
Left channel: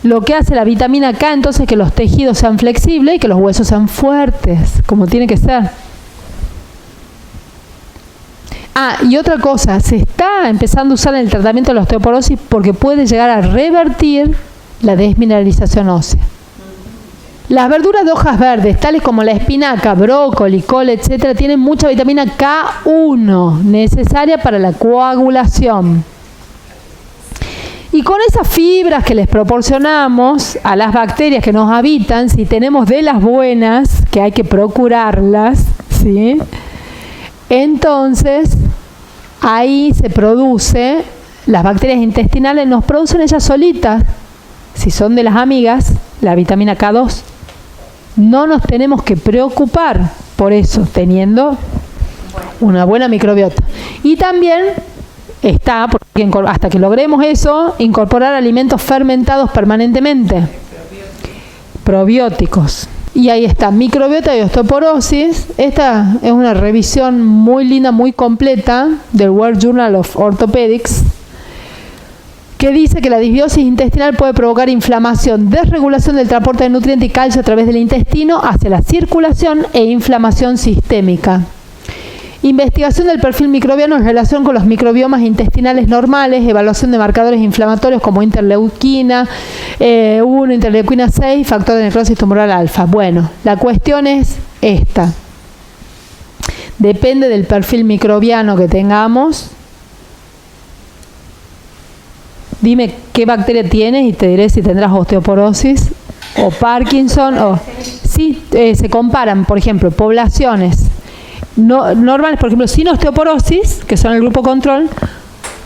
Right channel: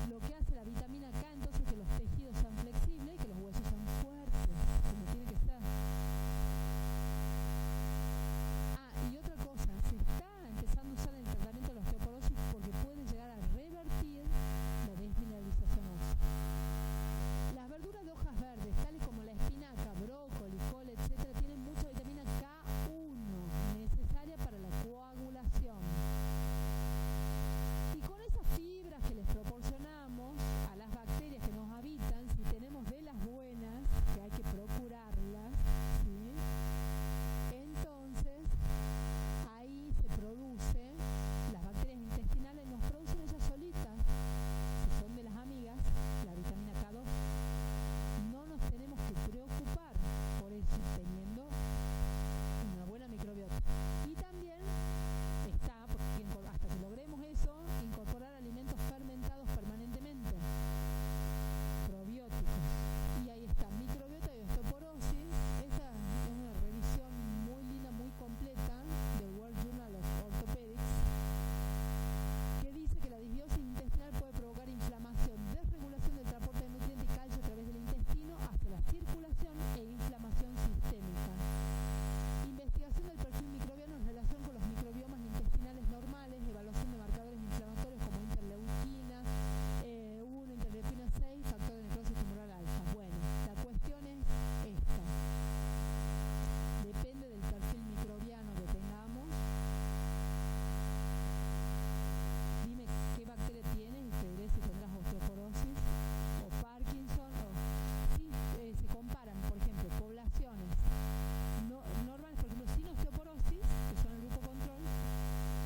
Lo que hace la vitamina K entonces es que los tejidos sean flexibles y que los huesos sean fuertes, como tiene que ser. Y otra cosa, se está empezando a usar en el tratamiento de la osteoporosis porque puede llegar a revertir la desmineralización ósea. Las verduras de hojas verdes, tales como la espinaca, brócoli, col, etc., tienen mucha vitamina K1, necesaria para la coagulación. Y con esas fibras que les proporcionamos a las bacterias que nos habitan, si tenemos de las buenas, que hay que procurarlas, ¿sí?, entonces ahí se produce, las bacterias intestinales nos producen ellas solitas, si son de las amigas, la vitamina K2. No nos tenemos que preocupar por eso, teniendo una buena microbiota. Y también está, hasta que logremos eso, incorporar alimentos fermentados permanentemente. probióticos. Y ahí está, microbiota y osteoporosis. Esta es una revisión muy linda, muy completa del World Journal of Orthopedics, que dice que la disbiosis intestinal puede provocar inflamación, desregulación del transporte de nutrientes y calcio a través del intestino hacia la circulación e inflamación sistémica. Investigación del perfil microbiano en relación con los microbiomas intestinales normales, evaluación de marcadores inflamatorios como interleuquina 1, interleuquina 6, factor de necrosis tumoral alfa. Bueno, la cuestión es esta. Depende del perfil microbiano que tengamos. Dime qué bacteria tienes y te diré si tendrás osteoporosis o Parkinson. Sí, se comparan, por ejemplo, poblaciones normales, por ejemplo, sin osteoporosis, que son el grupo control,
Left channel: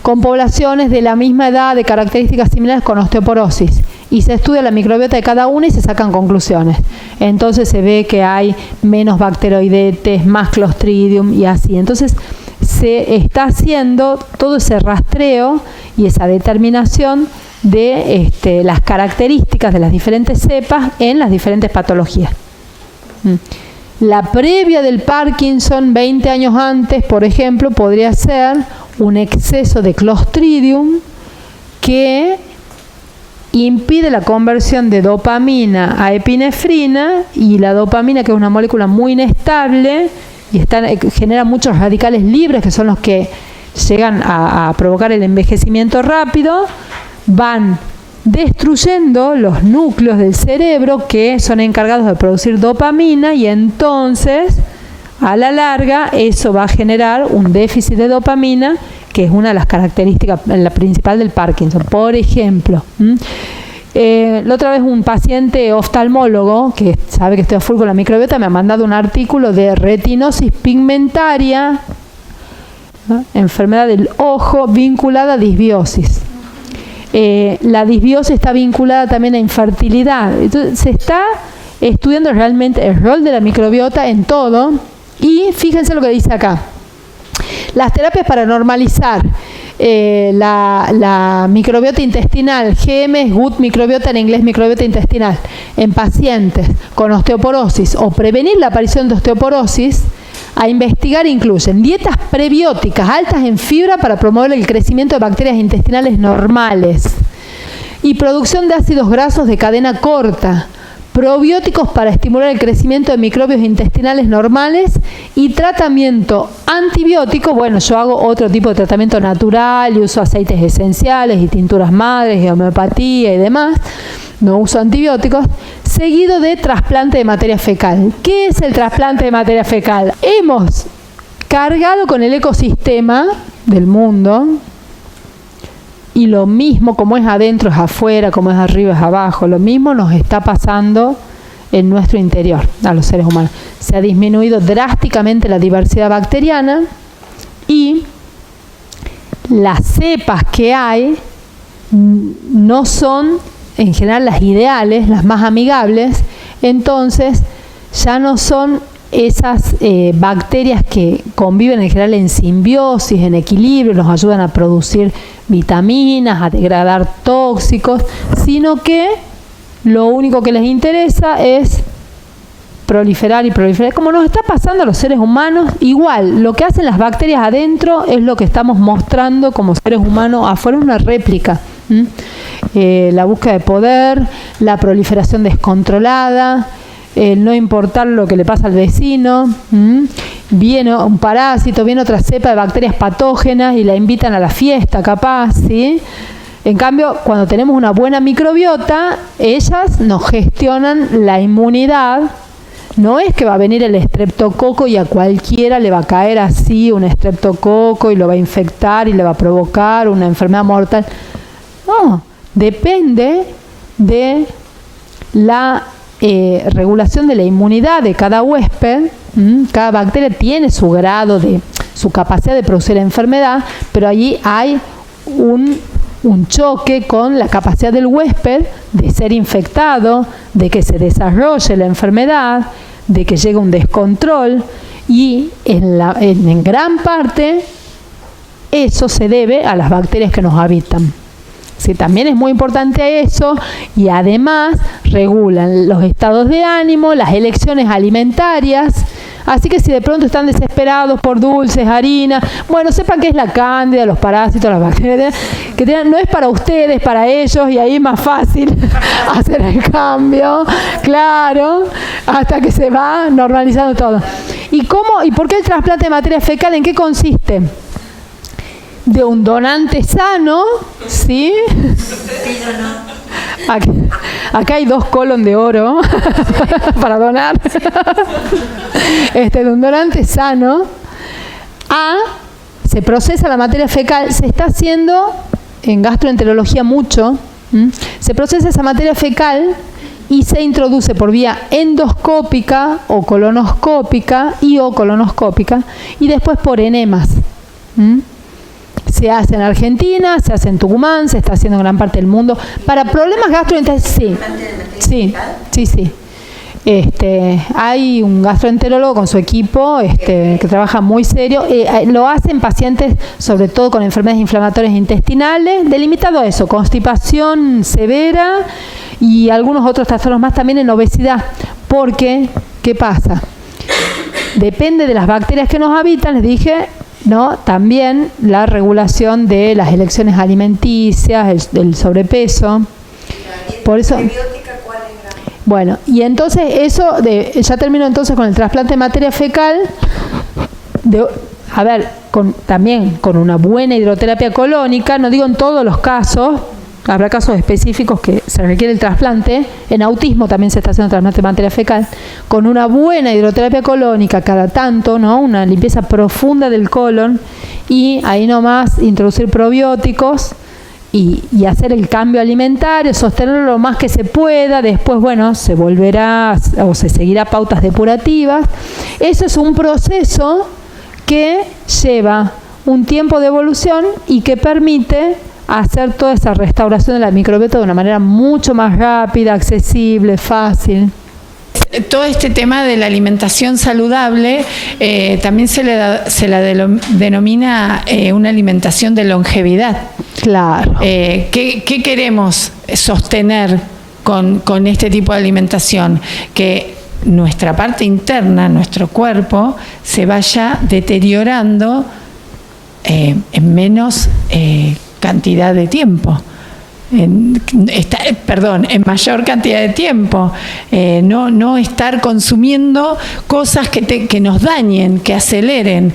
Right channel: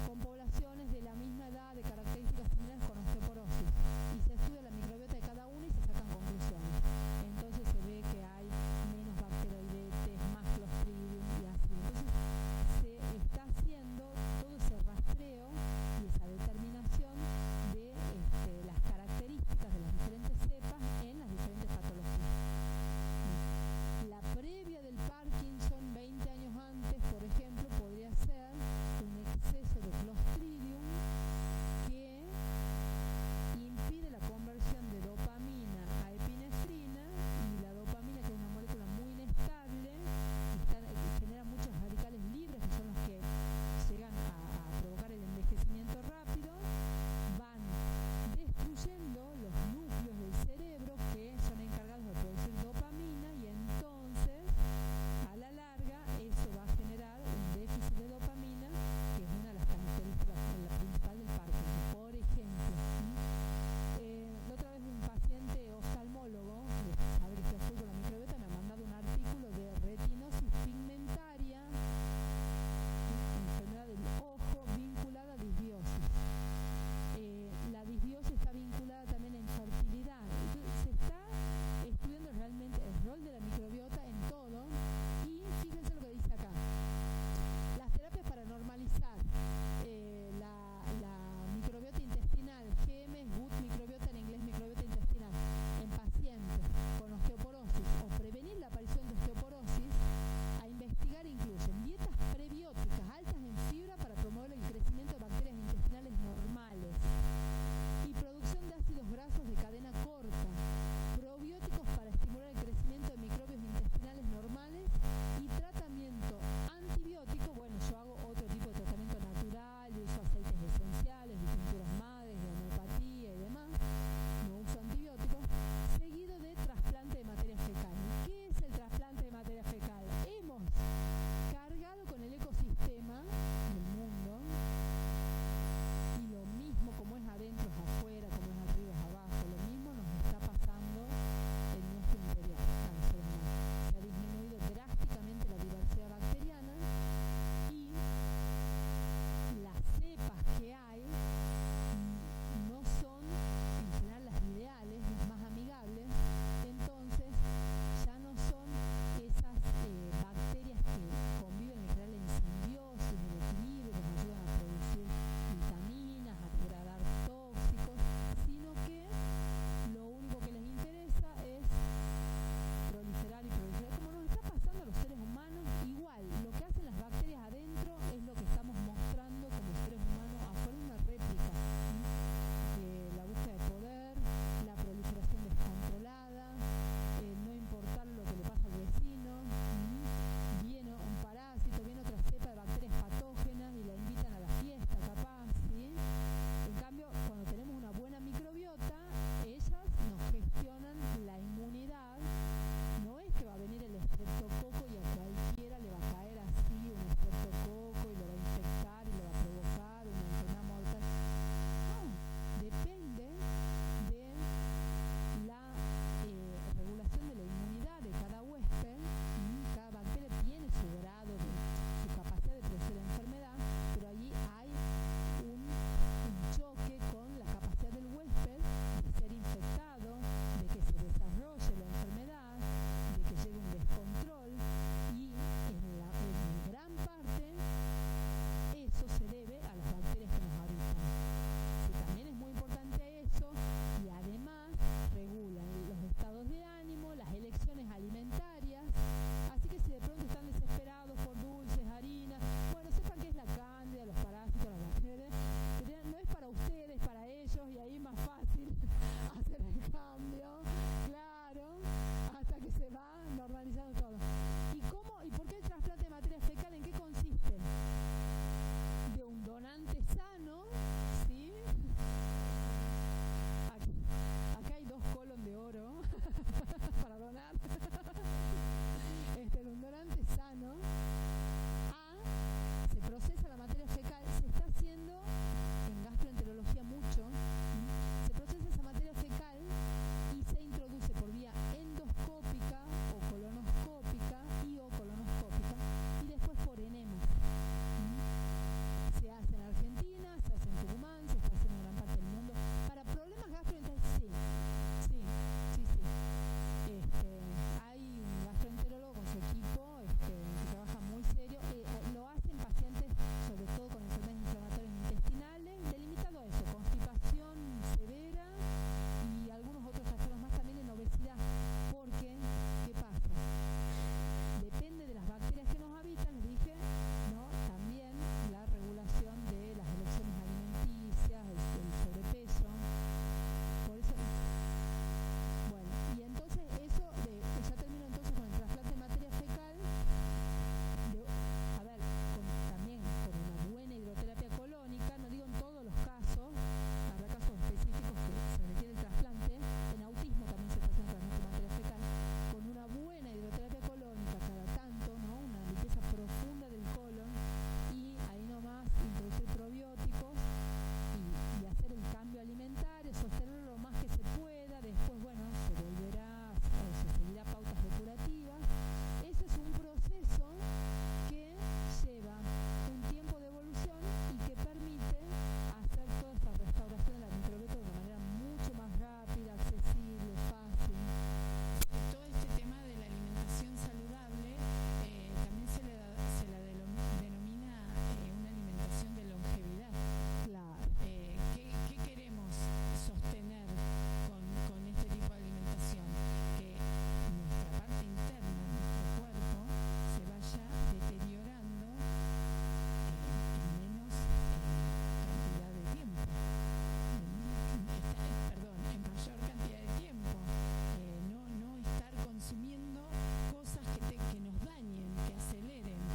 con poblaciones de la misma edad, de características similares con osteoporosis. Y se estudia la microbiota de cada una y se sacan conclusiones. Entonces se ve que hay menos bacteroidetes, más Clostridium y así. Entonces se está haciendo todo ese rastreo y esa determinación de las características de las diferentes cepas en las diferentes patologías. La previa del Parkinson 20 años antes, por ejemplo, podría ser un exceso de Clostridium que impide la conversión de dopamina a epinefrina, y la dopamina, que es una molécula muy inestable y genera muchos radicales libres, que son los que llegan a provocar el envejecimiento rápido, van destruyendo los núcleos del cerebro que son encargados de producir dopamina, y entonces a la larga eso va a generar un déficit de dopamina, que es una de las características, la principal del Parkinson. Por ejemplo, la otra vez un paciente oftalmólogo que sabe que estoy a full con la microbiota me ha mandado un artículo de retinosis pigmentaria, ¿no? Enfermedad del ojo vinculada a disbiosis. La disbiosis está vinculada también a infertilidad. Entonces se está estudiando realmente el rol de la microbiota en todo, y fíjense lo que dice acá. Las terapias para normalizar la microbiota intestinal, GM es Gut microbiota, en inglés microbiota intestinal, en pacientes con osteoporosis o prevenir la aparición de osteoporosis, a investigar incluyen dietas prebióticas altas en fibra para promover el crecimiento de bacterias intestinales normales y producción de ácidos grasos de cadena corta, probióticos para estimular el crecimiento de microbios intestinales normales y tratamiento antibiótico. Bueno, yo hago otro tipo de tratamiento natural y uso aceites esenciales y tinturas madres y homeopatía y demás. No uso antibióticos, seguido de trasplante de materia fecal. ¿Qué es el trasplante de materia fecal? Hemos cargado con el ecosistema del mundo, y lo mismo, como es adentro es afuera, como es arriba es abajo, lo mismo nos está pasando en nuestro interior, a los seres humanos. Se ha disminuido drásticamente la diversidad bacteriana, y las cepas que hay no son en general las ideales, las más amigables. Entonces ya no son esas bacterias que conviven en general en simbiosis, en equilibrio, nos ayudan a producir vitaminas, a degradar tóxicos, sino que lo único que les interesa es proliferar y proliferar, como nos está pasando a los seres humanos. Igual, lo que hacen las bacterias adentro es lo que estamos mostrando como seres humanos afuera, una réplica. La búsqueda de poder, la proliferación descontrolada, no importar lo que le pasa al vecino. Viene un parásito, viene otra cepa de bacterias patógenas y la invitan a la fiesta, capaz, ¿sí? En cambio, cuando tenemos una buena microbiota, ellas nos gestionan la inmunidad. No es que va a venir el estreptococo y a cualquiera le va a caer así un estreptococo y lo va a infectar y le va a provocar una enfermedad mortal. No, depende de la regulación de la inmunidad de cada huésped. Cada bacteria tiene su grado de su capacidad de producir enfermedad, pero allí hay un choque con la capacidad del huésped de ser infectado, de que se desarrolle la enfermedad, de que llegue un descontrol, y en gran parte eso se debe a las bacterias que nos habitan. Sí, también es muy importante eso, y además regulan los estados de ánimo, las elecciones alimentarias. Así que si de pronto están desesperados por dulces, harina, bueno, sepan que es la cándida, los parásitos, las bacterias, que no es para ustedes, para ellos, y ahí es más fácil hacer el cambio, claro, hasta que se va normalizando todo. ¿Y cómo? ¿Y por qué el trasplante de materia fecal? ¿En qué consiste? De un donante sano, ¿sí? Acá hay 2 colon de oro para donar. De un donante sano se procesa la materia fecal, se está haciendo en gastroenterología mucho, se procesa esa materia fecal y se introduce por vía endoscópica o colonoscópica y después por enemas. Se hace en Argentina, se hace en Tucumán, se está haciendo en gran parte del mundo. Para problemas gastroenterológicos, sí. Hay un gastroenterólogo con su equipo que trabaja muy serio. Lo hacen pacientes, sobre todo con enfermedades inflamatorias intestinales, delimitado a eso, constipación severa y algunos otros trastornos más, también en obesidad. Porque, ¿qué pasa? Depende de las bacterias que nos habitan, les dije, ¿no? También la regulación de las elecciones alimenticias, el sobrepeso. Por eso, bueno, y entonces eso, ya termino entonces con el trasplante de materia fecal, también con una buena hidroterapia colónica, no digo en todos los casos, habrá casos específicos que se requiere el trasplante. En autismo también se está haciendo trasplante de materia fecal. Con una buena hidroterapia colónica cada tanto, ¿no? Una limpieza profunda del colon, y ahí nomás introducir probióticos y hacer el cambio alimentario, sostenerlo lo más que se pueda. Después, bueno, se volverá o se seguirá pautas depurativas. Eso es un proceso que lleva un tiempo de evolución y que permite hacer toda esa restauración de la microbiota de una manera mucho más rápida, accesible, fácil. Todo este tema de la alimentación saludable también se la denomina una alimentación de longevidad. Claro. ¿Qué queremos sostener con este tipo de alimentación? Que nuestra parte interna, nuestro cuerpo, se vaya deteriorando en menos cantidad de tiempo. En mayor cantidad de tiempo, no estar consumiendo cosas que nos dañen, que aceleren.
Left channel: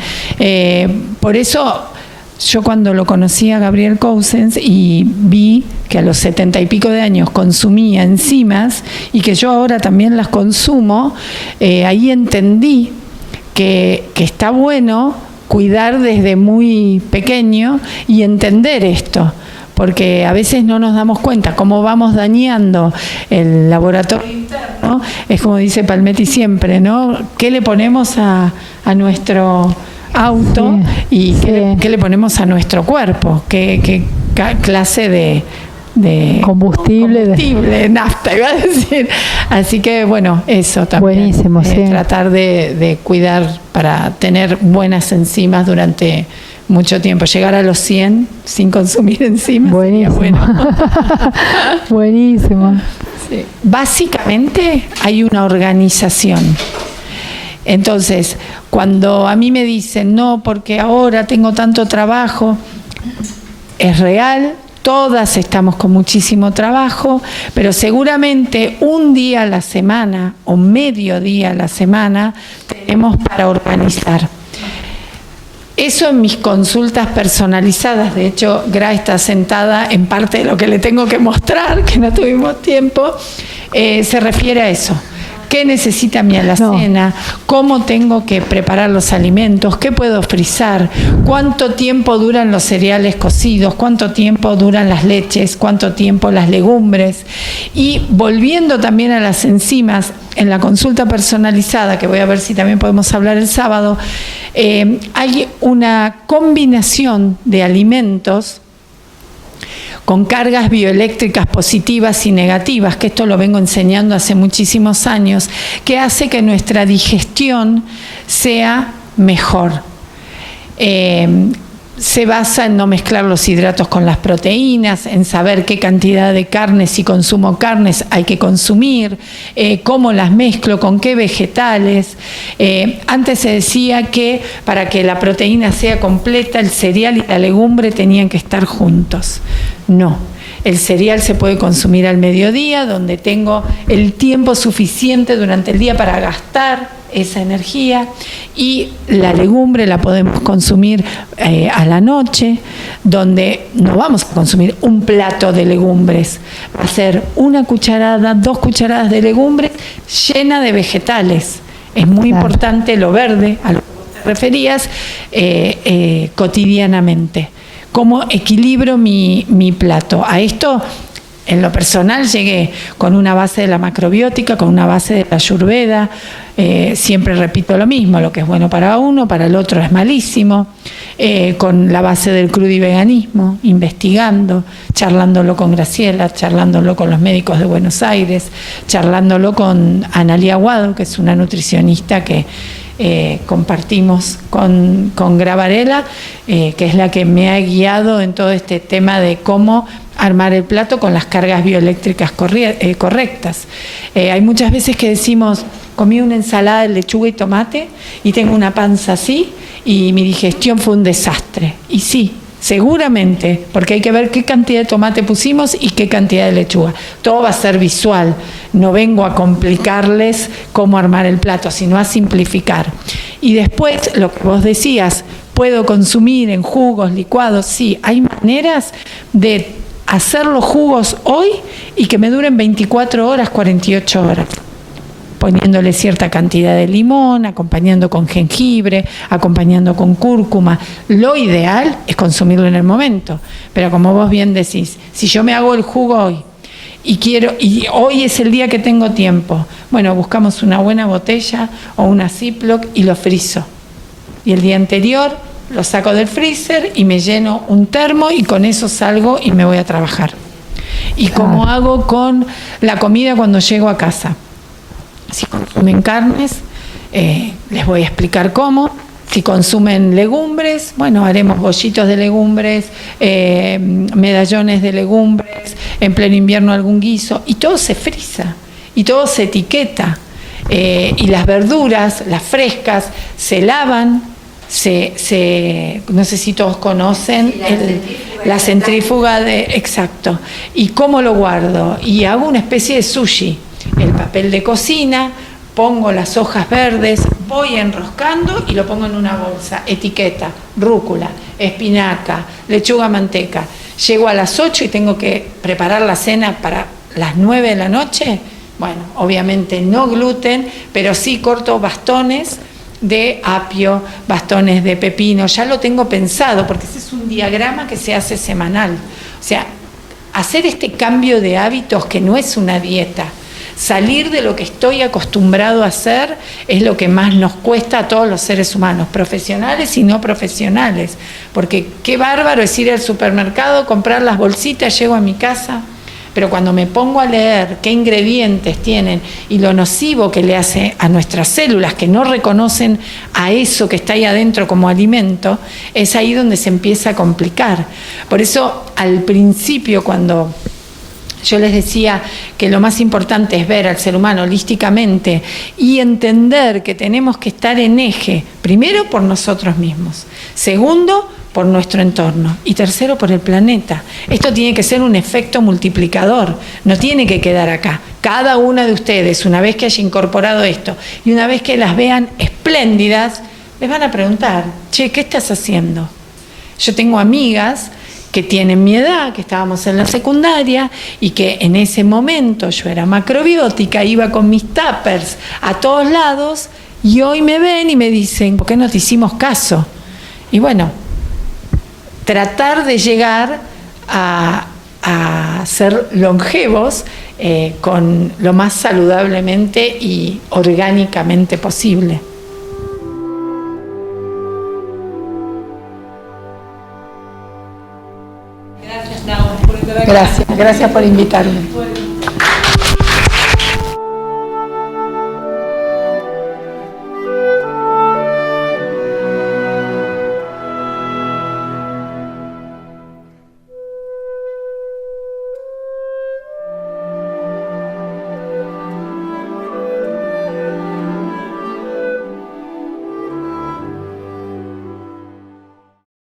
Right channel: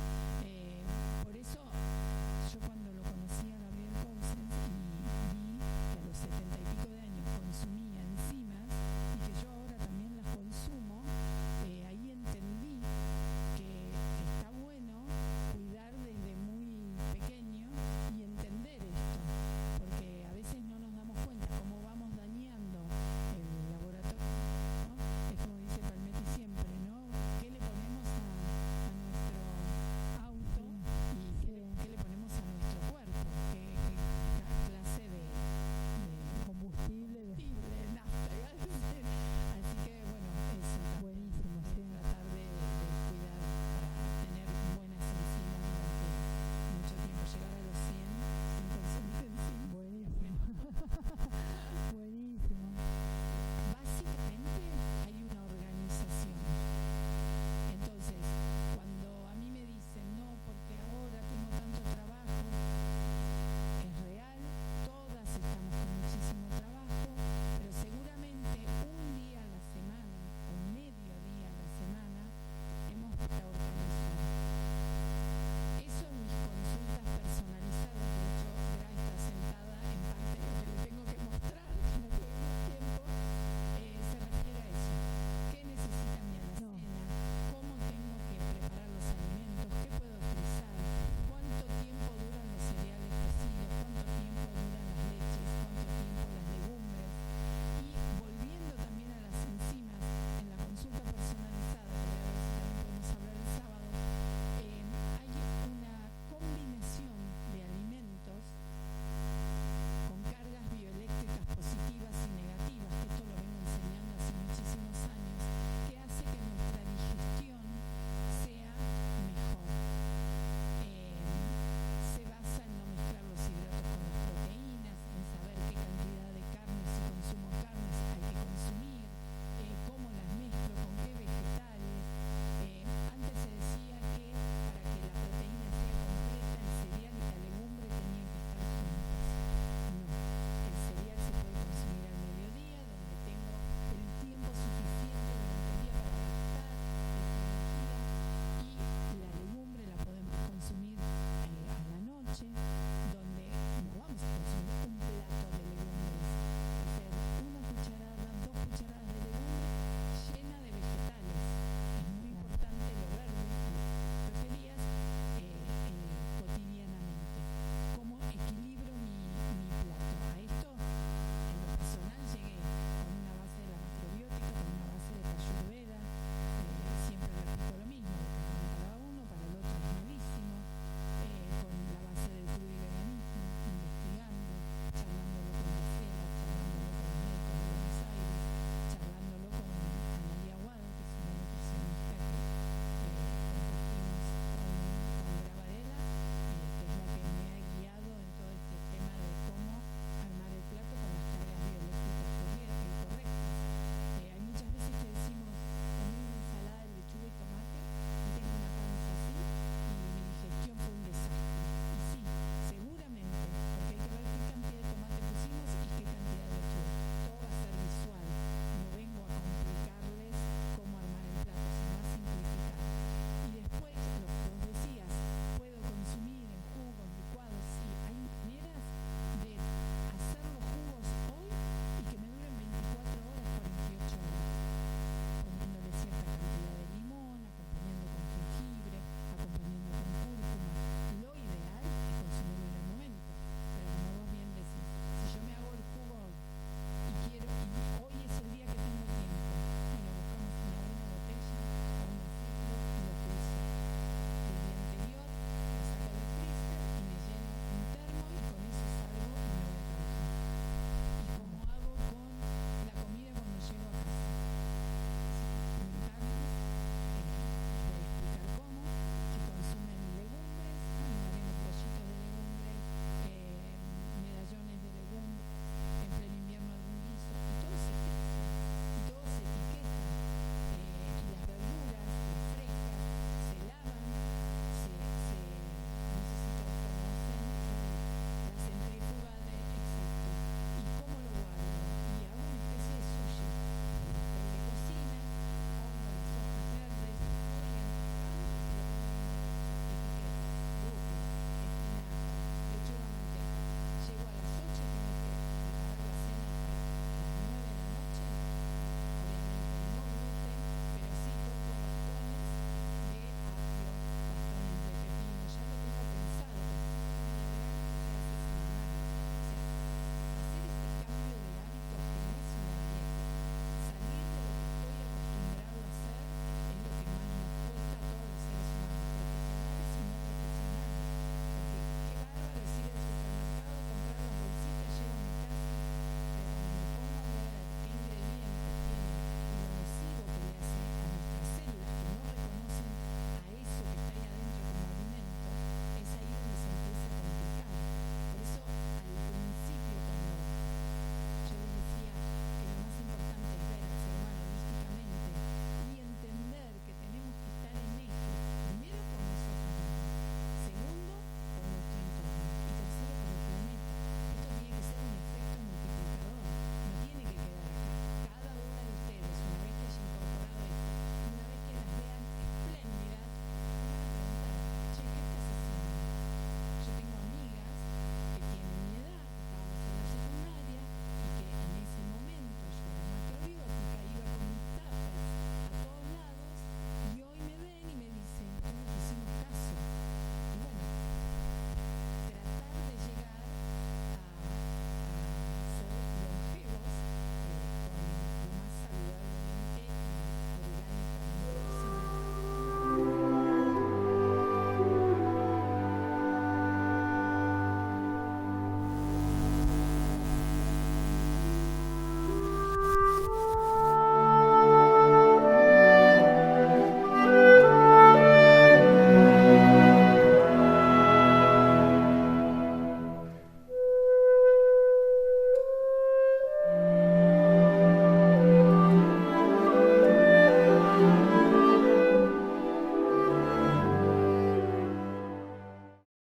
Por eso yo, cuando lo conocí a Gabriel Cousens y vi que a los 70 y pico de años consumía enzimas, y que yo ahora también las consumo, ahí entendí que está bueno cuidar desde muy pequeño y entender esto, porque a veces no nos damos cuenta cómo vamos dañando el laboratorio interno. Es como dice Palmetti siempre, ¿no? ¿Qué le ponemos a nuestro auto y qué le ponemos a nuestro cuerpo? ¿Qué clase de combustible, nafta, iba a decir? Así que bueno, eso también. Buenísimo, sí. Tratar de cuidar para tener buenas enzimas durante mucho tiempo. Llegar a los 100 sin consumir enzimas. Buenísimo. Bueno. Buenísimo. Sí. Básicamente hay una organización. Entonces, cuando a mí me dicen, no, porque ahora tengo tanto trabajo, es real. Todas estamos con muchísimo trabajo, pero seguramente un día a la semana o medio día a la semana tenemos para organizar. Eso en mis consultas personalizadas. De hecho, Gra está sentada en parte de lo que le tengo que mostrar, que no tuvimos tiempo, se refiere a eso. ¿Qué necesita mi alacena? ¿Cómo tengo que preparar los alimentos? ¿Qué puedo frizar? ¿Cuánto tiempo duran los cereales cocidos? ¿Cuánto tiempo duran las leches? ¿Cuánto tiempo las legumbres? Y volviendo también a las enzimas, en la consulta personalizada, que voy a ver si también podemos hablar el sábado, hay una combinación de alimentos con cargas bioeléctricas positivas y negativas, que esto lo vengo enseñando hace muchísimos años, que hace que nuestra digestión sea mejor. se basa en no mezclar los hidratos con las proteínas, en saber qué cantidad de carnes, si consumo carnes, hay que consumir, cómo las mezclo, con qué vegetales. Antes se decía que para que la proteína sea completa, el cereal y la legumbre tenían que estar juntos. No. El cereal se puede consumir al mediodía, donde tengo el tiempo suficiente durante el día para gastar esa energía, y la legumbre la podemos consumir a la noche, donde no vamos a consumir un plato de legumbres, va a ser una cucharada, 2 cucharadas de legumbres llena de vegetales. Es muy importante lo verde, a lo que te referías, cotidianamente. ¿Cómo equilibro mi plato? A esto, en lo personal, llegué con una base de la macrobiótica, con una base de la ayurveda. Siempre repito lo mismo: lo que es bueno para uno, para el otro es malísimo. Con la base del crudiveganismo, investigando, charlándolo con Graciela, charlándolo con los médicos de Buenos Aires, charlándolo con Analia Aguado, que es una nutricionista que compartimos con Gra Varela, que es la que me ha guiado en todo este tema de cómo armar el plato con las cargas bioeléctricas correctas. Hay muchas veces que decimos: comí una ensalada de lechuga y tomate y tengo una panza así y mi digestión fue un desastre. Y sí, seguramente, porque hay que ver qué cantidad de tomate pusimos y qué cantidad de lechuga. Todo va a ser visual. No vengo a complicarles cómo armar el plato, sino a simplificar. Y después, lo que vos decías, ¿puedo consumir en jugos, licuados? Sí, hay maneras de hacer los jugos hoy y que me duren 24 horas, 48 horas. Poniéndole cierta cantidad de limón, acompañando con jengibre, acompañando con cúrcuma. Lo ideal es consumirlo en el momento. Pero como vos bien decís, si yo me hago el jugo hoy y hoy es el día que tengo tiempo, bueno, buscamos una buena botella o una Ziploc y lo frizo. Y el día anterior lo saco del freezer y me lleno un termo y con eso salgo y me voy a trabajar. Y como hago con la comida cuando llego a casa. Si consumen carnes, les voy a explicar cómo. Si consumen legumbres, bueno, haremos bollitos de legumbres, medallones de legumbres, en pleno invierno algún guiso, y todo se frisa, y todo se etiqueta. Y las verduras, las frescas, se lavan, no sé si todos conocen la centrífuga exacto. ¿Y cómo lo guardo? Y hago una especie de sushi. El papel de cocina, pongo las hojas verdes, voy enroscando y lo pongo en una bolsa. Etiqueta: rúcula, espinaca, lechuga, manteca. Llego a las 8 y tengo que preparar la cena para las 9 de la noche. Bueno, obviamente no gluten, pero sí corto bastones de apio, bastones de pepino. Ya lo tengo pensado, porque ese es un diagrama que se hace semanal. O sea, hacer este cambio de hábitos, que no es una dieta. Salir de lo que estoy acostumbrado a hacer es lo que más nos cuesta a todos los seres humanos, profesionales y no profesionales, porque qué bárbaro es ir al supermercado, comprar las bolsitas, llego a mi casa, pero cuando me pongo a leer qué ingredientes tienen y lo nocivo que le hace a nuestras células, que no reconocen a eso que está ahí adentro como alimento, es ahí donde se empieza a complicar. Por eso, al principio, cuando yo les decía que lo más importante es ver al ser humano holísticamente y entender que tenemos que estar en eje, primero por nosotros mismos, segundo por nuestro entorno y tercero por el planeta. Esto tiene que ser un efecto multiplicador, no tiene que quedar acá. Cada una de ustedes, una vez que haya incorporado esto y una vez que las vean espléndidas, les van a preguntar: che, ¿qué estás haciendo? Yo tengo amigas que tienen mi edad, que estábamos en la secundaria y que en ese momento yo era macrobiótica, iba con mis tuppers a todos lados y hoy me ven y me dicen: ¿por qué no te hicimos caso? Y bueno, tratar de llegar a ser longevos con lo más saludablemente y orgánicamente posible. Gracias por invitarme.